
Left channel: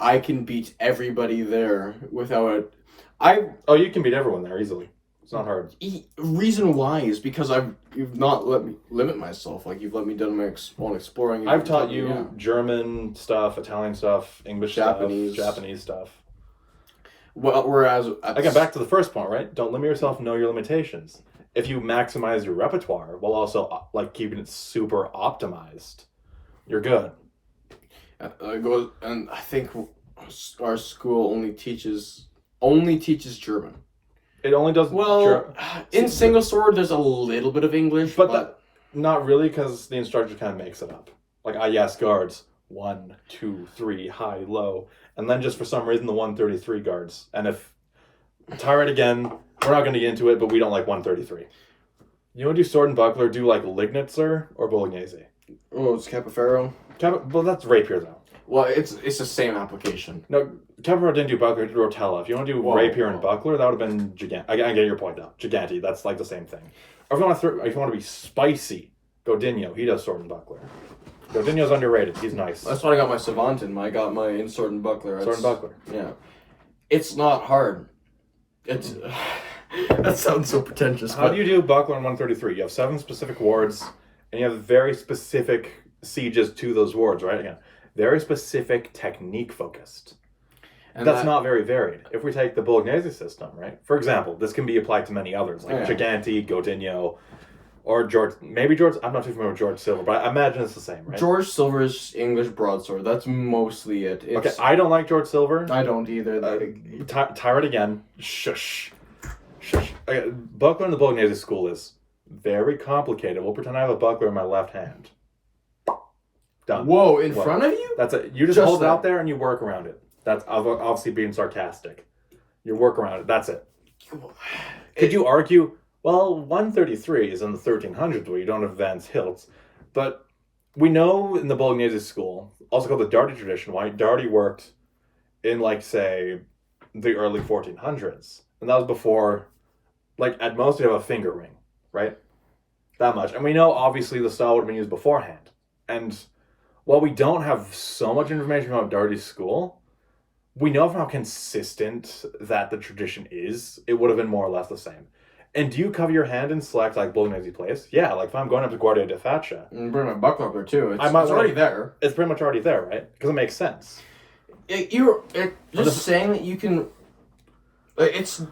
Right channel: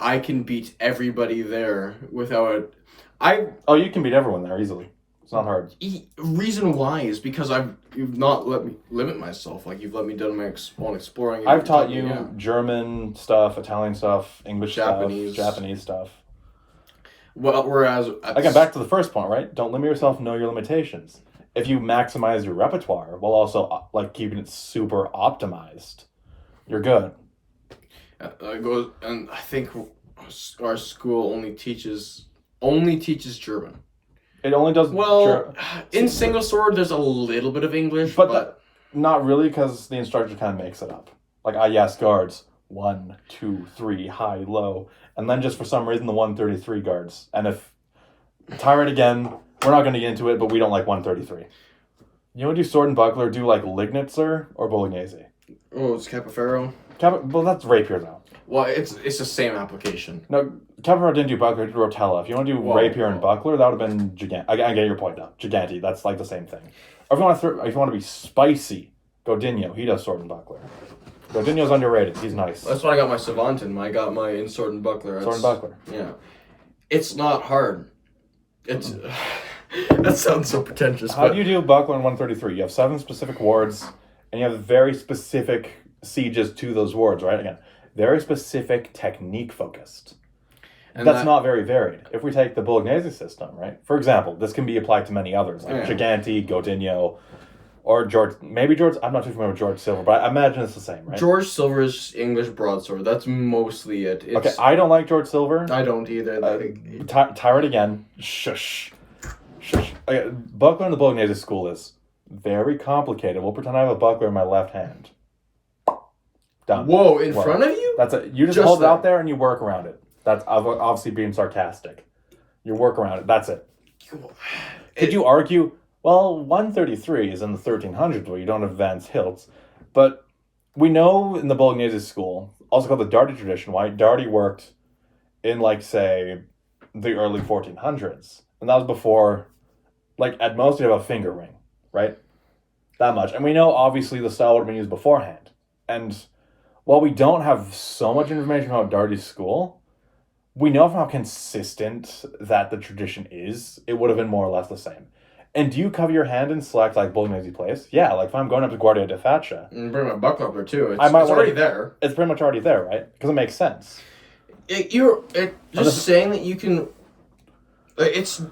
I can beat everybody there without it. Oh, you can beat everyone there easily. It's not hard. Reason why is because you've not let me limit myself. Like you've let me do my own exploring. I've taught you German stuff, Italian stuff, English Japanese. stuff, Japanese stuff. Well, whereas Again, back to the first point, right? Don't limit yourself. Know your limitations. If you maximize your repertoire while also like keeping it super optimized, you're good. And I think our school only teaches German. It only does in single sword. There's a little bit of English, but not really because the instructor kind of makes it up. Like yes, guards 1, 2, 3, high, low, and then just for some reason the 133 guards. And if Tyrant again, we're not going to get into it, but we don't like 133. You want to do sword and buckler? Do like Lignitzer or Bolognese? Oh, it's Capoferro. Well, that's rapier though. Well, it's the same application. No, Capoferro didn't do buckler, did Rotella. If you want to do rapier and buckler, that would have been Gigante. I get your point though. Gigante, that's like the same thing. Or if you want to be spicy, Godinho, he does sword and buckler. Godinho's underrated. He's nice. That's when I got my Savant in. I got my in sword and buckler. Sword and buckler. Yeah, it's not hard. It's that sounds so pretentious. How do you do buckler in 133? You have 7 specific wards, and you have very specific sieges to those wards, right? Again, very specific technique focused. And that's not very varied. If we take the Bolognese system, right? For example, this can be applied to many others, like Gigante, Godinho, or George. Maybe George. I'm not too familiar with George Silver, but I imagine it's the same, right? George Silver's English broadsword. That's mostly it. Okay, I don't like George Silver. I don't either. Tyrant again. Shush. Okay, buckler in the Bolognese school is very complicated. We'll pretend I have a buckler in my left hand. Done. Whoa, in front of you? That's it. You just hold it out there and you work around it. That's obviously being sarcastic. You work around it. That's it. Could you argue, well, 133 is in the 1300s where you don't advance hilts, but we know in the Bolognese school, also called the Darty tradition, why Darty worked in, like, say, the early 1400s. And that was before, like, at most you have a finger ring, right? That much. And we know, obviously, the style would have been used beforehand. And while we don't have so much information about Darty's school, we know from how consistent that the tradition is, it would have been more or less the same. And do you cover your hand and select, like, Bolognese place? Yeah, like, if I'm going up to Guardia di Faccia... And bring my buckler up there, too. It's already there. It's pretty much already there, right? Because it makes sense. Just saying that you can... It's...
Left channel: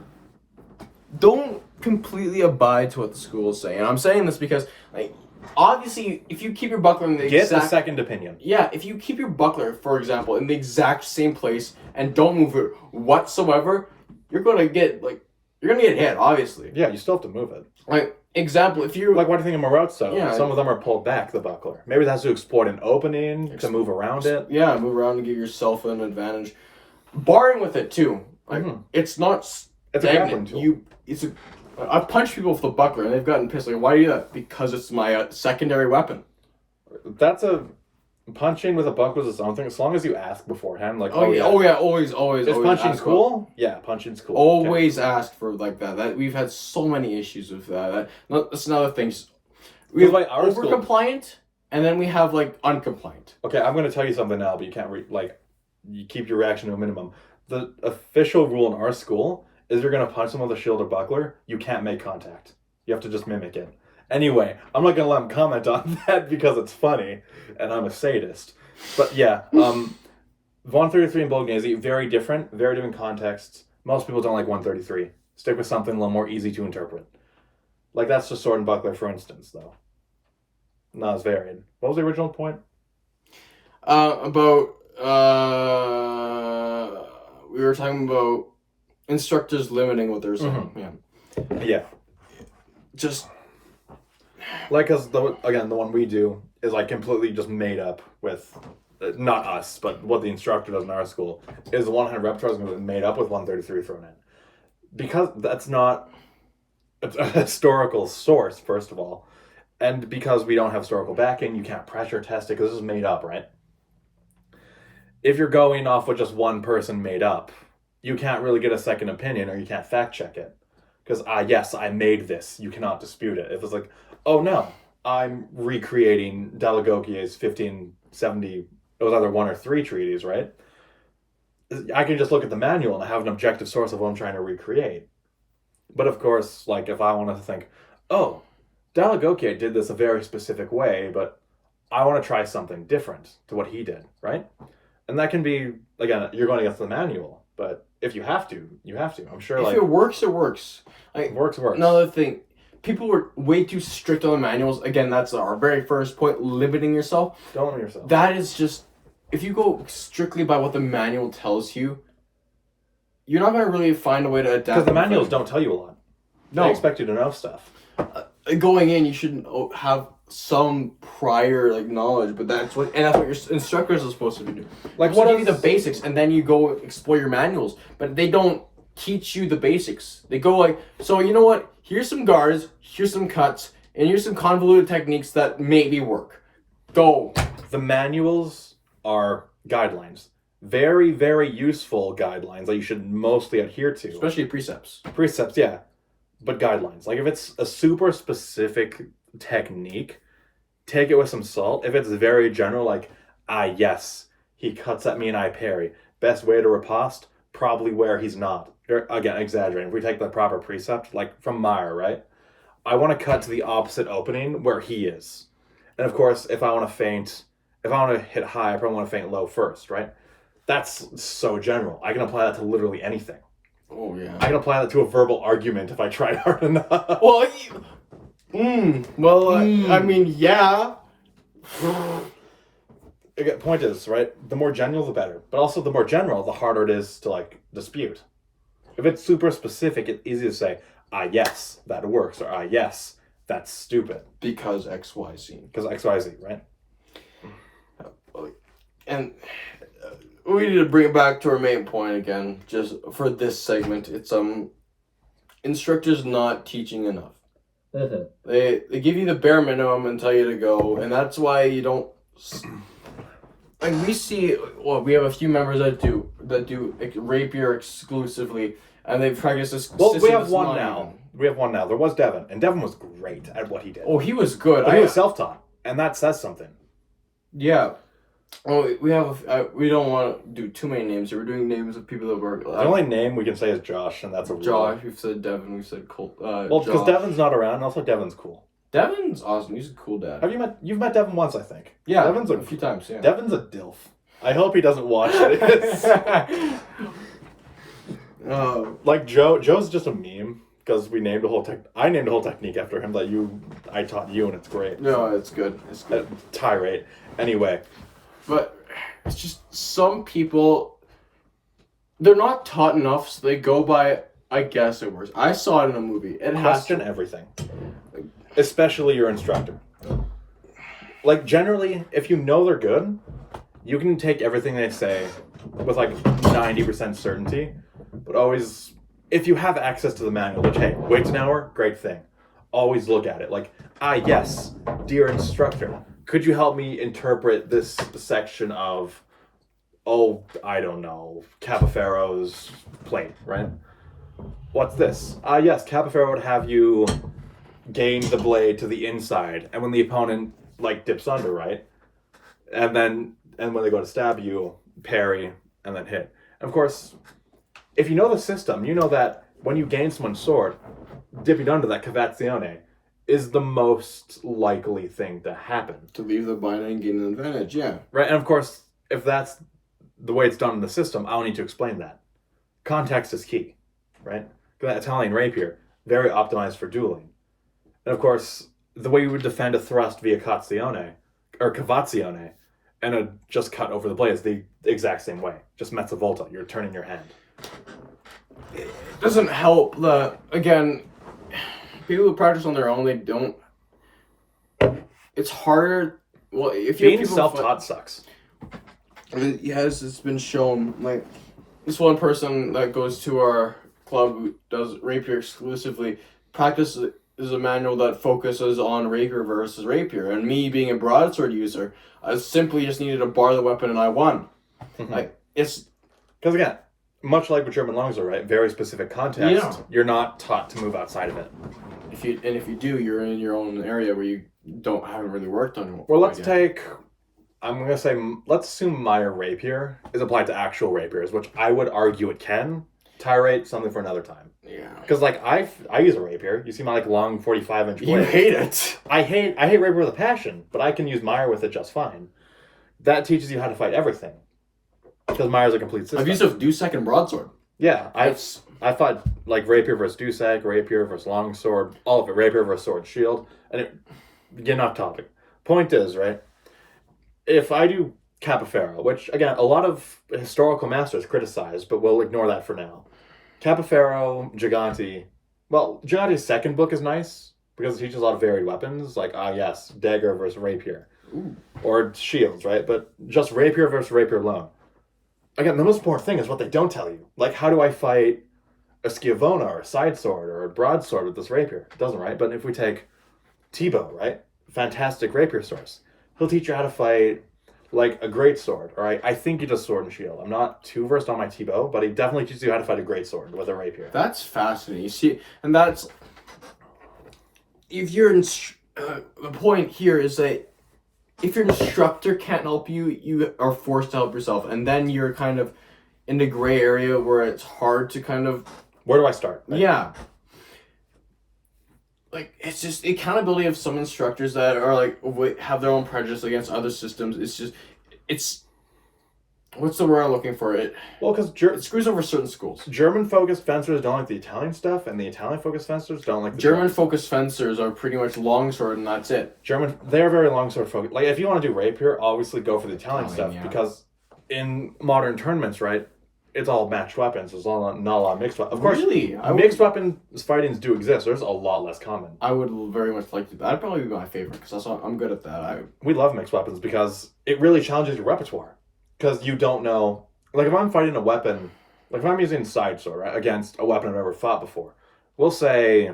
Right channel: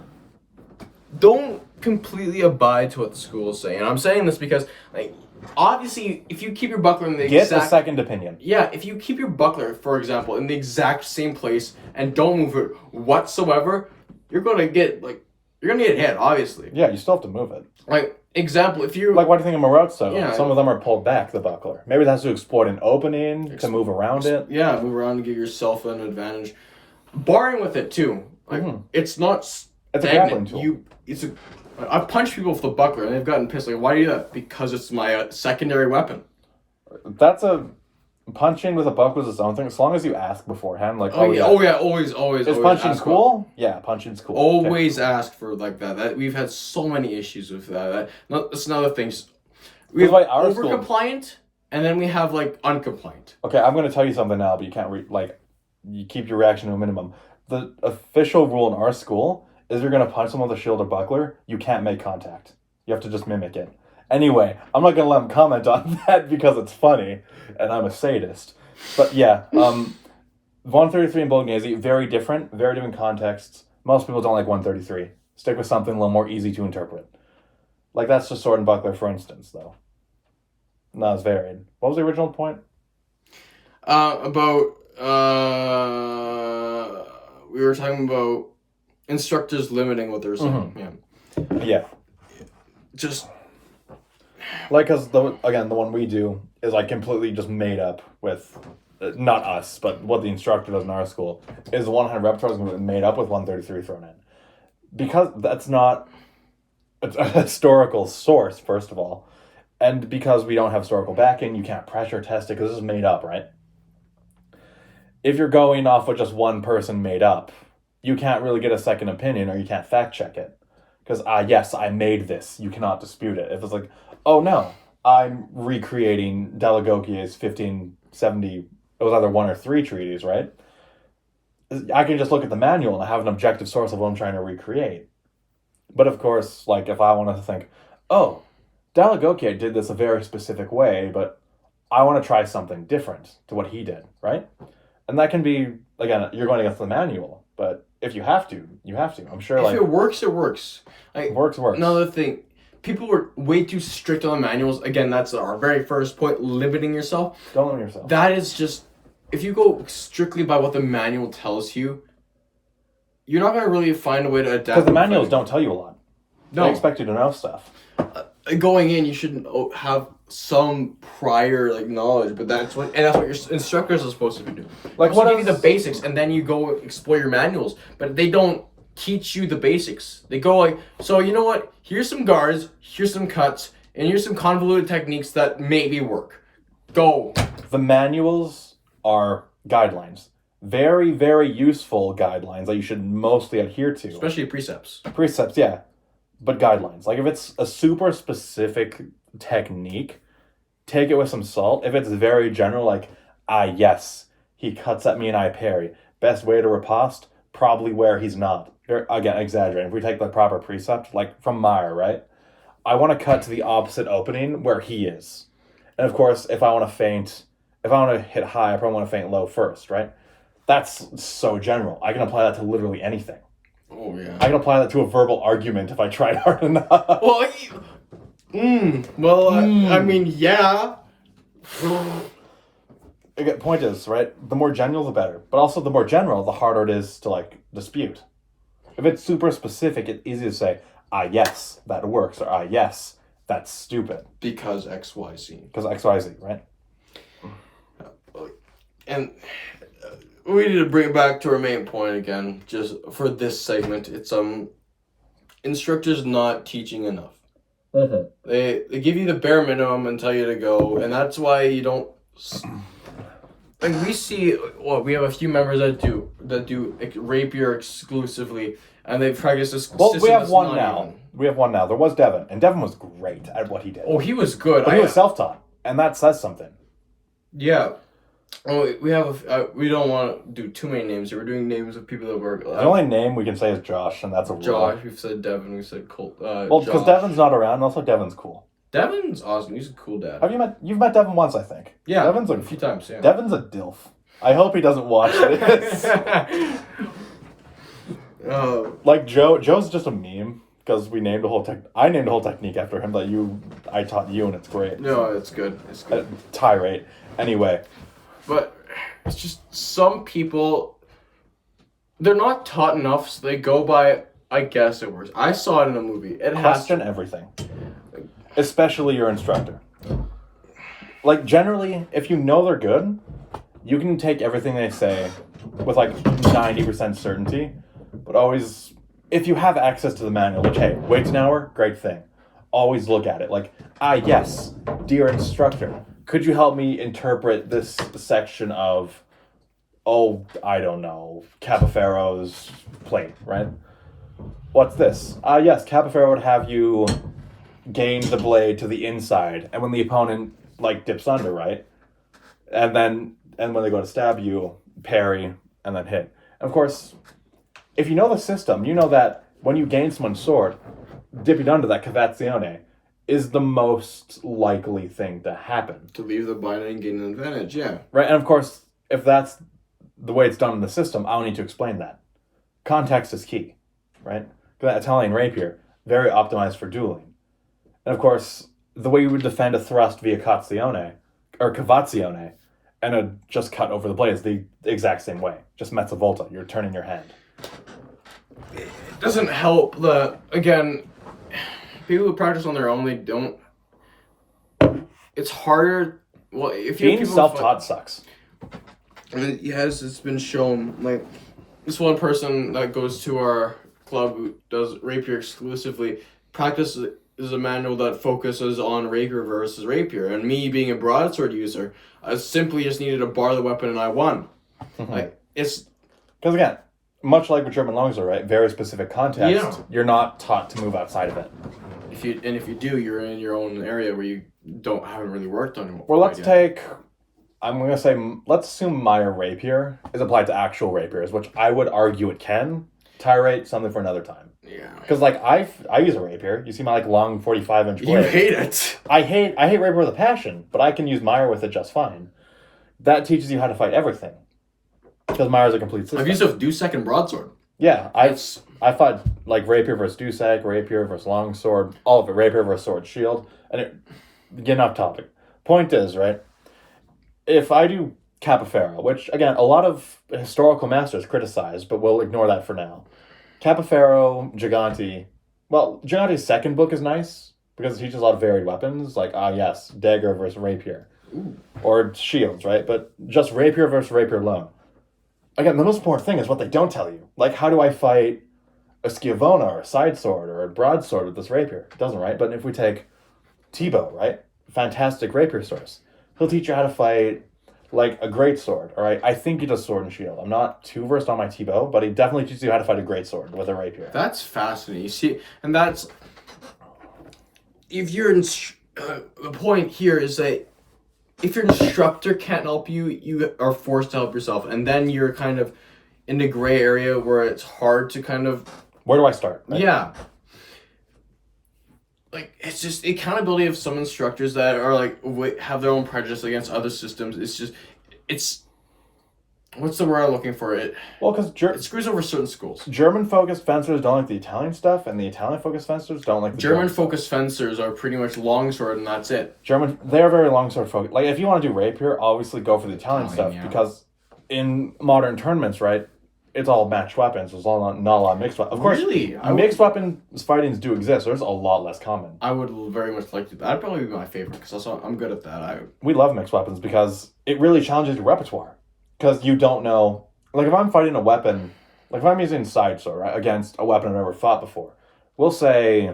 Don't completely abide to what the school is saying. And I'm saying this because, like, obviously, if you keep your buckler in the Get a second opinion. Yeah, if you keep your buckler, for example, in the exact same place and don't move it whatsoever, you're gonna get hit, obviously. Yeah, you still have to move it. Like, example, if you... Like, what do you think of Marozzo? Yeah. Some of them are pulled back, the buckler. Maybe that's to exploit an opening, to move around it. Yeah, move around to give yourself an advantage. Barring with it, too. Like, it's not It's a grappling tool. I've punched people with the buckler and they've gotten pissed. Like, why do you do that? Because it's my secondary weapon. That's a punching with a buckle is its own thing. As long as you ask beforehand, like, Oh yeah, always. is always punching ask cool? Yeah, punching's cool. Okay. Always ask for like that. That we've had so many issues with that. That's another thing. We have Like our over school- compliant, and then we have like uncompliant. Okay, I'm going to tell you something now, but you can't you keep your reaction to a minimum. The official rule in our school is if you're going to punch someone with a shield or buckler, you can't make contact. You have to just mimic it. Anyway, I'm not going to let him comment on that because it's funny, and I'm a sadist. But yeah, 133 and Bolognese, very different contexts. Most people don't like 133. Stick with something a little more easy to interpret. Like, that's just sword and buckler, for instance, though. Not as varied. What was the original point? We were talking about instructors limiting what they're saying. Mm-hmm. Yeah. Just like, because the one we do is like completely just made up with, not us, but what the instructor does in our school is 100 repertoires made up with 133 thrown in, because that's not a historical source, first of all, and because we don't have historical backing, you can't pressure test it because this is made up, right? If you're going off what just one person made up, you can't really get a second opinion, or you can't fact check it. Because, yes, I made this. You cannot dispute it. If it's like, oh no, I'm recreating Delagoquier's 1570, it was either 1 or 3 treaties, right? I can just look at the manual and have an objective source of what I'm trying to recreate. But of course, like, if I want to think, oh, Delagoquier did this a very specific way, but I want to try something different to what he did, right? And that can be, again, you're going against the manual, but if you have to, you have to. I'm sure, if it works, it works. Like, it works. Another thing, people were way too strict on the manuals. Again, that's our very first point, limiting yourself. Don't limit yourself. That is just, if you go strictly by what the manual tells you, you're not going to really find a way to adapt. Because the manuals don't tell you a lot. No. They expect you to know stuff. Going in, you should have some prior like knowledge, but that's what your instructors are supposed to be doing. Like, what give you the basics, and then you go explore your manuals. But they don't teach you the basics. They go like, so you know what? Here's some guards, here's some cuts, and here's some convoluted techniques that maybe work. Go. The manuals are guidelines. Very, very useful guidelines that you should mostly adhere to. Especially precepts. Precepts, yeah. But guidelines. Like, if it's a super specific technique, take it with some salt. If it's very general, like, yes, he cuts at me and I parry. Best way to riposte, probably where he's not. Again, exaggerating. If we take the proper precept, like from Meyer, right? I want to cut to the opposite opening where he is. And of course, if I want to hit high, I probably want to feint low first, right? That's so general. I can apply that to literally anything. Oh, yeah. I can apply that to a verbal argument if I tried hard enough. Well, I mean, yeah. Again, point is, right, the more general, the better. But also, the more general, the harder it is to, like, dispute. If it's super specific, it's easy to say, yes, that works, or yes, that's stupid. Because XYZ. Because XYZ, right? And we need to bring it back to our main point again, just for this segment. It's instructors not teaching enough. Mm-hmm. They give you the bare minimum and tell you to go, and that's why you don't. Like, we see, we have a few members that do rapier exclusively, and they practice this. Well, we have one now. We have one now. There was Devin, and Devin was great at what he did. Oh, he was good. But he was self-taught, and that says something. Yeah. Oh, we have. We don't want to do too many names. We're doing names of people that work. The only name we can say is Josh, and that's a rule. Josh. We've said Devin. We've said Colt. Well, because Devin's not around, and also Devin's cool. Devin's awesome. He's a cool dad. You've met Devin once, I think. Yeah, Devin's a few times. Yeah. Devin's a dilf. I hope he doesn't watch this. Like Joe's just a meme because we named a whole I named a whole technique after him that I taught you, and it's great. No, it's good. It's good. Tirade. Anyway, but it's just some people, they're not taught enough, so they go by, I guess it works. I saw it in a movie. It has question everything, especially your instructor. Like, generally, if you know they're good, you can take everything they say with like 90% certainty. But always, if you have access to the manual, which, hey, waits an hour, great thing. Always look at it. Like, yes, dear instructor, could you help me interpret this section of, oh, I don't know, Capaferro's plate, right? What's this? Yes, Capaferro would have you gain the blade to the inside, and when the opponent, like, dips under, right? And when they go to stab you, parry, and then hit. And of course, if you know the system, you know that when you gain someone's sword, dipping under that cavazione is the most likely thing to happen. To leave the bind and gain an advantage, yeah. Right, and of course, if that's the way it's done in the system, I'll need to explain that. Context is key, right? That Italian rapier, very optimized for dueling. And of course, the way you would defend a thrust via cazzione, or cavazione, and a just cut over the blade is the exact same way. Just mezza volta, you're turning your hand. It doesn't help that, again, people who practice on their own, they don't. It's harder. Well, if you Being self-taught sucks. Yes, it's been shown. Like, this one person that goes to our club who does rapier exclusively, practice is a manual that focuses on rapier versus rapier. And me being a broadsword user, I simply just needed to bar the weapon and I won. Mm-hmm. Like, it's. Because again, much like with German longsword, right? Very specific context. Yeah. You're not taught to move outside of it. If you do, you're in your own area where you haven't really worked on it. Well, let's take. I'm gonna say, let's assume Meyer rapier is applied to actual rapiers, which I would argue it can. Tirade, something for another time. Yeah. Because like I use a rapier. You see my like long 45-inch blade. You hate it. I hate rapier with a passion, but I can use Meyer with it just fine. That teaches you how to fight everything. Because Meyer's a complete system. I've used a Dusek and broadsword. Yeah, I thought like rapier versus Dusek, rapier versus longsword, all of it, rapier versus sword shield, and getting off topic. Point is, right, if I do Capaferro, which again a lot of historical masters criticize, but we'll ignore that for now. Capaferro, Gigante, well, Gigante's second book is nice because it teaches a lot of varied weapons, like yes, dagger versus rapier, or shields, right? But just rapier versus rapier alone. Again, the most important thing is what they don't tell you. Like, how do I fight a Schiavona or a side sword or a broadsword with this rapier? It doesn't, right? But if we take Thibaut, right? Fantastic rapier source. He'll teach you how to fight, like, a great sword, all right? I think he does sword and shield. I'm not too versed on my Thibaut, but he definitely teaches you how to fight a great sword with a rapier. That's fascinating. You see, and that's... If you're... the point here is that if your instructor can't help you, you are forced to help yourself. And then you're kind of in the gray area where it's hard to kind of... Where do I start? Right? Yeah. Like, it's just the accountability of some instructors that are, like, have their own prejudice against other systems. It's just... It's... What's the word I'm looking for? It because it screws over certain schools. German-focused fencers don't like the Italian stuff, and the Italian-focused fencers don't like the German-focused fencers are pretty much longsword, and that's it. They're very longsword focused. Like, if you want to do rapier, obviously go for the Italian stuff, yeah. because in modern tournaments, right, it's all matched weapons. There's not a lot of mixed weapons. Of course, Really? mixed weapons fightings do exist. There's a lot less common. I would very much like to. That'd probably be my favorite, because I'm good at that. We love mixed weapons because it really challenges your repertoire. Because you don't know... Like, if I'm fighting a weapon, like, if I'm using side sword, right, against a weapon I've never fought before, we'll say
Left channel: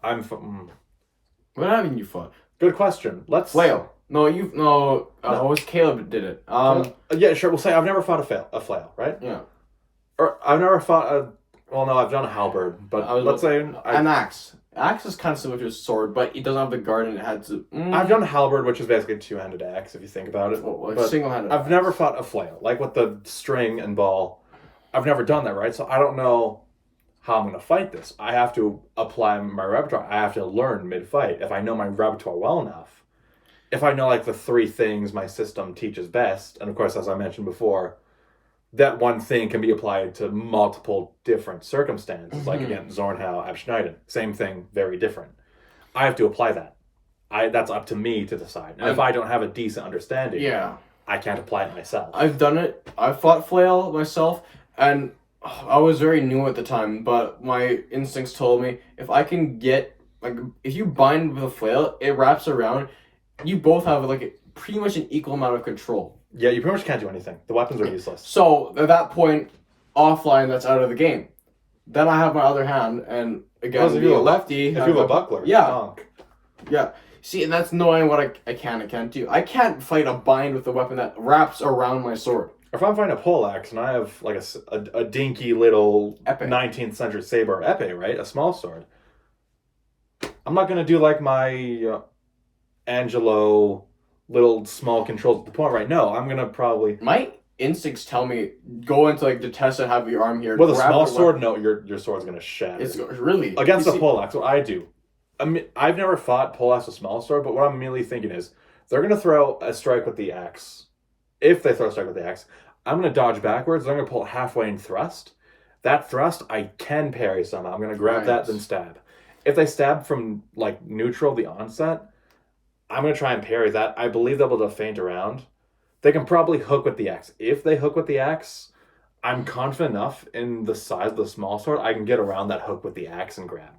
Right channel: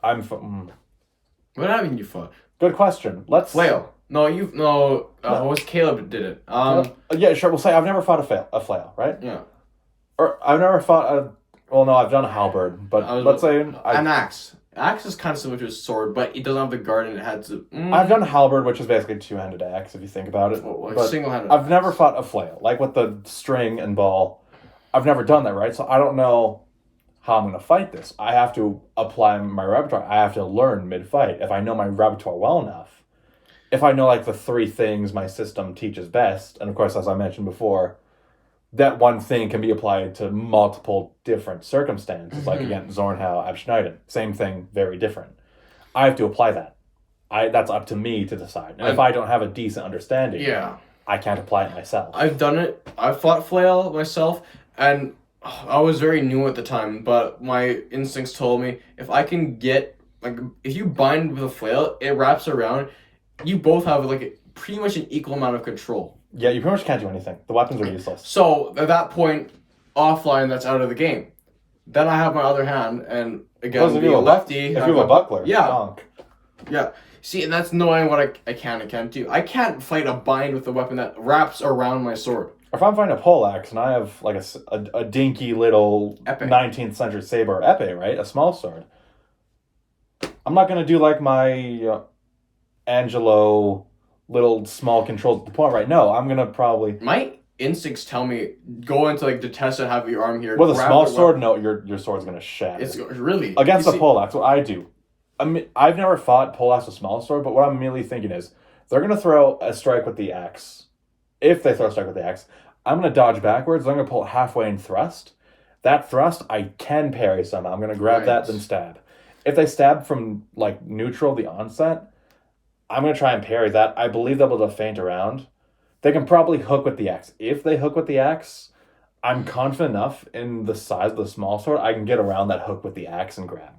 What haven't you fought? Good question. Let's... Flail. No, it was Caleb that did it. Yeah, sure, we'll say I've never fought a flail, right? Yeah. Or I've never fought a... Well, no, I've done a halberd, but let's say... An axe. Axe is kind of similar to a sword, but it doesn't have the guard and it had to... I've done a halberd, which is basically a two-handed axe, if you think about it. Well, like but single-handed I've axe. never fought a flail, like with the string and ball. I've never done that, right? So I don't know how I'm going to fight this. I have to apply my repertoire. I have to learn mid-fight. If I know my repertoire well enough, if I know, like, the three things my system teaches best, and of course, as I mentioned before, that one thing can be applied to multiple different circumstances. Like, again, Zornhau, Abschneiden. Same thing, very different. I have to apply that. That's up to me to decide. And if I don't have a decent understanding, I can't apply it myself. I've done it. I fought flail myself, and I was very new at the time, but my instincts told me if I can get, like, if you bind with a flail, it wraps around, you both have, like, pretty much an equal amount of control. Yeah, you pretty much can't do anything. The weapons are useless. So, at that point, offline, that's out of the game. Then I have my other hand, and again, If you being a lefty... If you have a buckler, Yeah. donk. Yeah. See, and that's knowing what I can and can't do. I can't fight a bind with a weapon that wraps around my sword. If I'm fighting a poleaxe and I have like a dinky little Epee. 19th century saber or epee, right? A small sword. I'm not going to do like my Angelo little small controls at the point, right? No, I'm going to probably... My instincts tell me go into like the test and have your arm here. With a grab small the sword, weapon. no, your sword's going to shatter. It's really... Against You a see- poleaxe, what I do... I've never fought poleaxe with a small sword, but what I'm immediately thinking is they're going to throw a strike with the axe. If they throw a strike with the axe, I'm going to dodge backwards. They're going to pull it halfway and thrust. That thrust, I can parry somehow. I'm going to grab that, then stab. If they stab from like neutral, the onset, I'm going to try and parry that. I believe they'll be able to feint around. They can probably hook with the axe. If they hook with the axe, I'm confident enough in the size of the small sword, I can get around that hook with the axe and grab.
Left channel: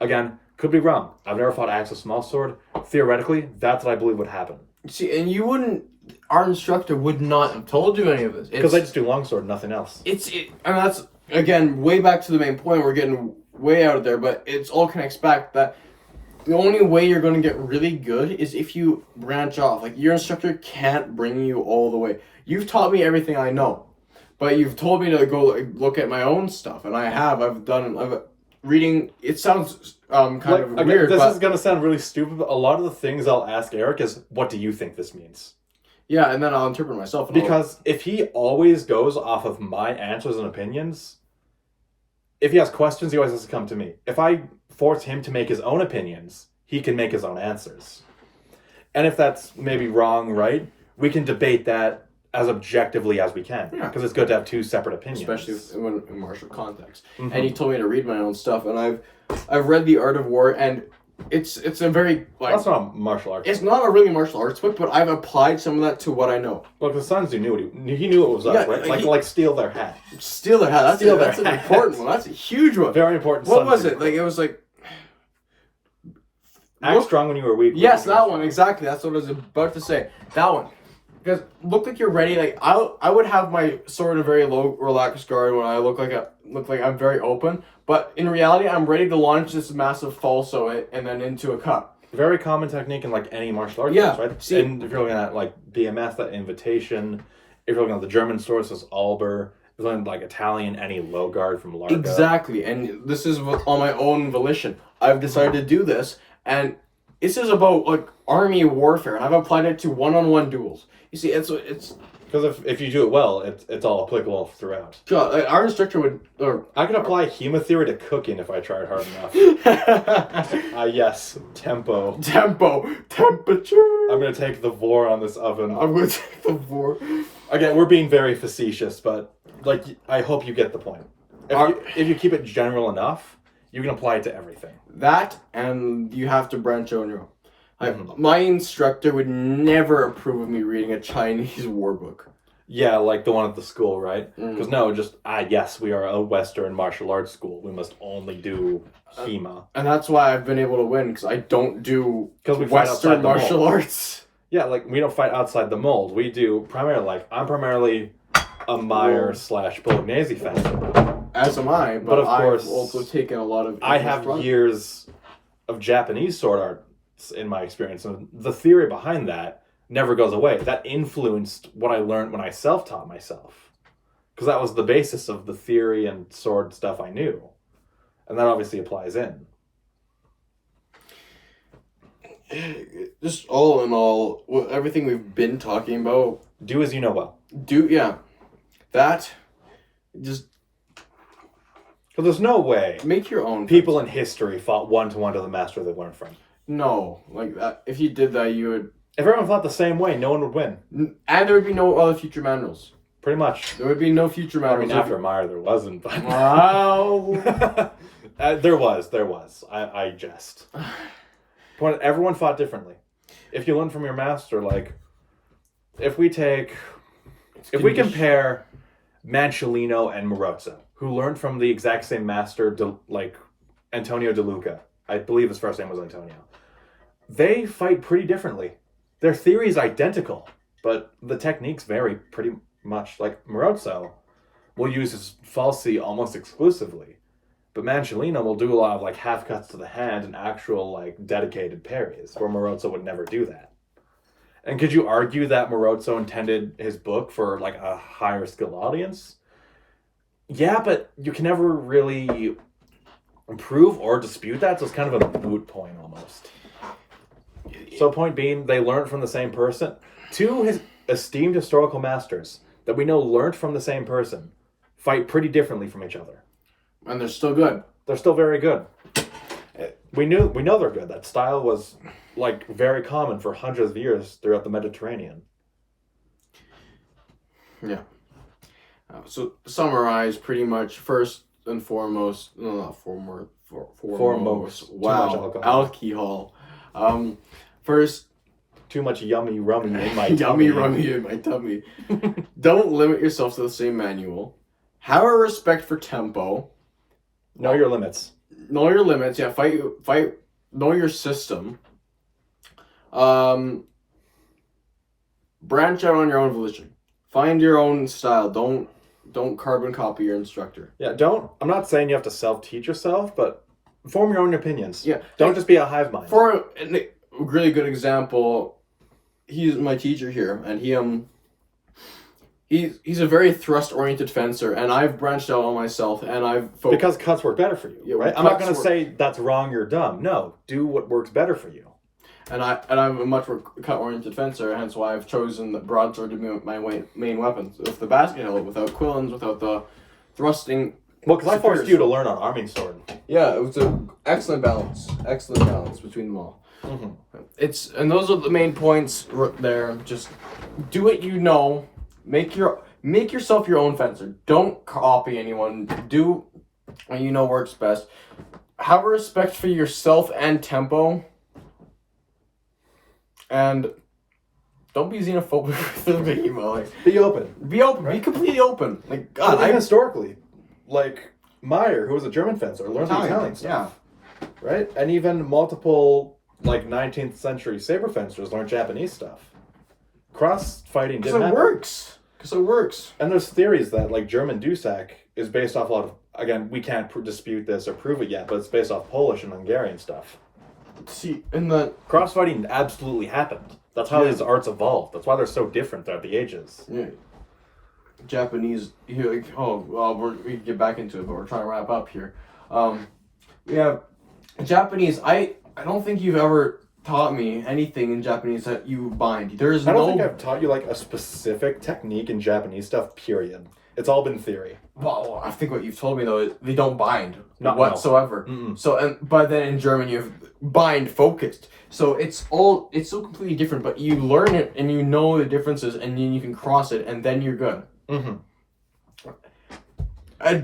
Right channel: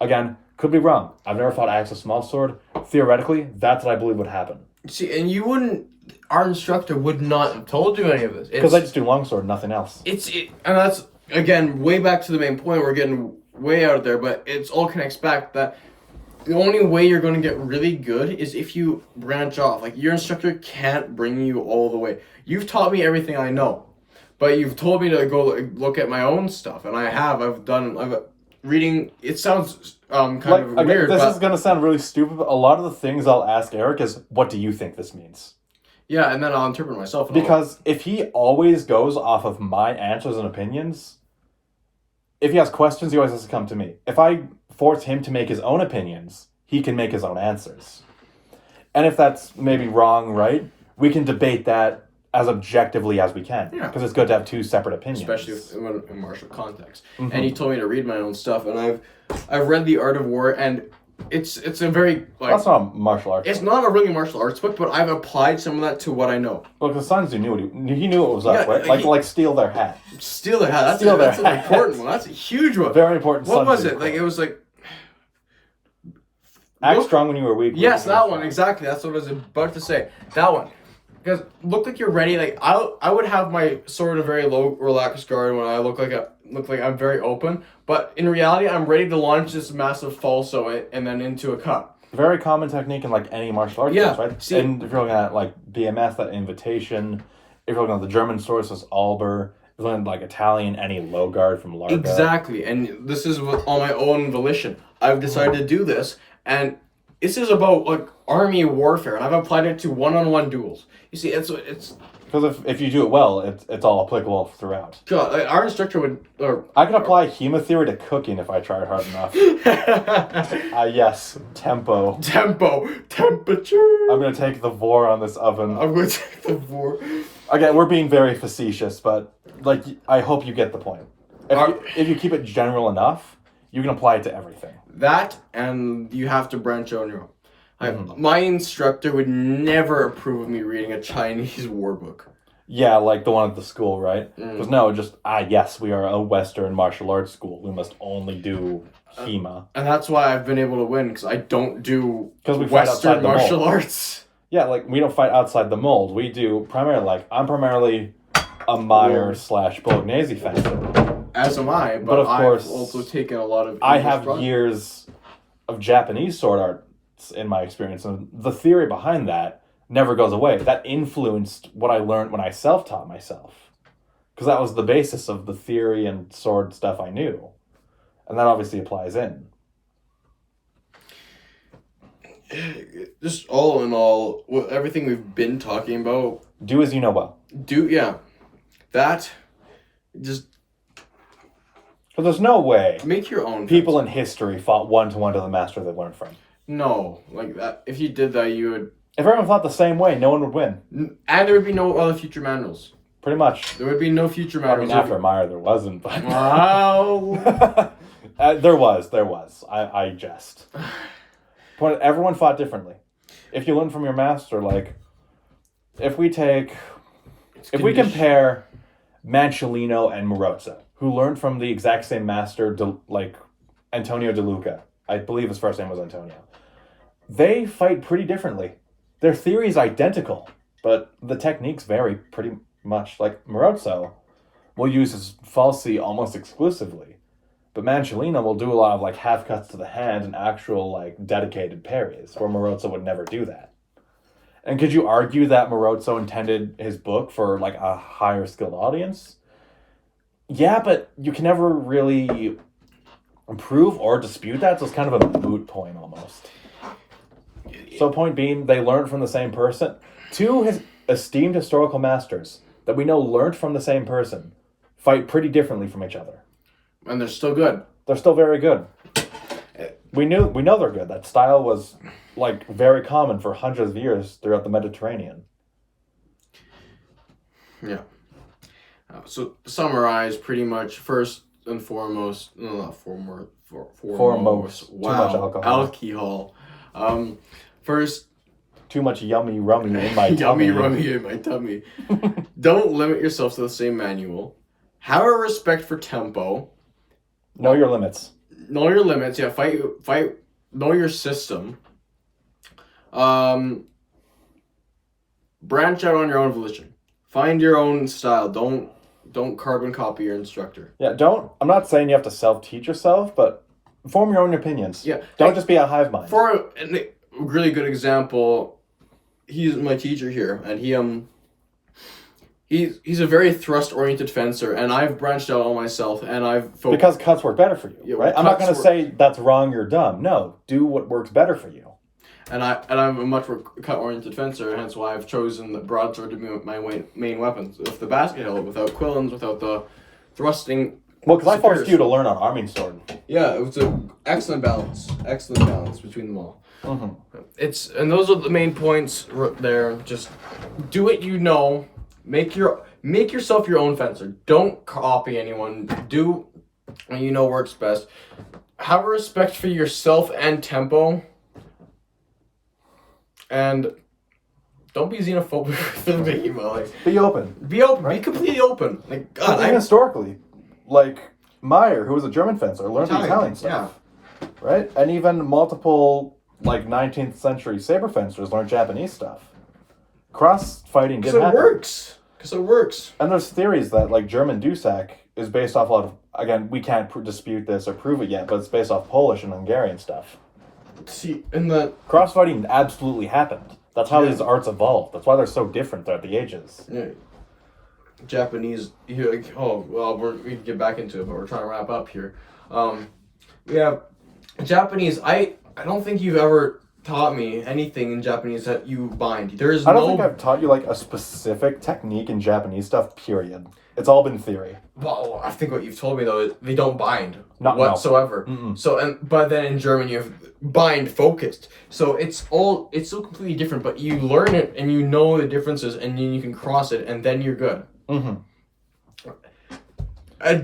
Again, could be wrong. I've never fought axe with small sword. Theoretically, that's what I believe would happen. See, and you wouldn't... Our instructor would not have told you any of this. Because I just do longsword, nothing else. And that's, again, way back to the main point. We're getting way out of there, but it's all connects back that the only way you're going to get really good is if you branch off. Like, your instructor can't bring you all the way. You've taught me everything I know, but you've told me to go look at my own stuff, and I have. I've reading. It sounds kind of weird. This but, is going to sound really stupid, but a lot of the things I'll ask Eric is, what do you think this means? yeah, and then I'll interpret myself. Because if he always goes off of my answers and opinions, if he has questions, he always has to come to me. If I force him to make his own opinions, he can make his own answers. And if that's maybe wrong, right, we can debate that as objectively as we can. Yeah. Because it's good to have two separate opinions. especially in martial context. Mhm. And he told me to read my own stuff, and I've read The Art of War, and it's a very like That's not martial arts. it's not a really martial arts book, but I've applied some of that to what I know. Well, because Sun Tzu knew what he knew what was up, Yeah, right? like Like steal their hat. Steal their hat. That's, Steal that's their an hat. important one. That's a huge one. Very important. What Sun was Tzu it? Like it was like act look- strong when you were weak. yes, weak when you that were one strong. exactly. That's what I was about to say. That one. Because look like you're ready. Like I would have my sword a very low relaxed guard when I look like I'm very open. But in reality, I'm ready to launch this massive falso and then into a cut. Very common technique in like any martial arts, Yeah, right? see- And if you're looking at like BMS, that invitation. If you're looking at the German sources, Alber. If you're looking at like Italian, any low guard from Larga. Exactly, and this is on my own volition. I've decided to do this, and this is about like army warfare, and I've applied it to one-on-one duels. You see, it's Because if you do it well, it's all applicable throughout. God, like, our instructor would or I can apply HEMA theory to cooking if I tried hard enough. Yes, tempo. temperature. I'm gonna take the vor on this oven. I'm going to take the war. Again, we're being very facetious, but like I hope you get the point. If you keep it general enough, you can apply it to everything. That, and you have to branch out on your own. Mhm. My instructor would never approve of me reading a Chinese war book. Yeah, like the one at the school, right? Mm. Because no, just yes, we are a Western martial arts school. We must only do HEMA. And that's why I've been able to win, because I don't do 'Cause we fight outside Western the martial mold. arts. Yeah, like we don't fight outside the mold. We do primarily I'm primarily a Meyer / Bolognese fan. As am I, But but of course, I've also taken a lot of I English have drama. years of Japanese sword arts in my experience, and the theory behind that never goes away. That influenced what I learned when I self-taught myself, because that was the basis of the theory and sword stuff I knew, and that obviously applies in. Just all in all, with everything we've been talking about, Do as you know well. that, just But there's no way make your own. people in history fought one-to-one to the master they learned from. No, like that. If you did that, you would, If everyone fought the same way, no one would win. and there would be no other future manuals. Pretty much. There would be no future I manuals. mean, after Meyer, there wasn't, but... Wow. There was. I jest. Point. Everyone fought differently. If you learn from your master, like, if we compare Manciolino and Morozzo, who learned from the exact same master, like Antonio De Luca, I believe his first name was Antonio, they fight pretty differently. Their theory is identical, but the techniques vary pretty much. Like Morozzo will use his falsi almost exclusively, But Mancellino will do a lot of like half cuts to the hand and actual like dedicated parries, where Morozzo would never do that. And could you argue that Morozzo intended his book for like a higher skilled audience? Yeah, but you can never really prove or dispute that, so it's kind of a moot point almost. So point being, they learned from the same person. Two his esteemed historical masters that we know learned from the same person fight pretty differently from each other. And they're still good. They're still very good. We know they're good. That style was like very common for hundreds of years throughout the Mediterranean. Yeah. So summarize pretty much first and foremost. No, not foremost. Foremost. Too much alcohol. First, too much yummy rummy in my yummy tummy. rummy in my tummy. Don't limit yourself to the same manual. Have a respect for tempo. Know your limits. Know your limits. Yeah, fight. Know your system. Branch out on your own volition. Find your own style. Don't carbon copy your instructor. Yeah, I'm not saying you have to self-teach yourself, but form your own opinions. Yeah. Don't just be a hive mind. For a really good example, he's my teacher here, and he's a very thrust-oriented fencer, and I've branched out on myself, and I've focused. Because cuts work better for you, Yeah, right? I'm not going to say that's wrong, you're dumb. No, do what works better for you. And I'm a much more cut-oriented fencer, hence why I've chosen the broadsword to be my main weapon. With the basket hilt, without quillins, without the thrusting. Well, because I forced you to learn on arming sword. Yeah, it was an excellent balance between them all. Mm-hmm. And those are the main points there. Just do what you know. Make yourself your own fencer. Don't copy anyone. Do what you know works best. Have a respect for yourself and tempo. And don't be xenophobic with the email. Like, Be open. be open. Be completely open. Like God, historically, like Meyer, who was a German fencer, learned the Italian stuff. Yeah. Right? And even multiple like 19th century saber fencers learned Japanese stuff. Cross fighting didn't happen. Because it works. And there's theories that like German Dusak is based off a lot of, again, we can't dispute this or prove it yet, but it's based off Polish and Hungarian stuff. See, in the Crossfighting absolutely happened. That's how his arts evolved. That's why they're so different throughout the ages. yeah, Japanese, you're like, oh well, we can get back into it, but we're trying to wrap up here. Yeah, Japanese. I don't think you've ever taught me anything in Japanese that you bind. There's I don't think I've taught you like a specific technique in Japanese stuff, period. It's all been theory. Well, I think what you've told me though is they don't bind whatsoever. No. So but then in German you have bind focused. So it's so completely different. But you learn it and you know the differences, and then you can cross it, and then you're good.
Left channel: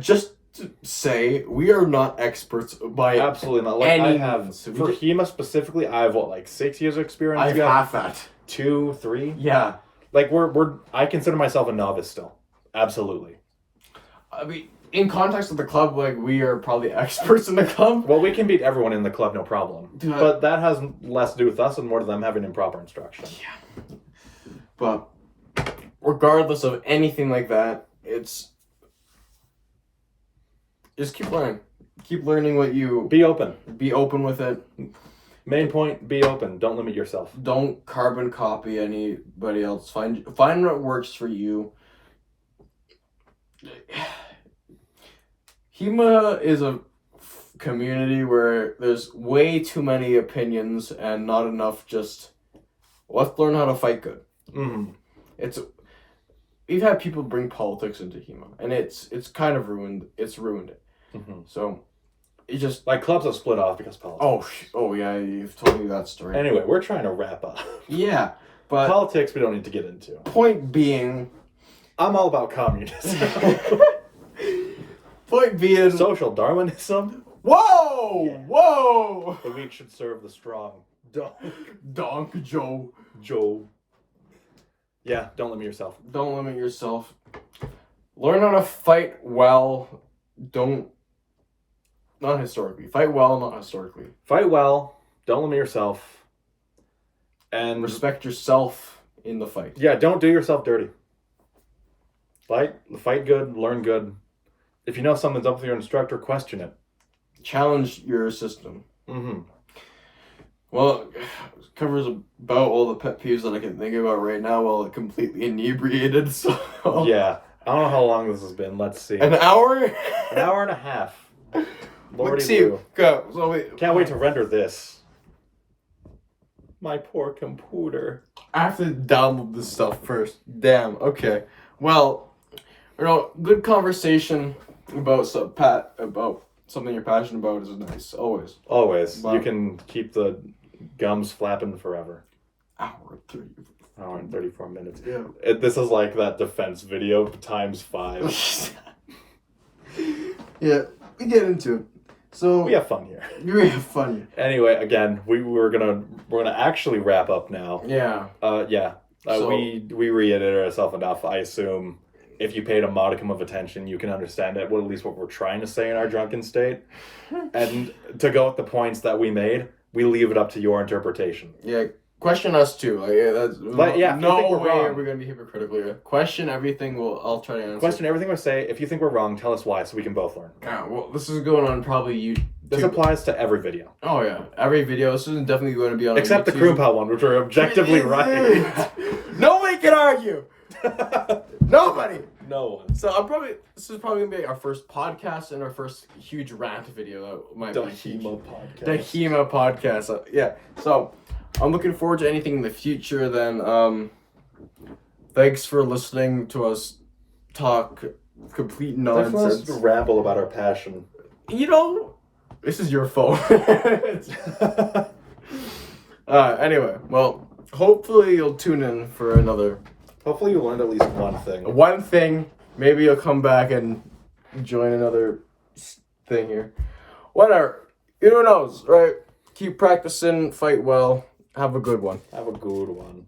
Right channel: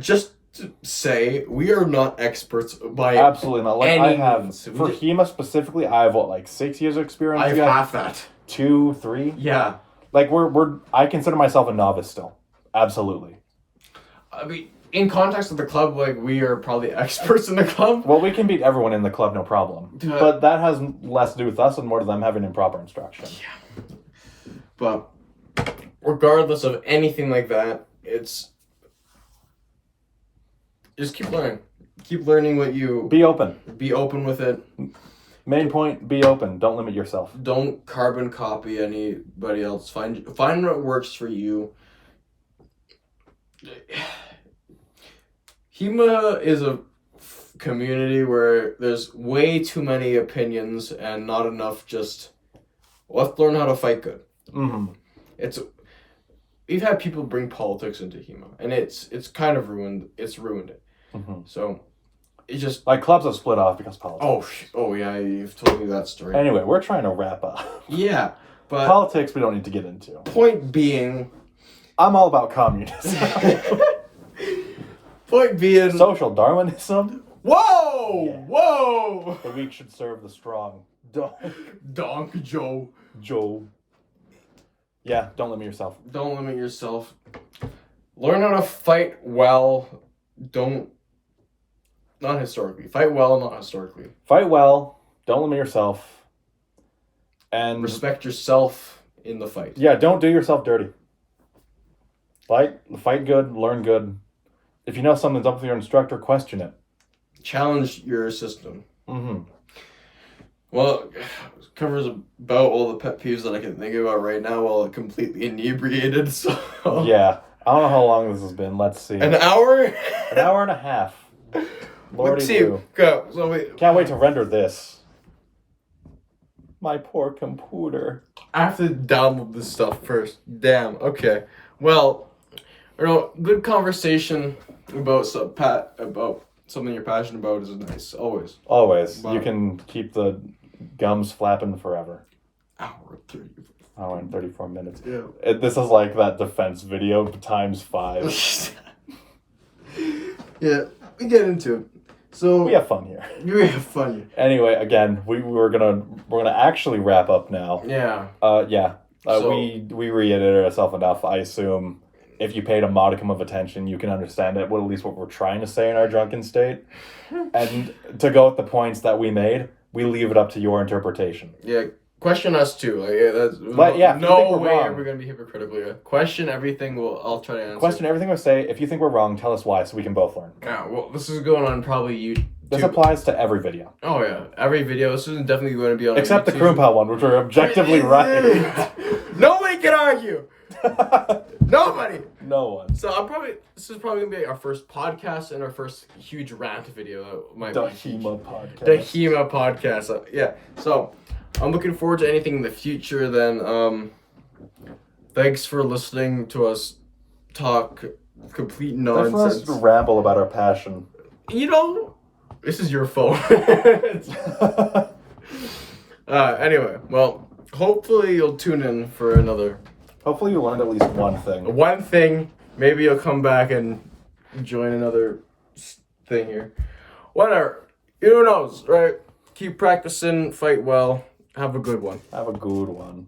Just to say, we are not experts by Absolutely not. Like any I have means. for HEMA specifically, I have 6 years of experience. I have You have half that. 2, 3. Yeah. Like I consider myself a novice still. Absolutely. I mean, in context of the club, like, we are probably experts in the club. Well, we can beat everyone in the club, no problem. Yeah. But that has less to do with us and more to them having improper instruction. Yeah. But regardless of anything like that, it's just keep learning. Keep learning what you Be open. be open with it. Main point, be open. Don't limit yourself. Don't carbon copy anybody else. Find what works for you. HEMA is a community where there's way too many opinions and not enough just let's learn how to fight good. We've had people bring politics into HEMA, and it's kind of ruined it. So it just Like clubs have split off because of politics. oh yeah, you've told me that story. Anyway, we're trying to wrap up. Yeah, but Politics we don't need to get into. point being I'm all about communism. point being Social Darwinism. Whoa! The weak should serve the strong. Donk Joe. Joe. Yeah, don't limit yourself. Don't limit yourself. Learn how to fight well. Not historically. Fight well, not historically. Fight well. Don't limit yourself. And Respect yourself in the fight. yeah, don't do yourself dirty. Fight good, learn good. If you know something's up with your instructor, question it. challenge your system. Mm-hmm. Well, it covers about all the pet peeves that I can think about right now while completely inebriated. So Yeah. I don't know how long this has been. Let's see. an hour. An hour and a half. Lordy Let's see. Lou. Go. So wait. Can't wait to render this. My poor computer. I have to download this stuff first. Damn. Okay. Well, good conversation about about something you're passionate about is nice. Always. Always. Wow. You can keep the gums flapping forever. Hour 30. Hour and 34 minutes. Yeah. This is like that defense video times 5. Yeah. We get into it. So We have fun here. we have fun. Anyway, again, we're gonna actually wrap up now. Yeah. So, So- we reiterated ourselves enough. I assume if you paid a modicum of attention, you can understand it. Well, at least what we're trying to say in our drunken state. And to go with the points that we made, we leave it up to your interpretation. Yeah. Question us too. That's, But yeah, if you no think we're way are wrong. we gonna be hypocritical. Yeah. Question everything. I'll try to answer. Question everything we say. If you think we're wrong, tell us why, so we can both learn. Yeah. Well, this is going on probably YouTube. This applies to every video, Oh yeah, every video. This is definitely going to be on except the YouTube. Kroompal one, which we're objectively right. Nobody can argue. Nobody. No one. So this is probably gonna be our first podcast and our first huge rant video that might The be HEMA podcast. the HEMA podcast. Yeah. So I'm looking forward to anything in the future. Then thanks for listening to us talk complete Thanks for nonsense. us to ramble about our passion. This is your phone. Anyway, well, hopefully you'll tune in for another Hopefully you learned at least one thing. one thing. Maybe you'll come back and join another thing here. Whatever. Who knows, right? Keep practicing, fight well. Have a good one. Have a good one.